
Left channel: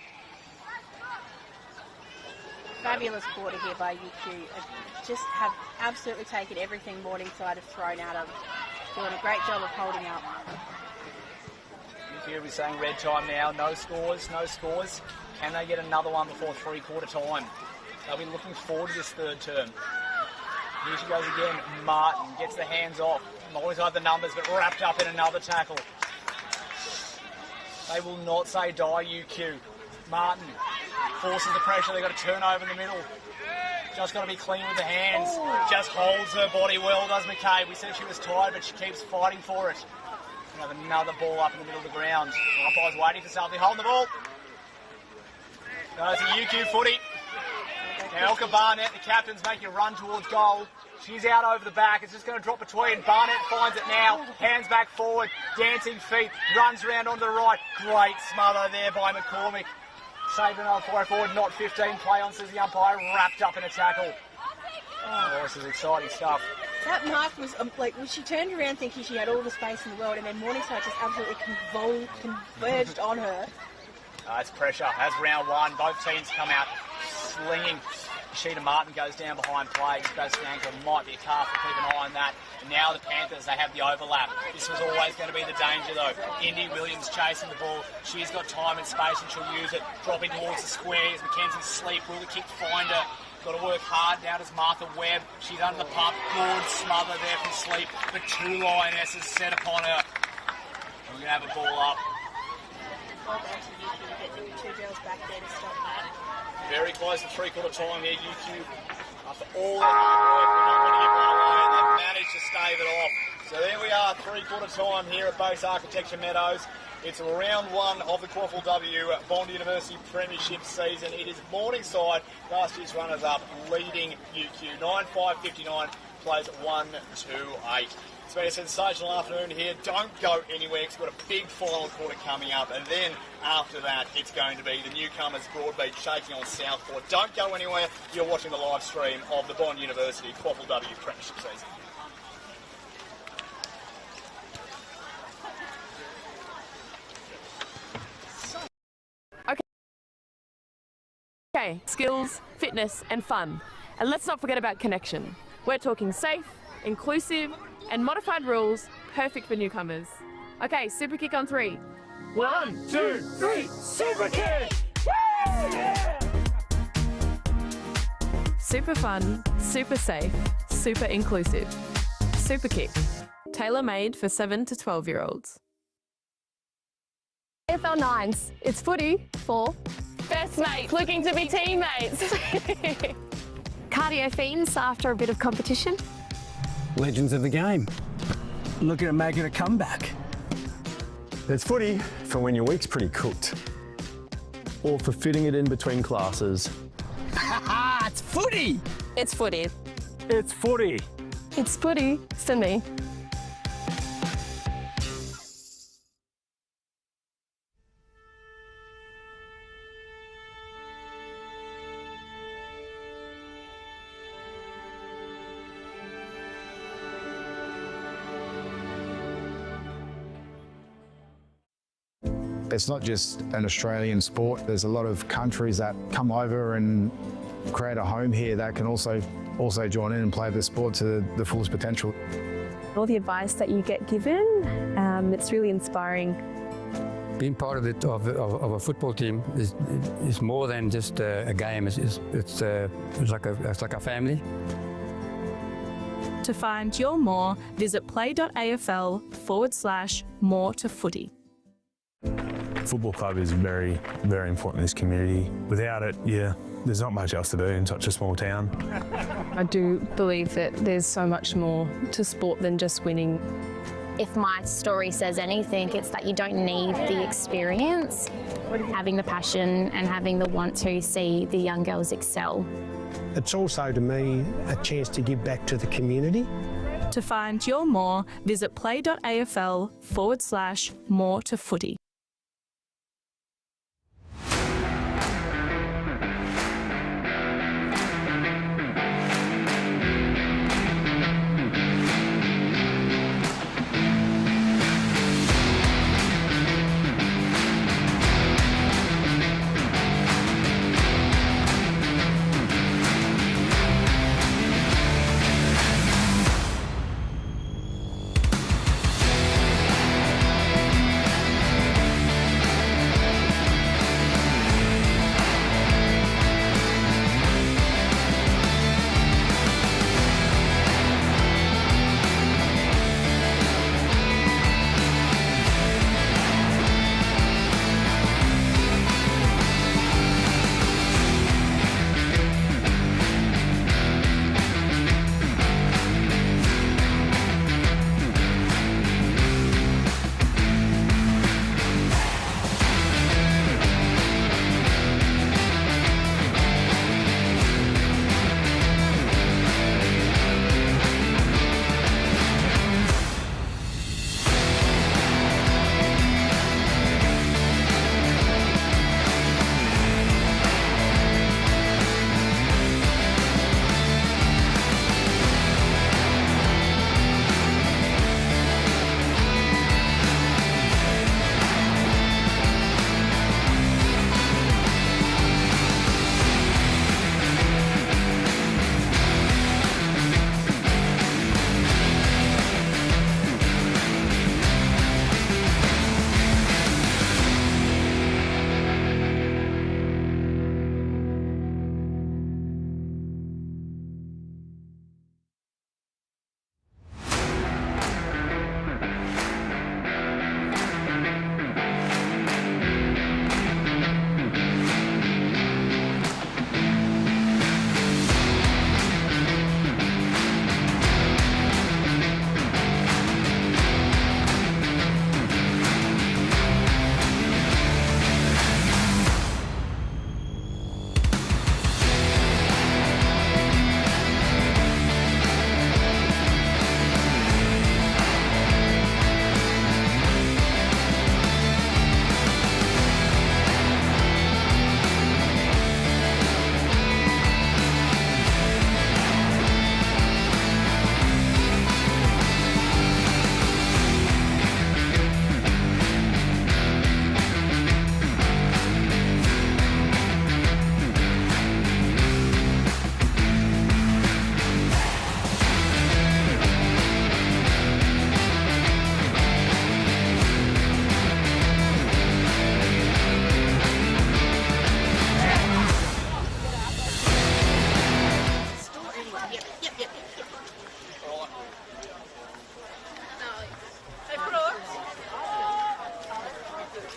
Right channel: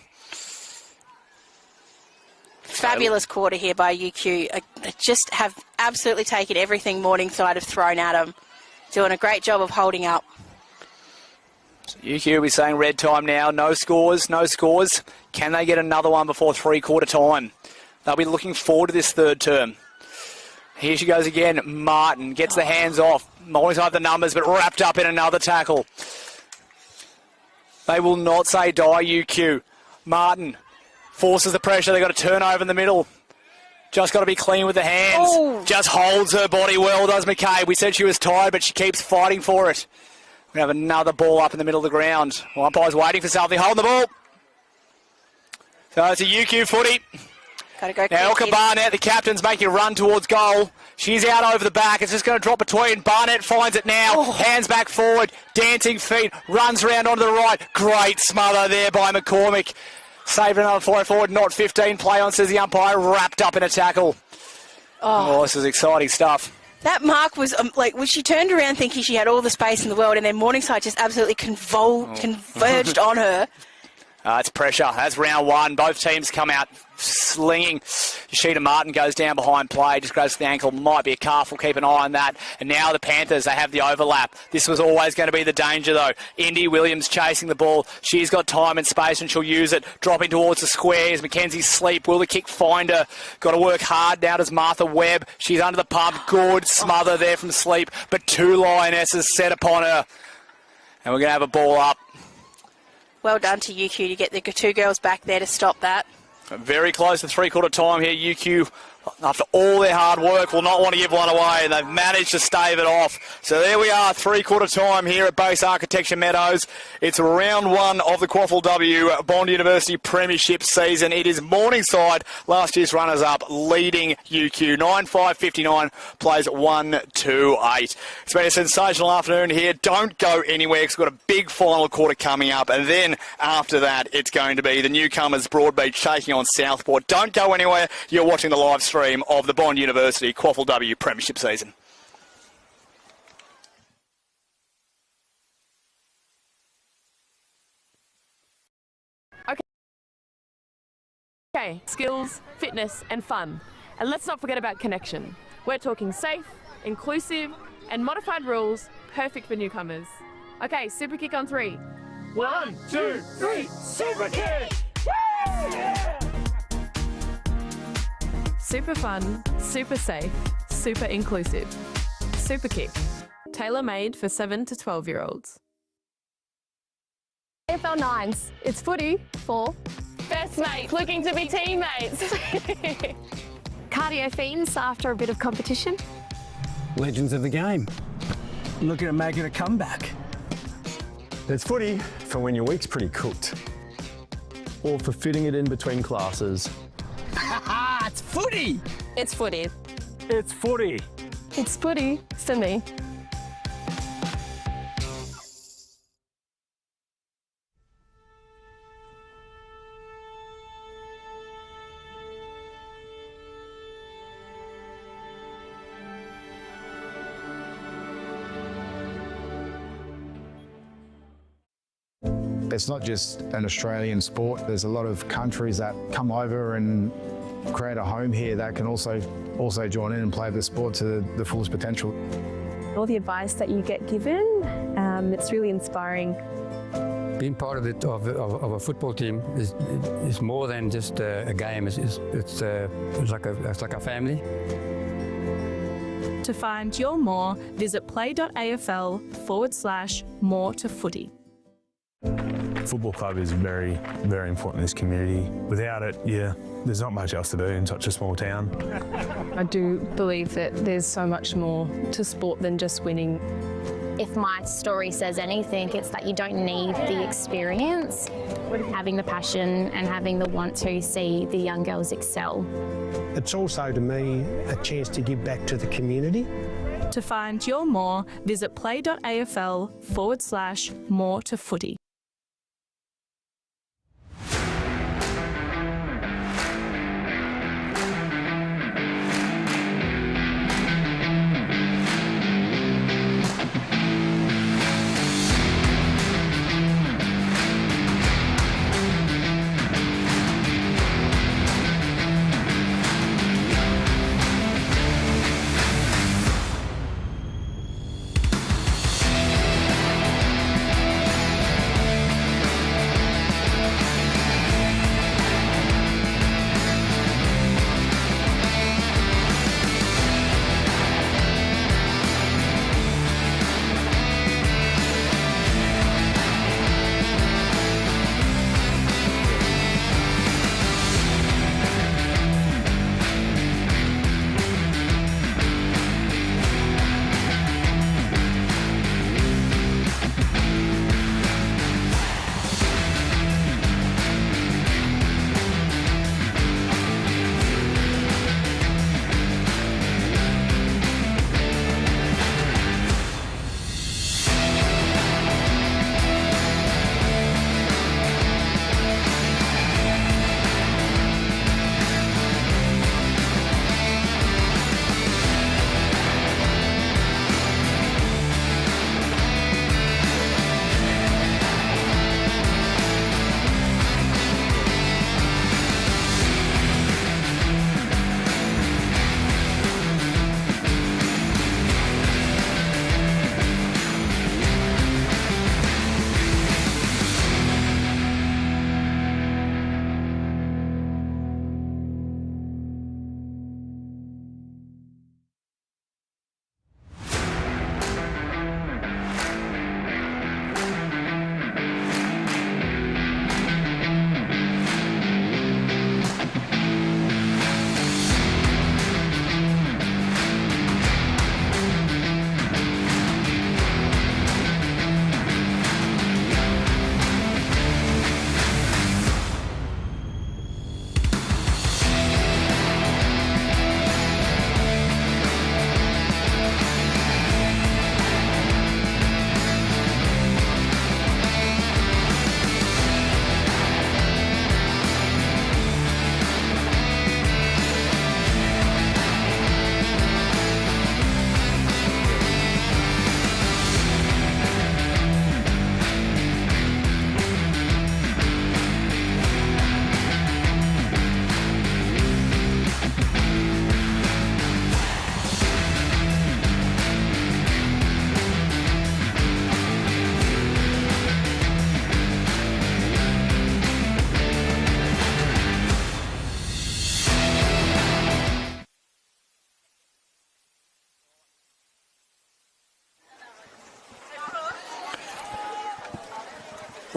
Fabulous quarter here by UQ. They just have absolutely taken everything Morningside have thrown at them. Doing a great job of holding up. UQ will be saying red time now. No scores, no scores. Can they get another one before three-quarter time? They'll be looking forward to this third term. Here she goes again. Martin gets the hands off. Morningside the numbers, but wrapped up in another tackle. They will not say die, UQ. Martin forces the pressure. They've got to turn over in the middle. Just got to be clean with the hands. Oh. Just holds her body well, does McCabe. We said she was tired, but she keeps fighting for it. We have another ball up in the middle of the ground. Well, umpire's waiting for something. Holding the ball. So it's a UQ footy. Gotta go now Elka Barnett, the captain's making a run towards goal. She's out over the back. It's just going to drop between. Barnett finds it now. Oh. Hands back forward. Dancing feet. Runs around onto the right. Great smother there by McCormick. Saving another 4 forward. Not 15. Play on, says the umpire. Wrapped up in a tackle. Oh, this is exciting stuff. That mark was like when she turned around thinking she had all the space in the world, and then Morningside just absolutely converged on her. It's pressure. That's round 1. Both teams come out slinging. Sheeta Martin goes down behind play, just goes to the ankle. Might be a calf. We'll keep an eye on that. And now the Panthers, they have the overlap. This was always going to be the danger, though. Indy Williams chasing the ball. She's got time and space, and she'll use it. Dropping towards the squares. Mackenzie Sleep. Will the kick find her? Got to work hard now. Does Martha Webb. She's under the pump. Good smother there from Sleep. But 2 Lionesses set upon her. And we're going to have a ball up. Well done to UQ to get the 2 girls back there to stop that. Very close to three-quarter time here. UQ after all their hard work, will not want to give one away, and they've managed to stave it off. So there we are, three-quarter time here at Base Architecture Meadows. It's round one of the QAFLW Bond University Premiership season. It is Morningside, last year's runners-up, leading UQ. 9-5-59, plays 1-2-8. It's been a sensational afternoon here. Don't go anywhere, because we've got a big final quarter coming up, and then after that, it's going to be the newcomers Broadbeach taking on Southport. Don't go anywhere. You're watching the live stream of the Bond University QAFLW Premiership season. Okay, skills, fitness and fun. And let's not forget about connection. We're talking safe, inclusive and modified rules, perfect for newcomers. Okay, super kick on 3. 1, 2, 3, super kick! Woo! Yeah! Super fun, super safe, super inclusive. Super kick, tailor-made for 7 to 12-year-olds. AFL 9s, it's footy for Best mates looking to be teammates. Cardio fiends after a bit of competition. Legends of the game. Looking at making a comeback. There's footy for when your week's pretty cooked, or for fitting it in between classes. It's footy! It's footy. It's footy. It's footy for me. It's not just an Australian sport. There's a lot of countries that come over and create a home here that can also join in and play the sport to the fullest potential. All the advice that you get given, it's really inspiring. Being part of a football team is more than just a game. It's like a family. To find your more, visit play.afl/more to footy. Football club is very, very important in this community. Without it, there's not much else to do in such a small town. I do believe that there's so much more to sport than just winning. If my story says anything, it's that you don't need the experience, having the passion and having the want to see the young girls excel. It's also, to me, a chance to give back to the community. To find your more, visit play.afl/more to footy.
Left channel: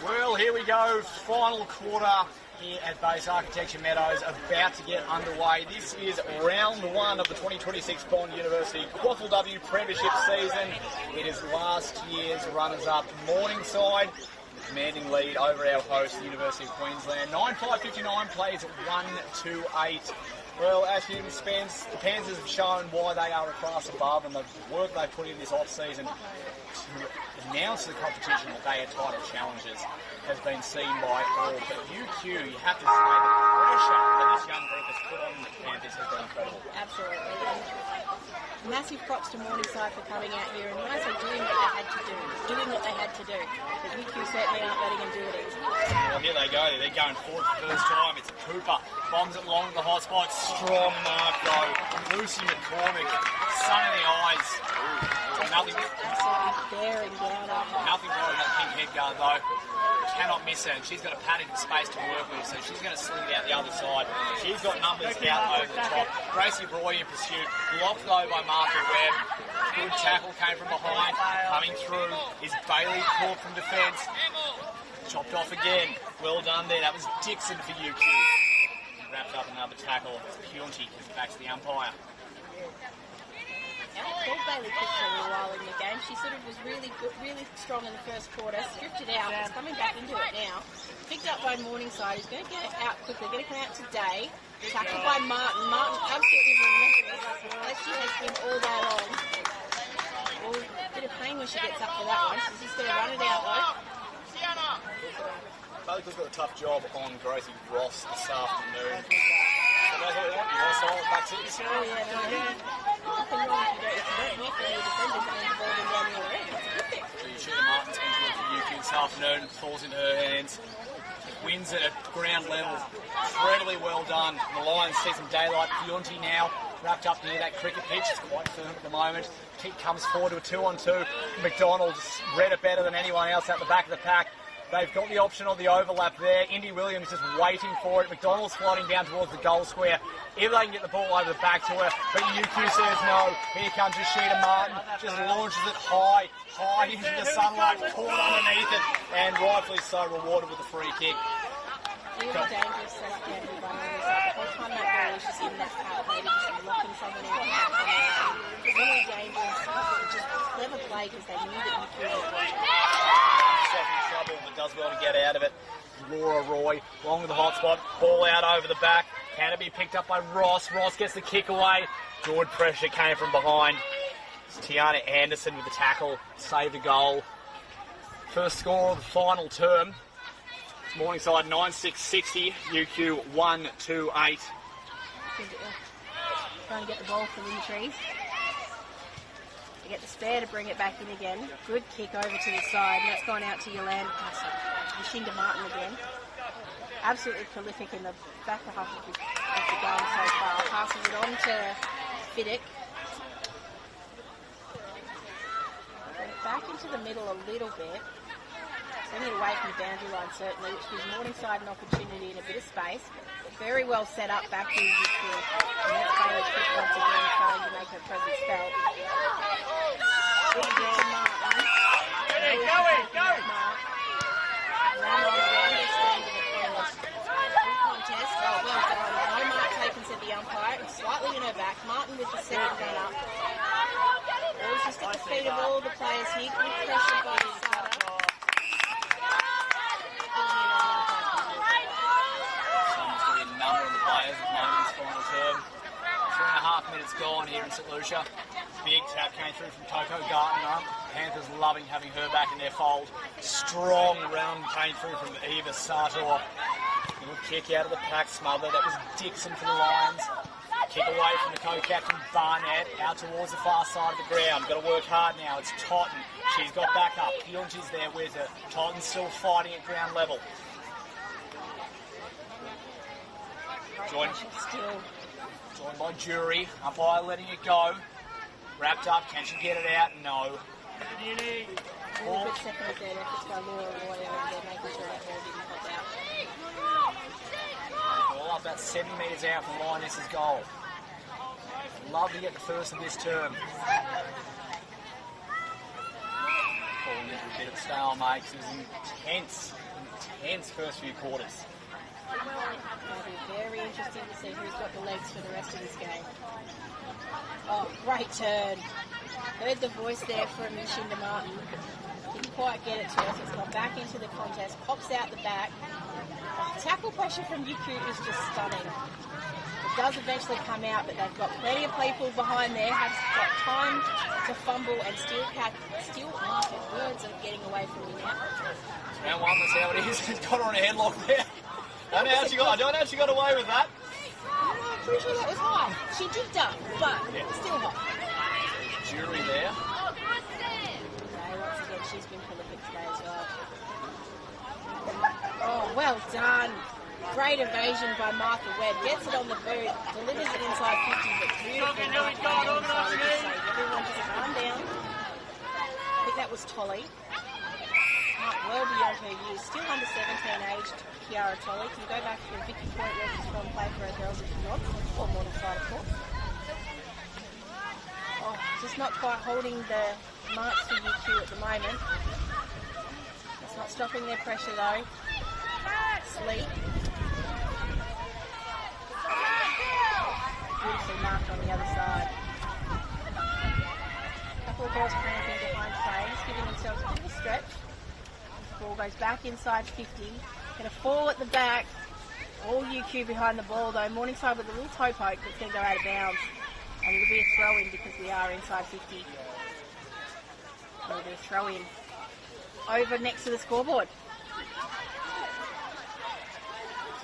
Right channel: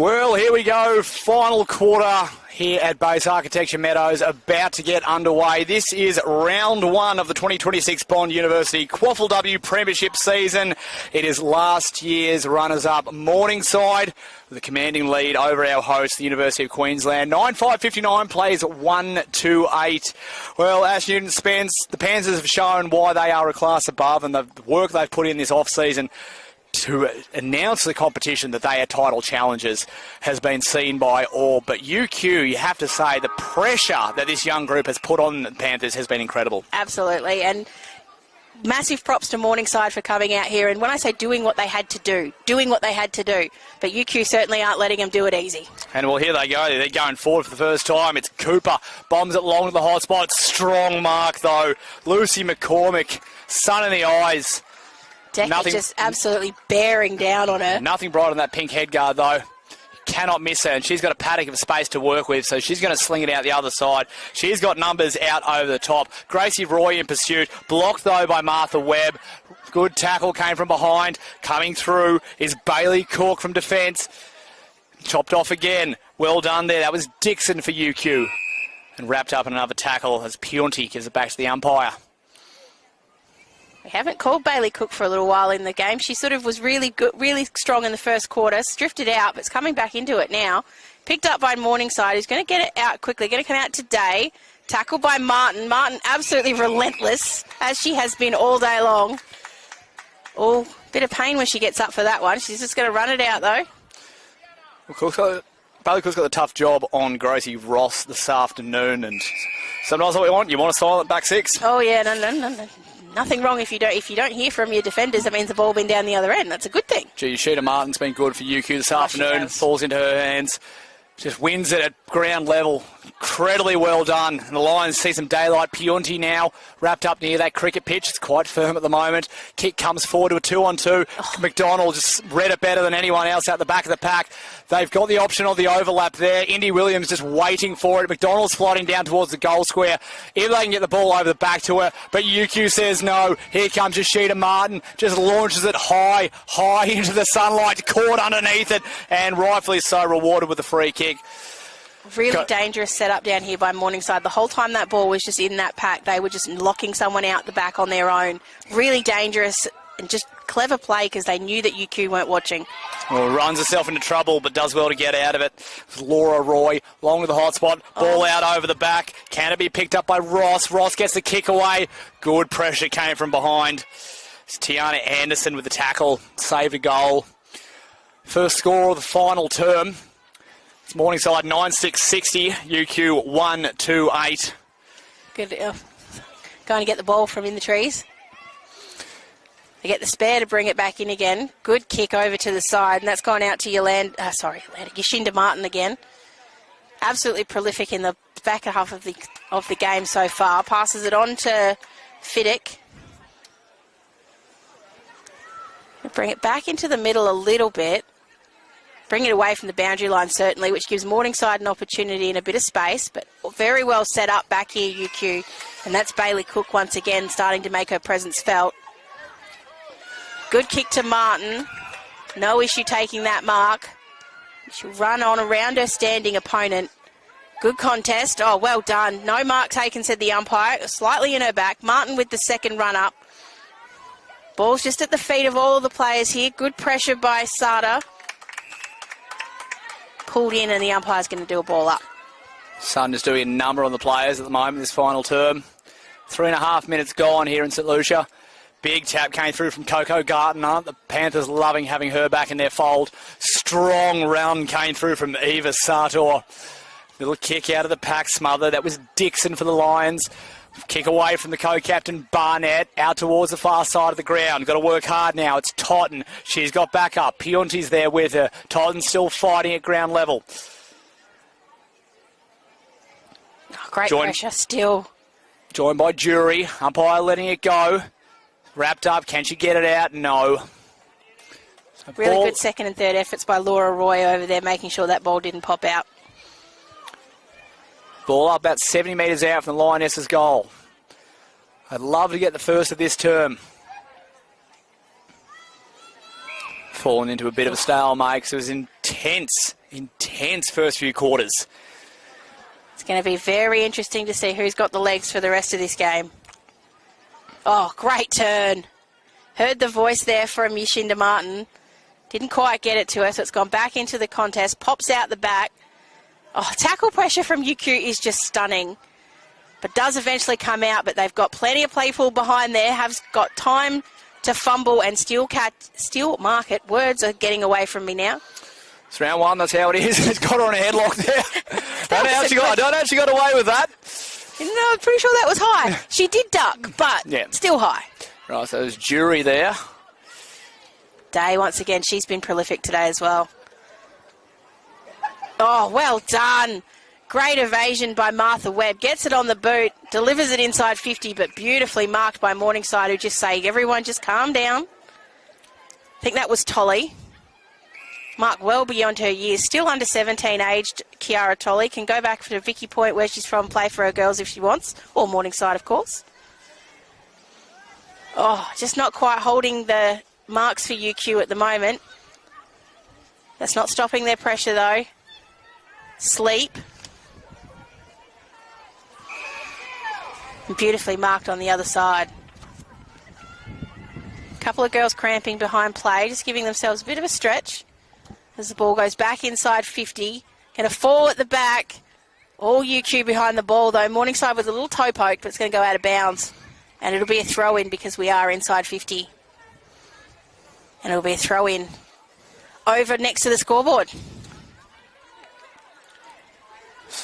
Well, here we go. Final quarter here at Base Architecture Meadows, about to get underway. This is round one of the 2026 Bond University QAFLW Premiership season. It is last year's runners-up Morningside, with a commanding lead over our host, the University of Queensland. 9-5-59 plays 1-2-8. Well, Ash Newton Spence, the Panthers have shown why they are a class above, and the work they've put in this off-season to announce the competition that they are title challengers has been seen by all. But UQ, you have to say, the pressure that this young group has put on the Panthers has been incredible. Absolutely, and massive props to Morningside for coming out here. And when I say doing what they had to do, but UQ certainly aren't letting them do it easy. And well, here they go. They're going forward for the first time. It's Cooper. Bombs it long to the hot spot. Strong mark, though. Lucy McCormick, sun in the eyes. Definitely just absolutely bearing down on her. Nothing bright on that pink head guard, though. Cannot miss her, and she's got a paddock of space to work with, so she's going to sling it out the other side. She's got numbers out over the top. Gracie Roy in pursuit. Blocked, though, by Martha Webb. Good tackle came from behind. Coming through is Bailey Cook from defence. Chopped off again. Well done there. That was Dixon for UQ. And wrapped up in another tackle as Pionti gives it back to the umpire. We haven't called Bailey Cook for a little while in the game. She sort of was really good, really strong in the first quarter, drifted out, but it's coming back into it now. Picked up by Morningside, who's going to get it out quickly, going to come out today. Tackled by Martin. Martin absolutely relentless, as she has been all day long. Oh, bit of pain when she gets up for that one. She's just going to run it out, though. Well, Bailey Cook's got a tough job on Gracie Ross this afternoon, and sometimes what we want, you want a silent back six. Oh, yeah, no. Nothing wrong if you don't hear from your defenders. That means the ball been down the other end. That's a good thing. Gee, Sheeta Martin's been good for UQ this afternoon. Falls into her hands. Just wins it at ground level. Incredibly well done. And the Lions see some daylight. Pionti now wrapped up near that cricket pitch. It's quite firm at the moment. Kick comes forward to a 2-on-2. McDonald just read it better than anyone else out the back of the pack. They've got the option of the overlap there. Indy Williams just waiting for it. McDonald's sliding down towards the goal square. If they can get the ball over the back to her, but UQ says no. Here comes Sheeta Martin. Just launches it high into the sunlight. Caught underneath it, and rightfully so rewarded with the free kick. Really dangerous setup down here by Morningside. The whole time that ball was just in that pack, they were just locking someone out the back on their own. Really dangerous and just clever play because they knew that UQ weren't watching. Well, runs herself into trouble but does well to get out of it. Laura Roy, long with the hot spot. Ball out over the back. Can it be picked up by Ross? Ross gets the kick away. Good pressure came from behind. It's Tiana Anderson with the tackle. Saved a goal. First score of the final term. It's Morningside 9-6-60, UQ 1-2-8. Good. Going to get the ball from in the trees. They get the spare to bring it back in again. Good kick over to the side, and that's gone out to Yashinda Martin again. Absolutely prolific in the back half of the game so far. Passes it on to Fiddick. Bring it back into the middle a little bit. Bring it away from the boundary line, certainly, which gives Morningside an opportunity and a bit of space, but very well set up back here, UQ. And that's Bailey Cook once again starting to make her presence felt. Good kick to Martin. No issue taking that mark. She'll run on around her standing opponent. Good contest. Oh, well done. No mark taken, said the umpire. It was slightly in her back. Martin with the second run up. Ball's just at the feet of all of the players here. Good pressure by Sada. Pulled in, and the umpire's going to do a ball up. Sun is doing a number on the players at the moment this final term. 3.5 minutes gone here in St Lucia. Big tap came through from Coco Gardner. The Panthers loving having her back in their fold. Strong run came through from Eva Sartor. Little kick out of the pack smother. That was Dixon for the Lions. Kick away from the co-captain Barnett out towards the far side of the ground. Got to work hard now. It's Totten. She's got back up. Pionti's there with her. Totten's still fighting at ground level. Great pressure still. Joined by Jury. Umpire letting it go. Wrapped up. Can she get it out? No. Really good second and third efforts by Laura Roy over there, making sure that ball didn't pop out. Ball up about 70 metres out from the Lionesses' goal. I'd love to get the first of this term. fallen into a bit of a stalemate because it was intense first few quarters. It's going to be very interesting to see who's got the legs for the rest of this game. Oh, great turn. Heard the voice there from Yashinda Martin. Didn't quite get it to her, so it's gone back into the contest. Pops out the back. Oh, tackle pressure from UQ is just stunning. But does eventually come out, but they've got plenty of people behind there, have got time to fumble and still mark it. Words are getting away from me now. It's round one, that's how it is. It's got her on a headlock there. I don't know how she got away with that. No, I'm pretty sure that was high. She did duck, but still high. Right, so there's Jury there. Day, once again, she's been prolific today as well. Oh, well done. Great evasion by Martha Webb. Gets it on the boot, delivers it inside 50, but beautifully marked by Morningside, who just say, everyone just calm down. I think that was Tolly. Marked well beyond her years. Still under 17 aged, Kiara Tolly. Can go back to Vicky Point, where she's from, play for her girls if she wants. Or Morningside, of course. Oh, just not quite holding the marks for UQ at the moment. That's not stopping their pressure, though. Sleep. Beautifully marked on the other side. A couple of girls cramping behind play, just giving themselves a bit of a stretch as the ball goes back inside 50. Going to fall at the back. All UQ behind the ball, though. Morningside with a little toe poke, but it's going to go out of bounds. And it'll be a throw-in because we are inside 50. And it'll be a throw-in over next to the scoreboard.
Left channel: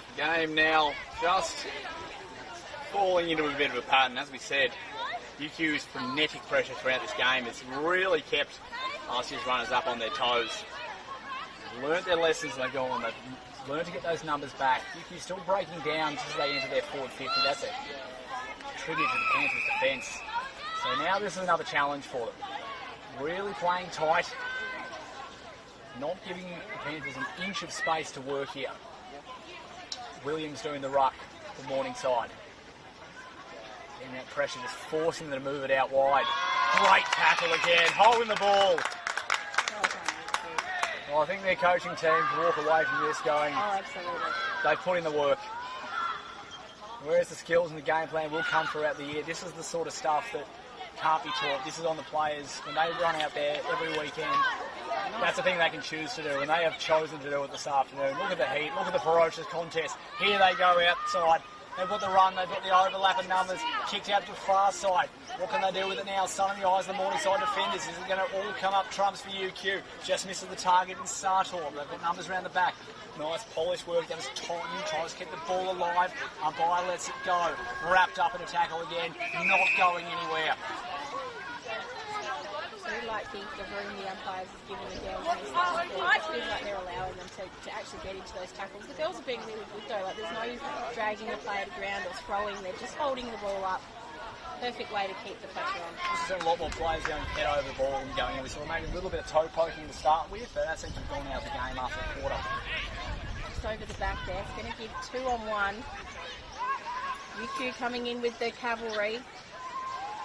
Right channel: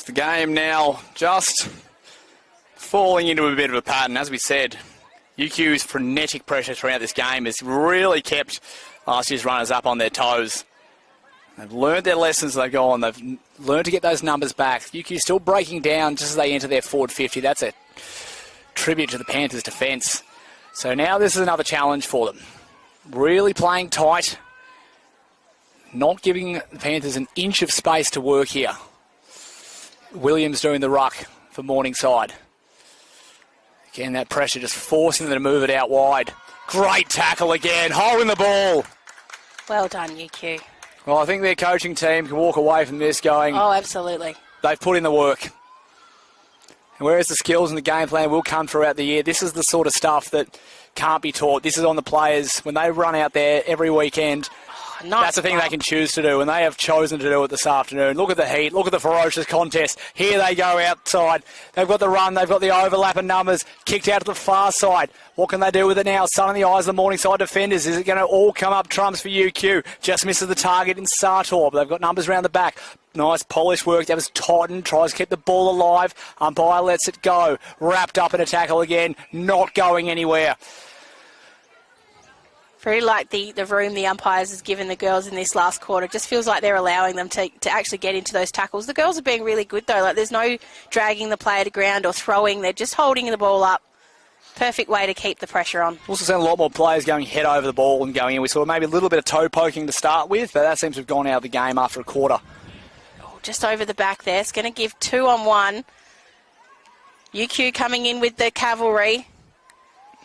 The game now just falling into a bit of a pattern. As we said, UQ's frenetic pressure throughout this game has really kept last year's runners up on their toes. They've learned their lessons as they go on. They've learned to get those numbers back. UQ still breaking down just as they enter their forward 50. That's a tribute to the Panthers' defence. So now this is another challenge for them. Really playing tight. Not giving the Panthers an inch of space to work here. Williams doing the ruck for Morningside. Again, that pressure just forcing them to move it out wide. Great tackle again, holding the ball. Well done, UQ. Well, I think their coaching team can walk away from this going, oh, absolutely. They've put in the work. And whereas the skills and the game plan will come throughout the year, this is the sort of stuff that can't be taught. This is on the players. When they run out there every weekend, that's the thing they can choose to do, and they have chosen to do it this afternoon. Look at the heat, look at the ferocious contest. Here they go outside. They've got the run, they've got the overlap and numbers, kicked out to the far side. What can they do with it now? Sun in the eyes of the Morningside defenders. Is it going to all come up trumps for UQ? Just misses the target in Sartor, but they've got numbers around the back. Nice polished work. That was Totten. Tries to keep the ball alive. Umpire lets it go. Wrapped up in a tackle again. Not going anywhere. Very like the room the umpires has given the girls in this last quarter. Just feels like they're allowing them to actually get into those tackles. The girls are being really good, though. Like, there's no dragging the player to ground or throwing. They're just holding the ball up. Perfect way to keep the pressure on. Also seen a lot more players going head over the ball and going in. We saw maybe a little bit of toe poking to start with, but that seems to have gone out of the game after a quarter. Just over the back there. It's going to give 2-on-1. UQ coming in with the cavalry.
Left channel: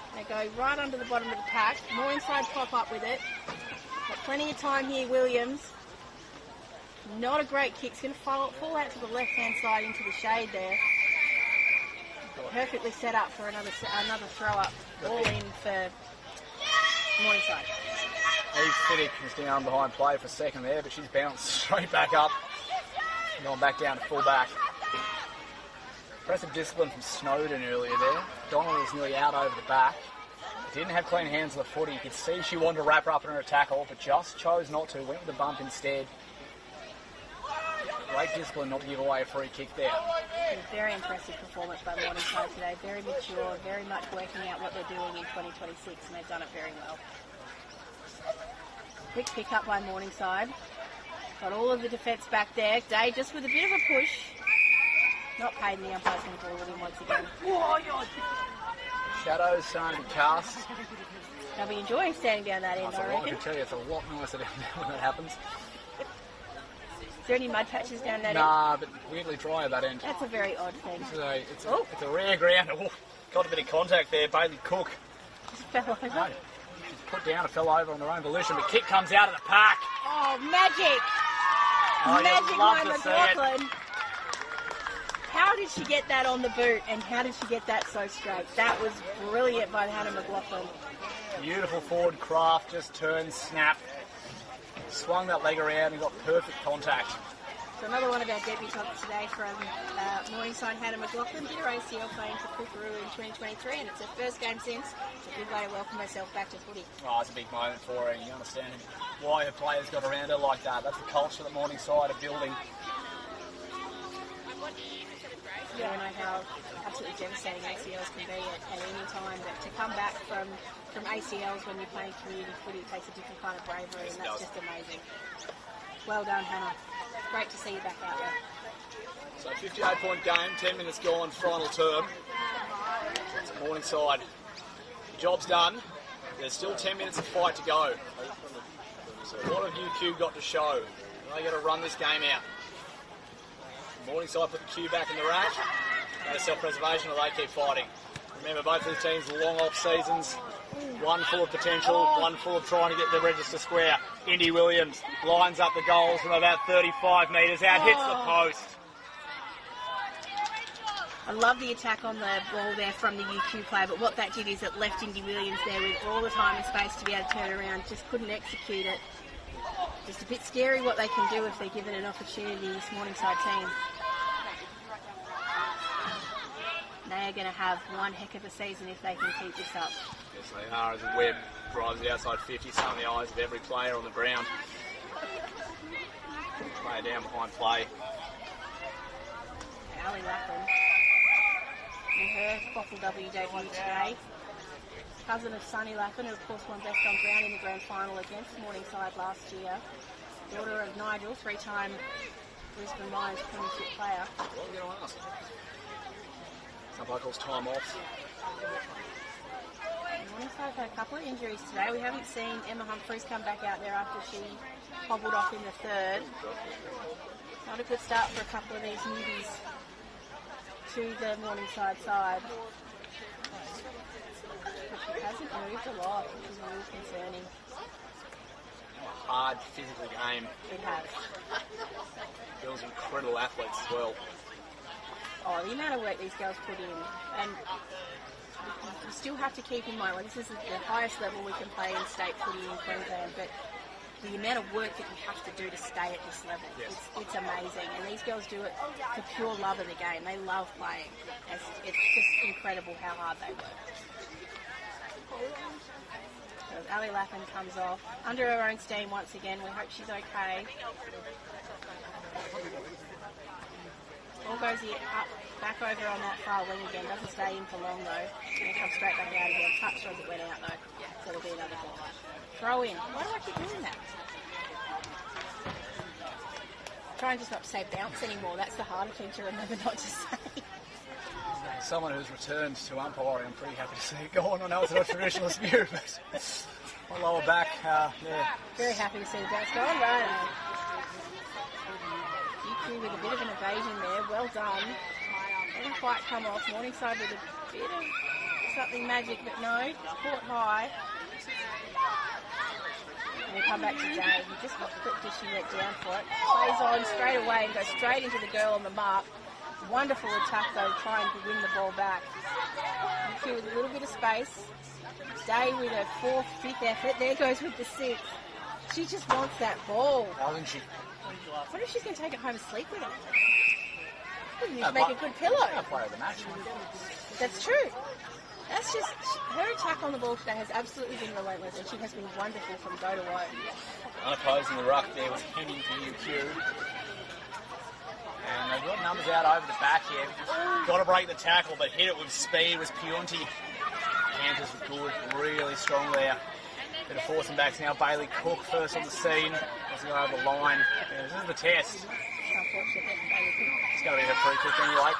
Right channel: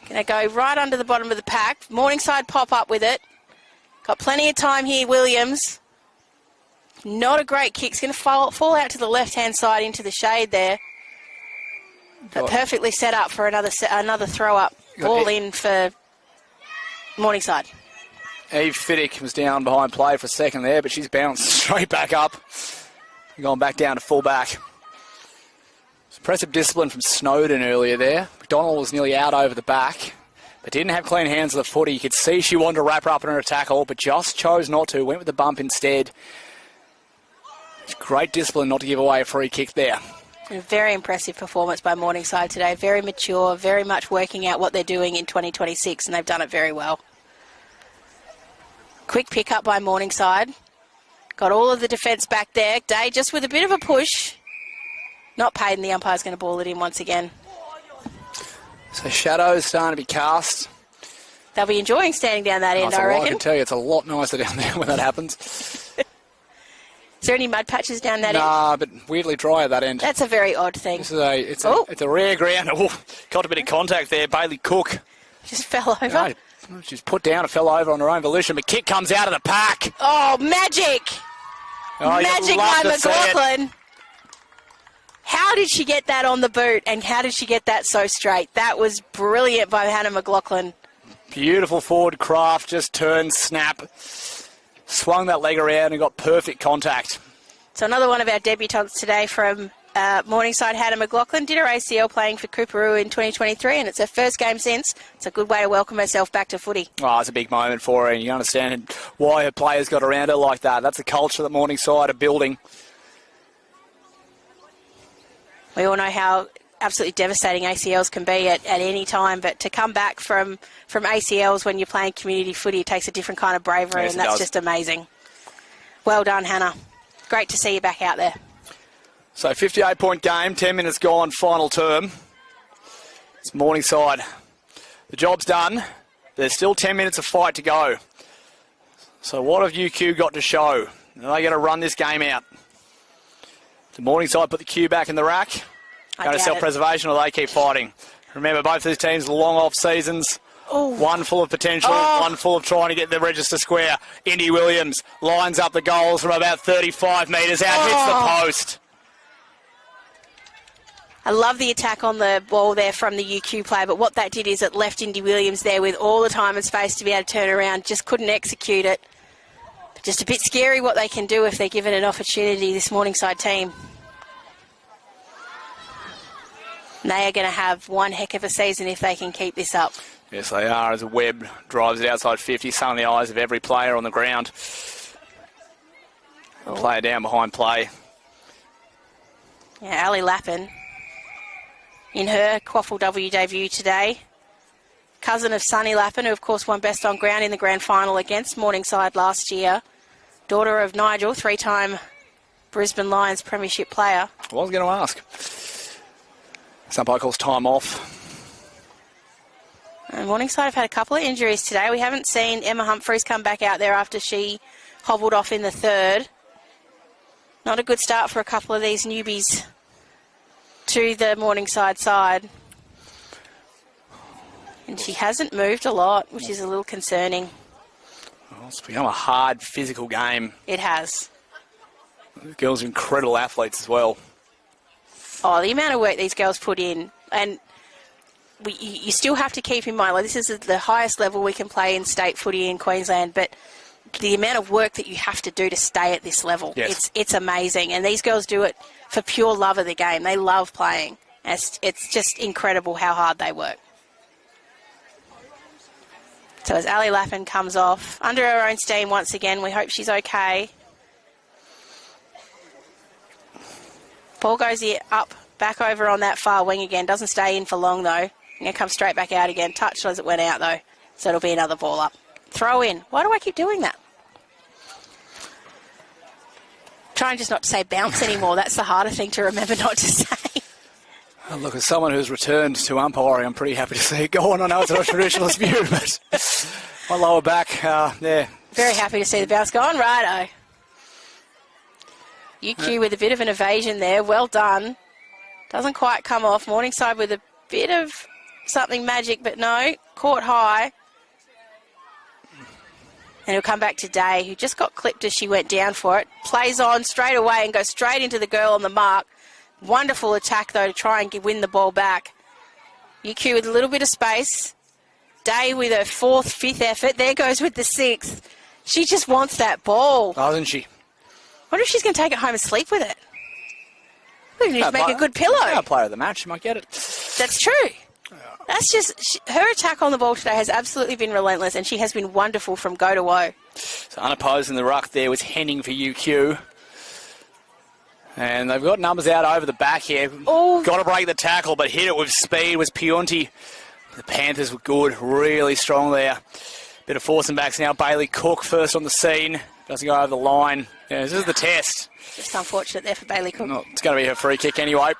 Going to go right under the bottom of the pack. Morningside pop up with it. Got plenty of time here, Williams. Not a great kick. It's going to fall out to the left-hand side into the shade there. But perfectly set up for another throw-up. Ball in for Morningside. Eve Fiddick was down behind play for a second there, but she's bounced straight back up. Gone back down to full-back. Impressive discipline from Snowden earlier there. Donald was nearly out over the back, but didn't have clean hands of the footy. You could see she wanted to wrap her up in her tackle, but just chose not to. Went with the bump instead. It's great discipline not to give away a free kick there. A very impressive performance by Morningside today. Very mature, very much working out what they're doing in 2026, and they've done it very well. Quick pick up by Morningside. Got all of the defence back there. Day just with a bit of a push. Not paid, and the umpire's going to ball it in once again. So shadows starting to be cast. They'll be enjoying standing down that end, I reckon. I can tell you, it's a lot nicer down there when that happens. Is there any mud patches down that end? Nah, but weirdly dry at that end. That's a very odd thing. This is it's a rare ground. Oh, got a bit of contact there. Bailey Cook just fell over. She's put down and fell over on her own volition, but kick comes out of the pack. Oh, magic! Oh, Magic by by McLaughlin. How did she get that on the boot, and how did she get that so straight? That was brilliant by Hannah McLaughlin. Beautiful forward craft, just turned, snap, swung that leg around and got perfect contact. So another one of our debutantes today from Morningside, Hannah McLaughlin, did her ACL playing for Cooperoo in 2023, and it's her first game since. It's a good way to welcome herself back to footy. Oh, it's a big moment for her, and you understand why her players got around her like that. That's the culture that Morningside are building. We all know how absolutely devastating ACLs can be at any time, but to come back from ACLs when you're playing community footy, it takes a different kind of bravery, Yes, and that's does. just amazing. Well done, Hannah. Great to see you back out there. So 58-point game, 10 minutes gone, final term. It's Morningside. The job's done. There's still 10 minutes of fight to go. So what have UQ got to show? Are they going to run this game out? The Morningside put the Q back in the rack. Going to self-preservation, or they keep fighting. Remember, both these teams long off seasons. One full of potential, one full of trying to get the register square. Indy Williams lines up the goals from about 35 metres out, hits the post. I love the attack on the ball there from the UQ player, but what that did is it left Indy Williams there with all the time and space to be able to turn around, just couldn't execute it. Just a bit scary what they can do if they're given an opportunity, this Morningside team. And they are going to have one heck of a season if they can keep this up. Yes, they are, as Webb drives it outside 50, sun in the eyes of every player on the ground. Player down behind play. Yeah, Ali Lappin in her QAFLW debut today. Cousin of Sunny Lappin, who of course won best on ground in the grand final against Morningside last year. Daughter of Nigel, three-time Brisbane Lions premiership player. I was going to ask. Some umpire calls time off. And Morningside have had a couple of injuries today. We haven't seen Emma Humphreys come back out there after she hobbled off in the third. Not a good start for a couple of these newbies to the Morningside side. And she hasn't moved a lot, which is a little concerning. Well, it's become a hard physical game. It has. The girls are incredible athletes as well. Oh, the amount of work these girls put in, and you still have to keep in mind, like, this is the highest level we can play in state footy in Queensland, but the amount of work that you have to do to stay at this level, yes, it's amazing. And these girls do it for pure love of the game. They love playing. It's just incredible how hard they work. So as Ali Lappin comes off, under her own steam once again, we hope she's okay. Ball goes up, back over on that far wing again. Doesn't stay in for long, though. And it comes straight back out again. Touched as it went out, though. So it'll be another ball up. Throw in. Why do I keep doing that? Trying just not to say bounce anymore. That's the harder thing to remember not to say. Oh, look, as someone who's returned to umpiring, I'm pretty happy to see it go on. I know it's not a traditionalist view, but my lower back, there. Very happy to see the bounce go on. Righto. UQ with a bit of an evasion there. Well done. Doesn't quite come off. Morningside with a bit of something magic, but no. Caught high. And it'll come back to Day, who just got clipped as she went down for it. Plays on straight away and goes straight into the girl on the mark. Wonderful attack, though, to try and win the ball back. UQ with a little bit of space. Day with her fourth, fifth effort. There goes with the sixth. She just wants that ball. Doesn't she? I wonder if she's going to take it home and sleep with it. We need to make a good pillow. Player of the match, you might get it. That's true. That's just, her attack on the ball today has absolutely been relentless, and she has been wonderful from go to woe. So unopposed in the ruck there was Henning for UQ. And they've got numbers out over the back here. Oh. Got to break the tackle, but hit it with speed was Pionti. The Panthers were good, really strong there. Bit of forcing backs now. Bailey Cook first on the scene. Doesn't go over the line. Yeah, this is the test. Just unfortunate there for Bailey Cook. Oh, it's going to be a free kick anyway.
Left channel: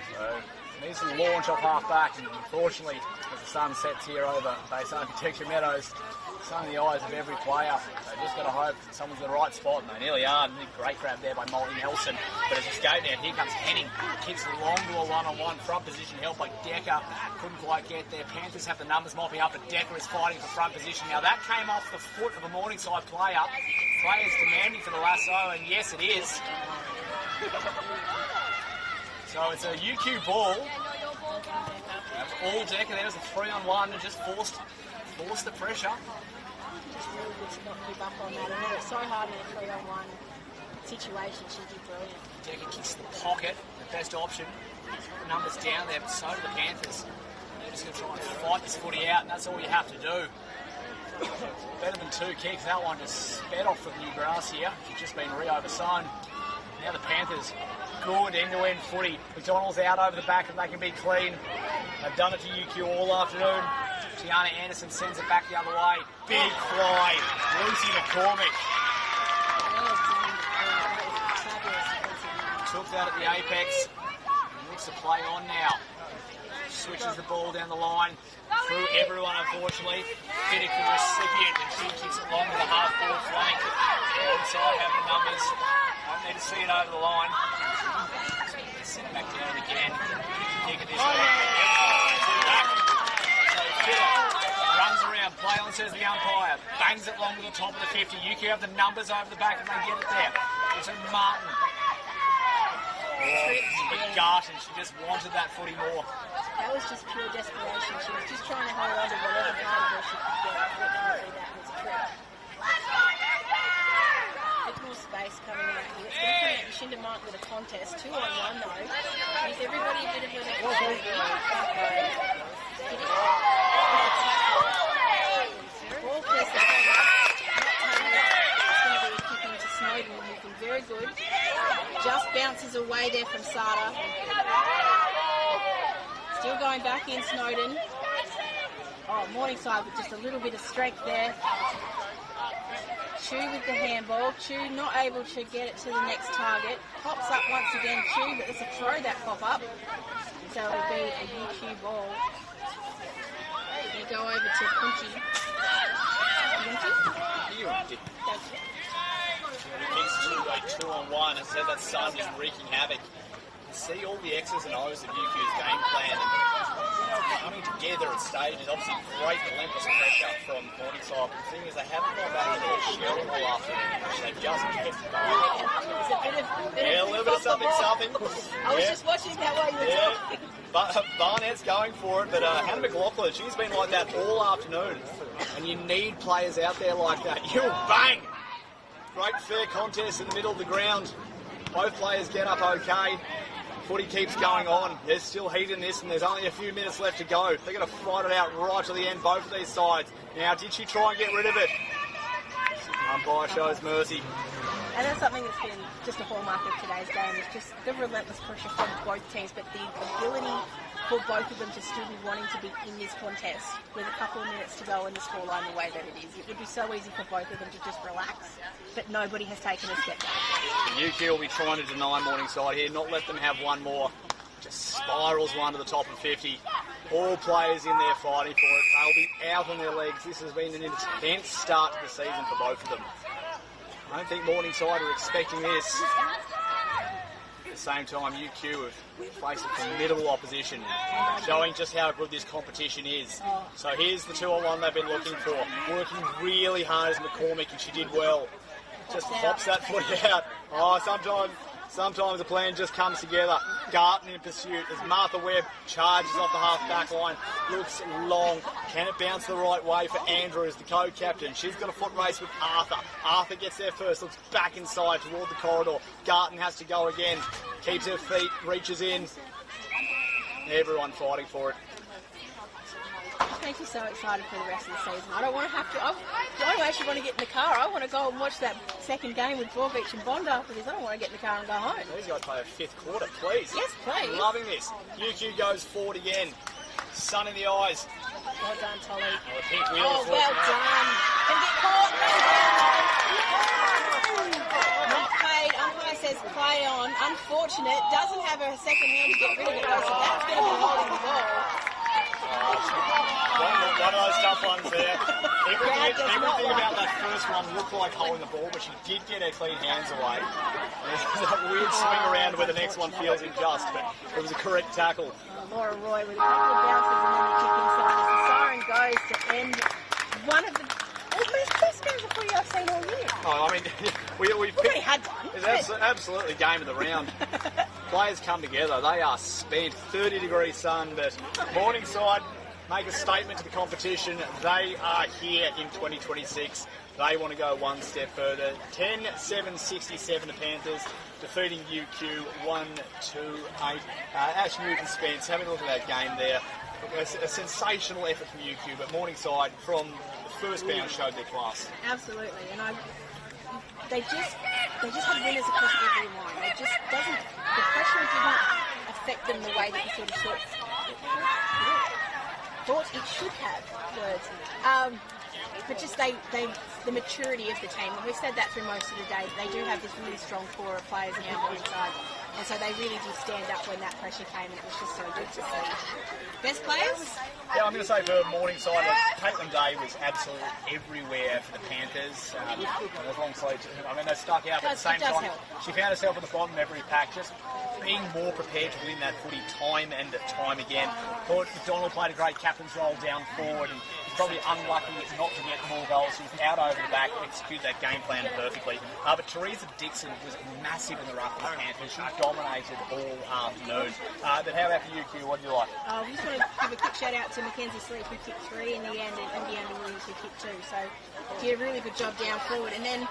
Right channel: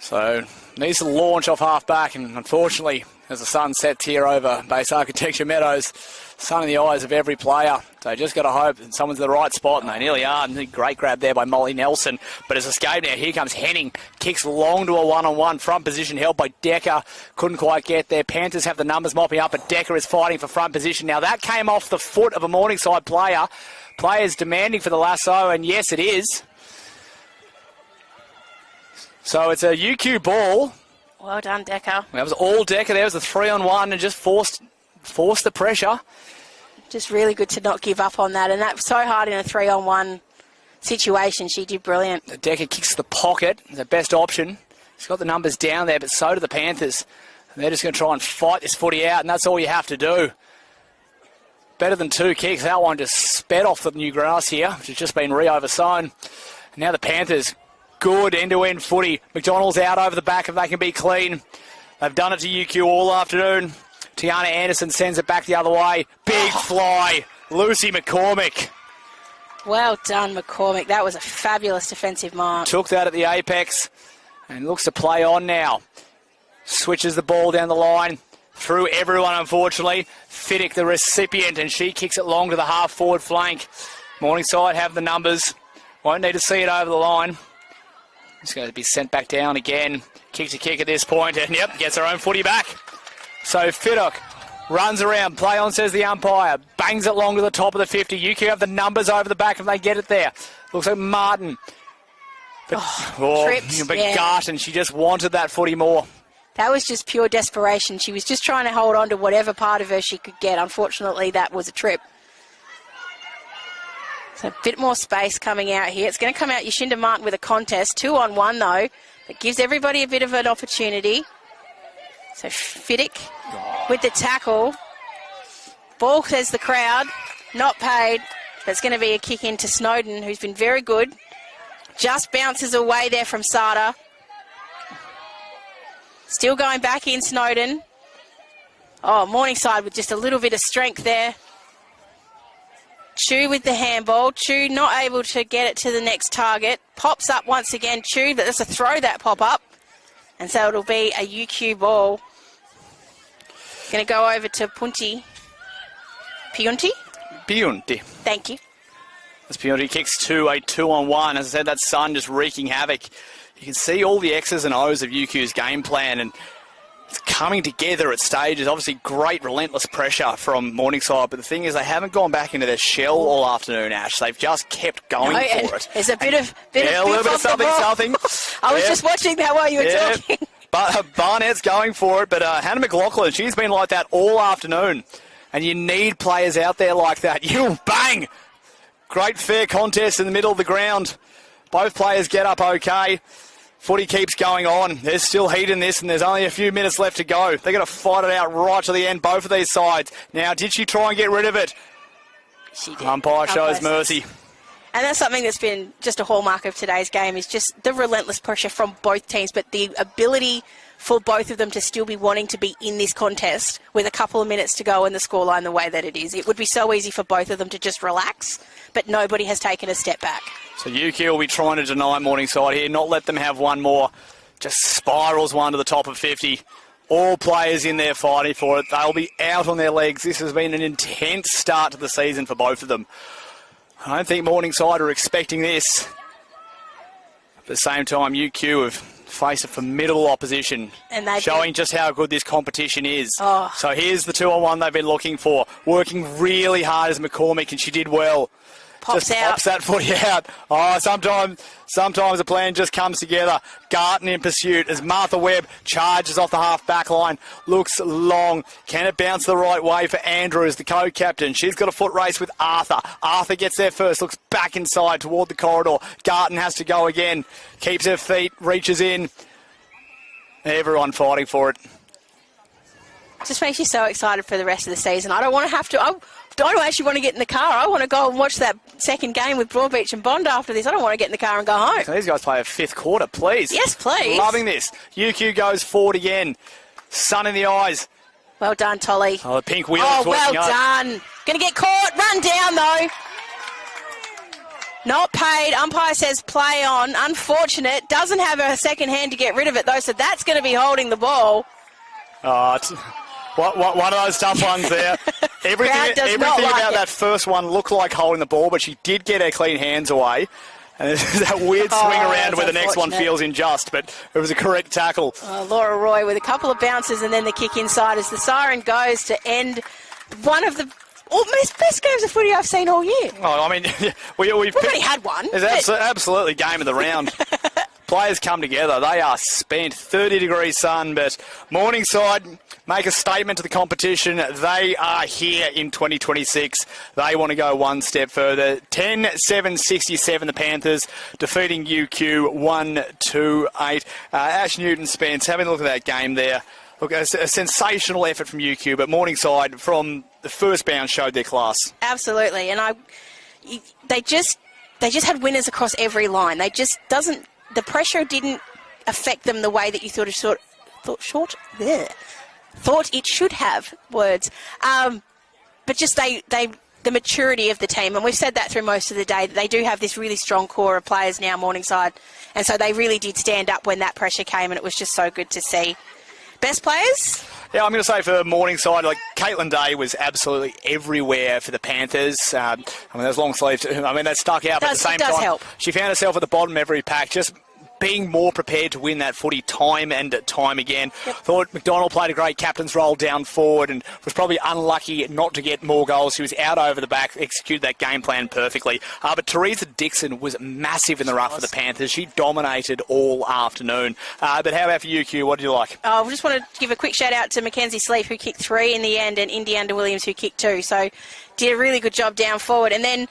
So, needs to launch off half back, and unfortunately, as the sun sets here over Base Architecture Meadows, sun in the eyes of every player. So just got to hope that someone's in the right spot, and they nearly are. And great grab there by Molly Nelson, but it's escaped now. Here comes Henning, kicks long to a one-on-one, front position help by Decker, couldn't quite get there. Panthers have the numbers mopping up, but Decker is fighting for front position. Now that came off the foot of a Morningside player. Players demanding for the lasso, and yes it is. So it's a UQ ball. Well done, Decker. That was all Decker. There was a 3-on-1 and just forced the pressure. Just really good to not give up on that, and that's so hard in a 3-on-1 situation. She did brilliant. Decker kicks the pocket, the best option. He's got the numbers down there, but so do the Panthers. And they're just going to try and fight this footy out, and that's all you have to do. Better than 2 kicks. That one just sped off the new grass here, which has just been re-oversown. Now the Panthers, good end-to-end footy. McDonald's out over the back if they can be clean. They've done it to UQ all afternoon. Tiana Anderson sends it back the other way. Big fly. Lucy McCormick. Well done, McCormick. That was a fabulous defensive mark. Took that at the apex and looks to play on now. Switches the ball down the line. Through everyone, unfortunately. Fiddick, the recipient, and she kicks it long to the half-forward flank. Morningside have the numbers. Won't need to see it over the line. It's going to be sent back down again. Kicks a kick at this point, and yep, gets her own footy back. So Fiddick runs around, play on, says the umpire. Bangs it long to the top of the 50. UQ have the numbers over the back and they get it there. Looks like Martin. But, Garton, she just wanted that footy more. That was just pure desperation. She was just trying to hold on to whatever part of her she could get. Unfortunately, that was a trip. So a bit more space coming out here. It's going to come out Yashinda Martin with a contest. 2-on-1 though. It gives everybody a bit of an opportunity. So Fiddick with the tackle. Ball, says the crowd, not paid. That's going to be a kick into Snowden, who's been very good. Just bounces away there from Sada. Still going back in, Snowden. Oh, Morningside with just a little bit of strength there. Chu with the handball. Chu not able to get it to the next target. Pops up once again, Chu, but that's a throw, that pop up. And so it'll be a UQ ball. Going to go over to Punti. Piunti? Thank you. As Piunti kicks to a 2-on-1. As I said, that sun just wreaking havoc. You can see all the X's and O's of UQ's game plan, and it's coming together at stages. Obviously, great relentless pressure from Morningside, but the thing is they haven't gone back into their shell all afternoon, Ash. They've just kept going for it. There's a bit of a little bit of something. I was just watching that while you were talking. But Barnett's going for it, but Hannah McLaughlin, she's been like that all afternoon, and you need players out there like that. You bang! Great fair contest in the middle of the ground. Both players get up okay. Footy keeps going on. There's still heat in this, and there's only a few minutes left to go. They're going to fight it out right to the end, both of these sides. Now, did she try and get rid of it? She did. Umpire shows mercy. And that's something that's been just a hallmark of today's game, is just the relentless pressure from both teams, but the ability for both of them to still be wanting to be in this contest with a couple of minutes to go and the scoreline the way that it is. It would be so easy for both of them to just relax, but nobody has taken a step back. So UQ will be trying to deny Morningside here, not let them have one more. Just spirals one to the top of 50. All players in there fighting for it. They'll be out on their legs. This has been an intense start to the season for both of them. I don't think Morningside are expecting this. At the same time, UQ have faced a formidable opposition, and showing just how good this competition is. So here's the 2-on-1 they've been looking for. Working really hard as McCormick, and she did well. Pops that footy out. Oh, sometimes the plan just comes together. Garton in pursuit as Martha Webb charges off the half-back line. Looks long. Can it bounce the right way for Andrews, the co-captain? She's got a foot race with Arthur. Arthur gets there first, looks back inside toward the corridor. Garton has to go again. Keeps her feet, reaches in. Everyone fighting for it. Just makes you so excited for the rest of the season. I don't actually want to get in the car. I want to go and watch that second game with Broadbeach and Bond after this. I don't want to get in the car and go home. So these guys play a fifth quarter, please. Yes, please. Loving this. UQ goes forward again. Sun in the eyes. Well done, Tolly. Oh, the pink wheel. Oh, well done. Going to get caught. Run down, though. Not paid. Umpire says play on. Unfortunate. Doesn't have a second hand to get rid of it, though, so that's going to be holding the ball. Oh, it's one of those tough ones there. Everything about that first one looked like holding the ball, but she did get her clean hands away. And there's that weird swing around where the next one feels unjust, but it was a correct tackle. Laura Roy with a couple of bounces and then the kick inside as the siren goes to end one of the best games of footy I've seen all year. Oh, I mean, we've already had one. It's absolutely game of the round. Players come together. They are spent. 30-degree sun, but Morningside make a statement to the competition. They are here in 2026. They want to go one step further. 10-7-67, the Panthers defeating UQ 1-2-8. Ash Newton-Spence, having a look at that game there. Look, a sensational effort from UQ, but Morningside from the first bounce showed their class. Absolutely, and they just had winners across every line. The pressure didn't affect them the way that you thought it should have. But just the maturity of the team, and we've said that through most of the day. They do have this really strong core of players now, Morningside, and so they really did stand up when that pressure came, and it was just so good to see. Best players? Yeah, I'm going to say for Morningside, like Caitlin Day was absolutely everywhere for the Panthers. I mean, those long sleeves, that stuck out, but at the same time, help. She found herself at the bottom of every pack, just being more prepared to win that footy time and time again. Yep. Thought McDonald played a great captain's role down forward and was probably unlucky not to get more goals. She was out over the back, executed that game plan perfectly. But Teresa Dixon was massive in the rough for the Panthers. She dominated all afternoon. But how about for UQ? What do you like? I just want to give a quick shout out to Mackenzie Sleep, who kicked 3 in the end, and Indy Under-Williams, who kicked 2. So did a really good job down forward. And then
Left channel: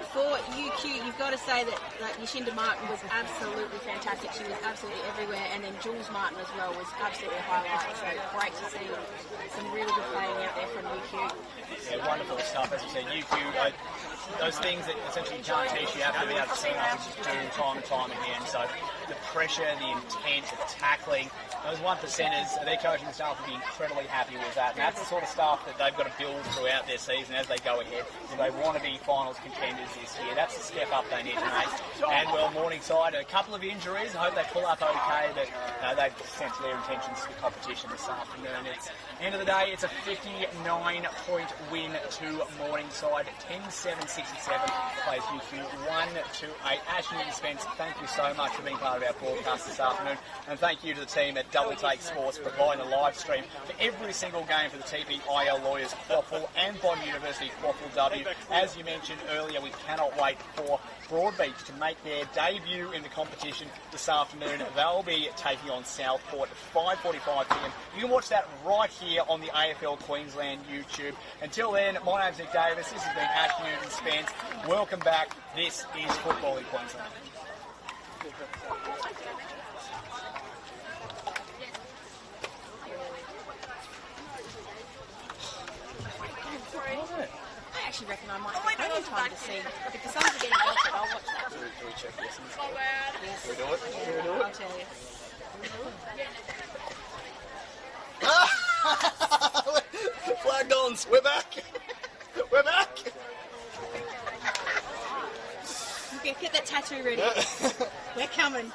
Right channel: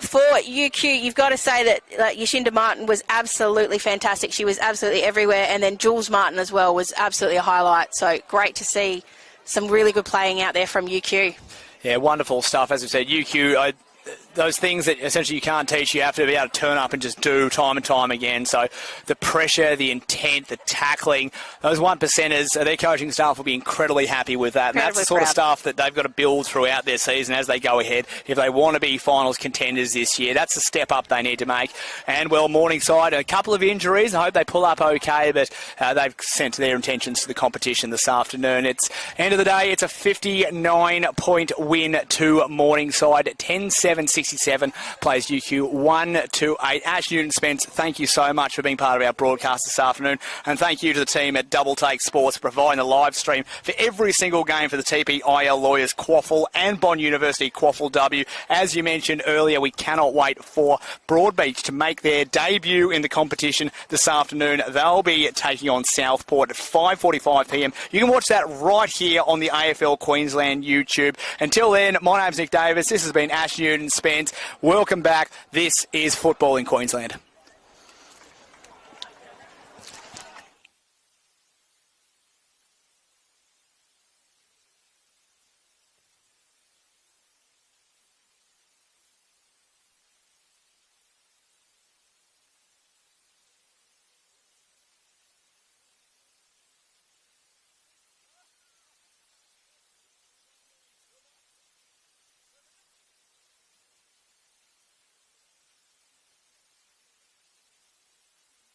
for UQ, you've got to say that Yashinda Martin was absolutely fantastic. She was absolutely everywhere. And then Jules Martin as well was absolutely a highlight. So great to see some really good playing out there from UQ. Yeah, wonderful stuff. As we said, UQ, those things that essentially you can't teach, you have to be able to turn up and just do time and time again. So the pressure, the intent, the tackling, those 1%ers, their coaching staff will be incredibly happy with that. And that's the sort of stuff that they've got to build throughout their season as they go ahead. If they want to be finals contenders this year, that's the step up they need to make. And, well, Morningside, a couple of injuries. I hope they pull up okay, but they've sent their intentions to the competition this afternoon. It's end of the day, it's a 59-point win to Morningside. 10-7-67 plays UQ 1-8. Ash Newton-Spence, thank you so much for being part of our broadcast this afternoon, and thank you to the team at Double Take Sports for providing the live stream for every single game for the TPIL Lawyers QAFL and Bond University QAFLW. As you mentioned earlier, we cannot wait for Broadbeach to make their debut in the competition this afternoon. They'll be taking on Southport at 5:45 p.m. You can watch that right here on the AFL Queensland YouTube. Until then, my name's Nick Davis. This has been Ash Newton-Spence. Welcome back. This is Football in Queensland. I actually reckon I might have plenty of time to see. If the Suns are getting altered, I'll watch that. Do we check this? Yes. We do it? Yeah, I'll tell you. Flag dons, we're back. We're back. Get that tattoo ready. We're coming.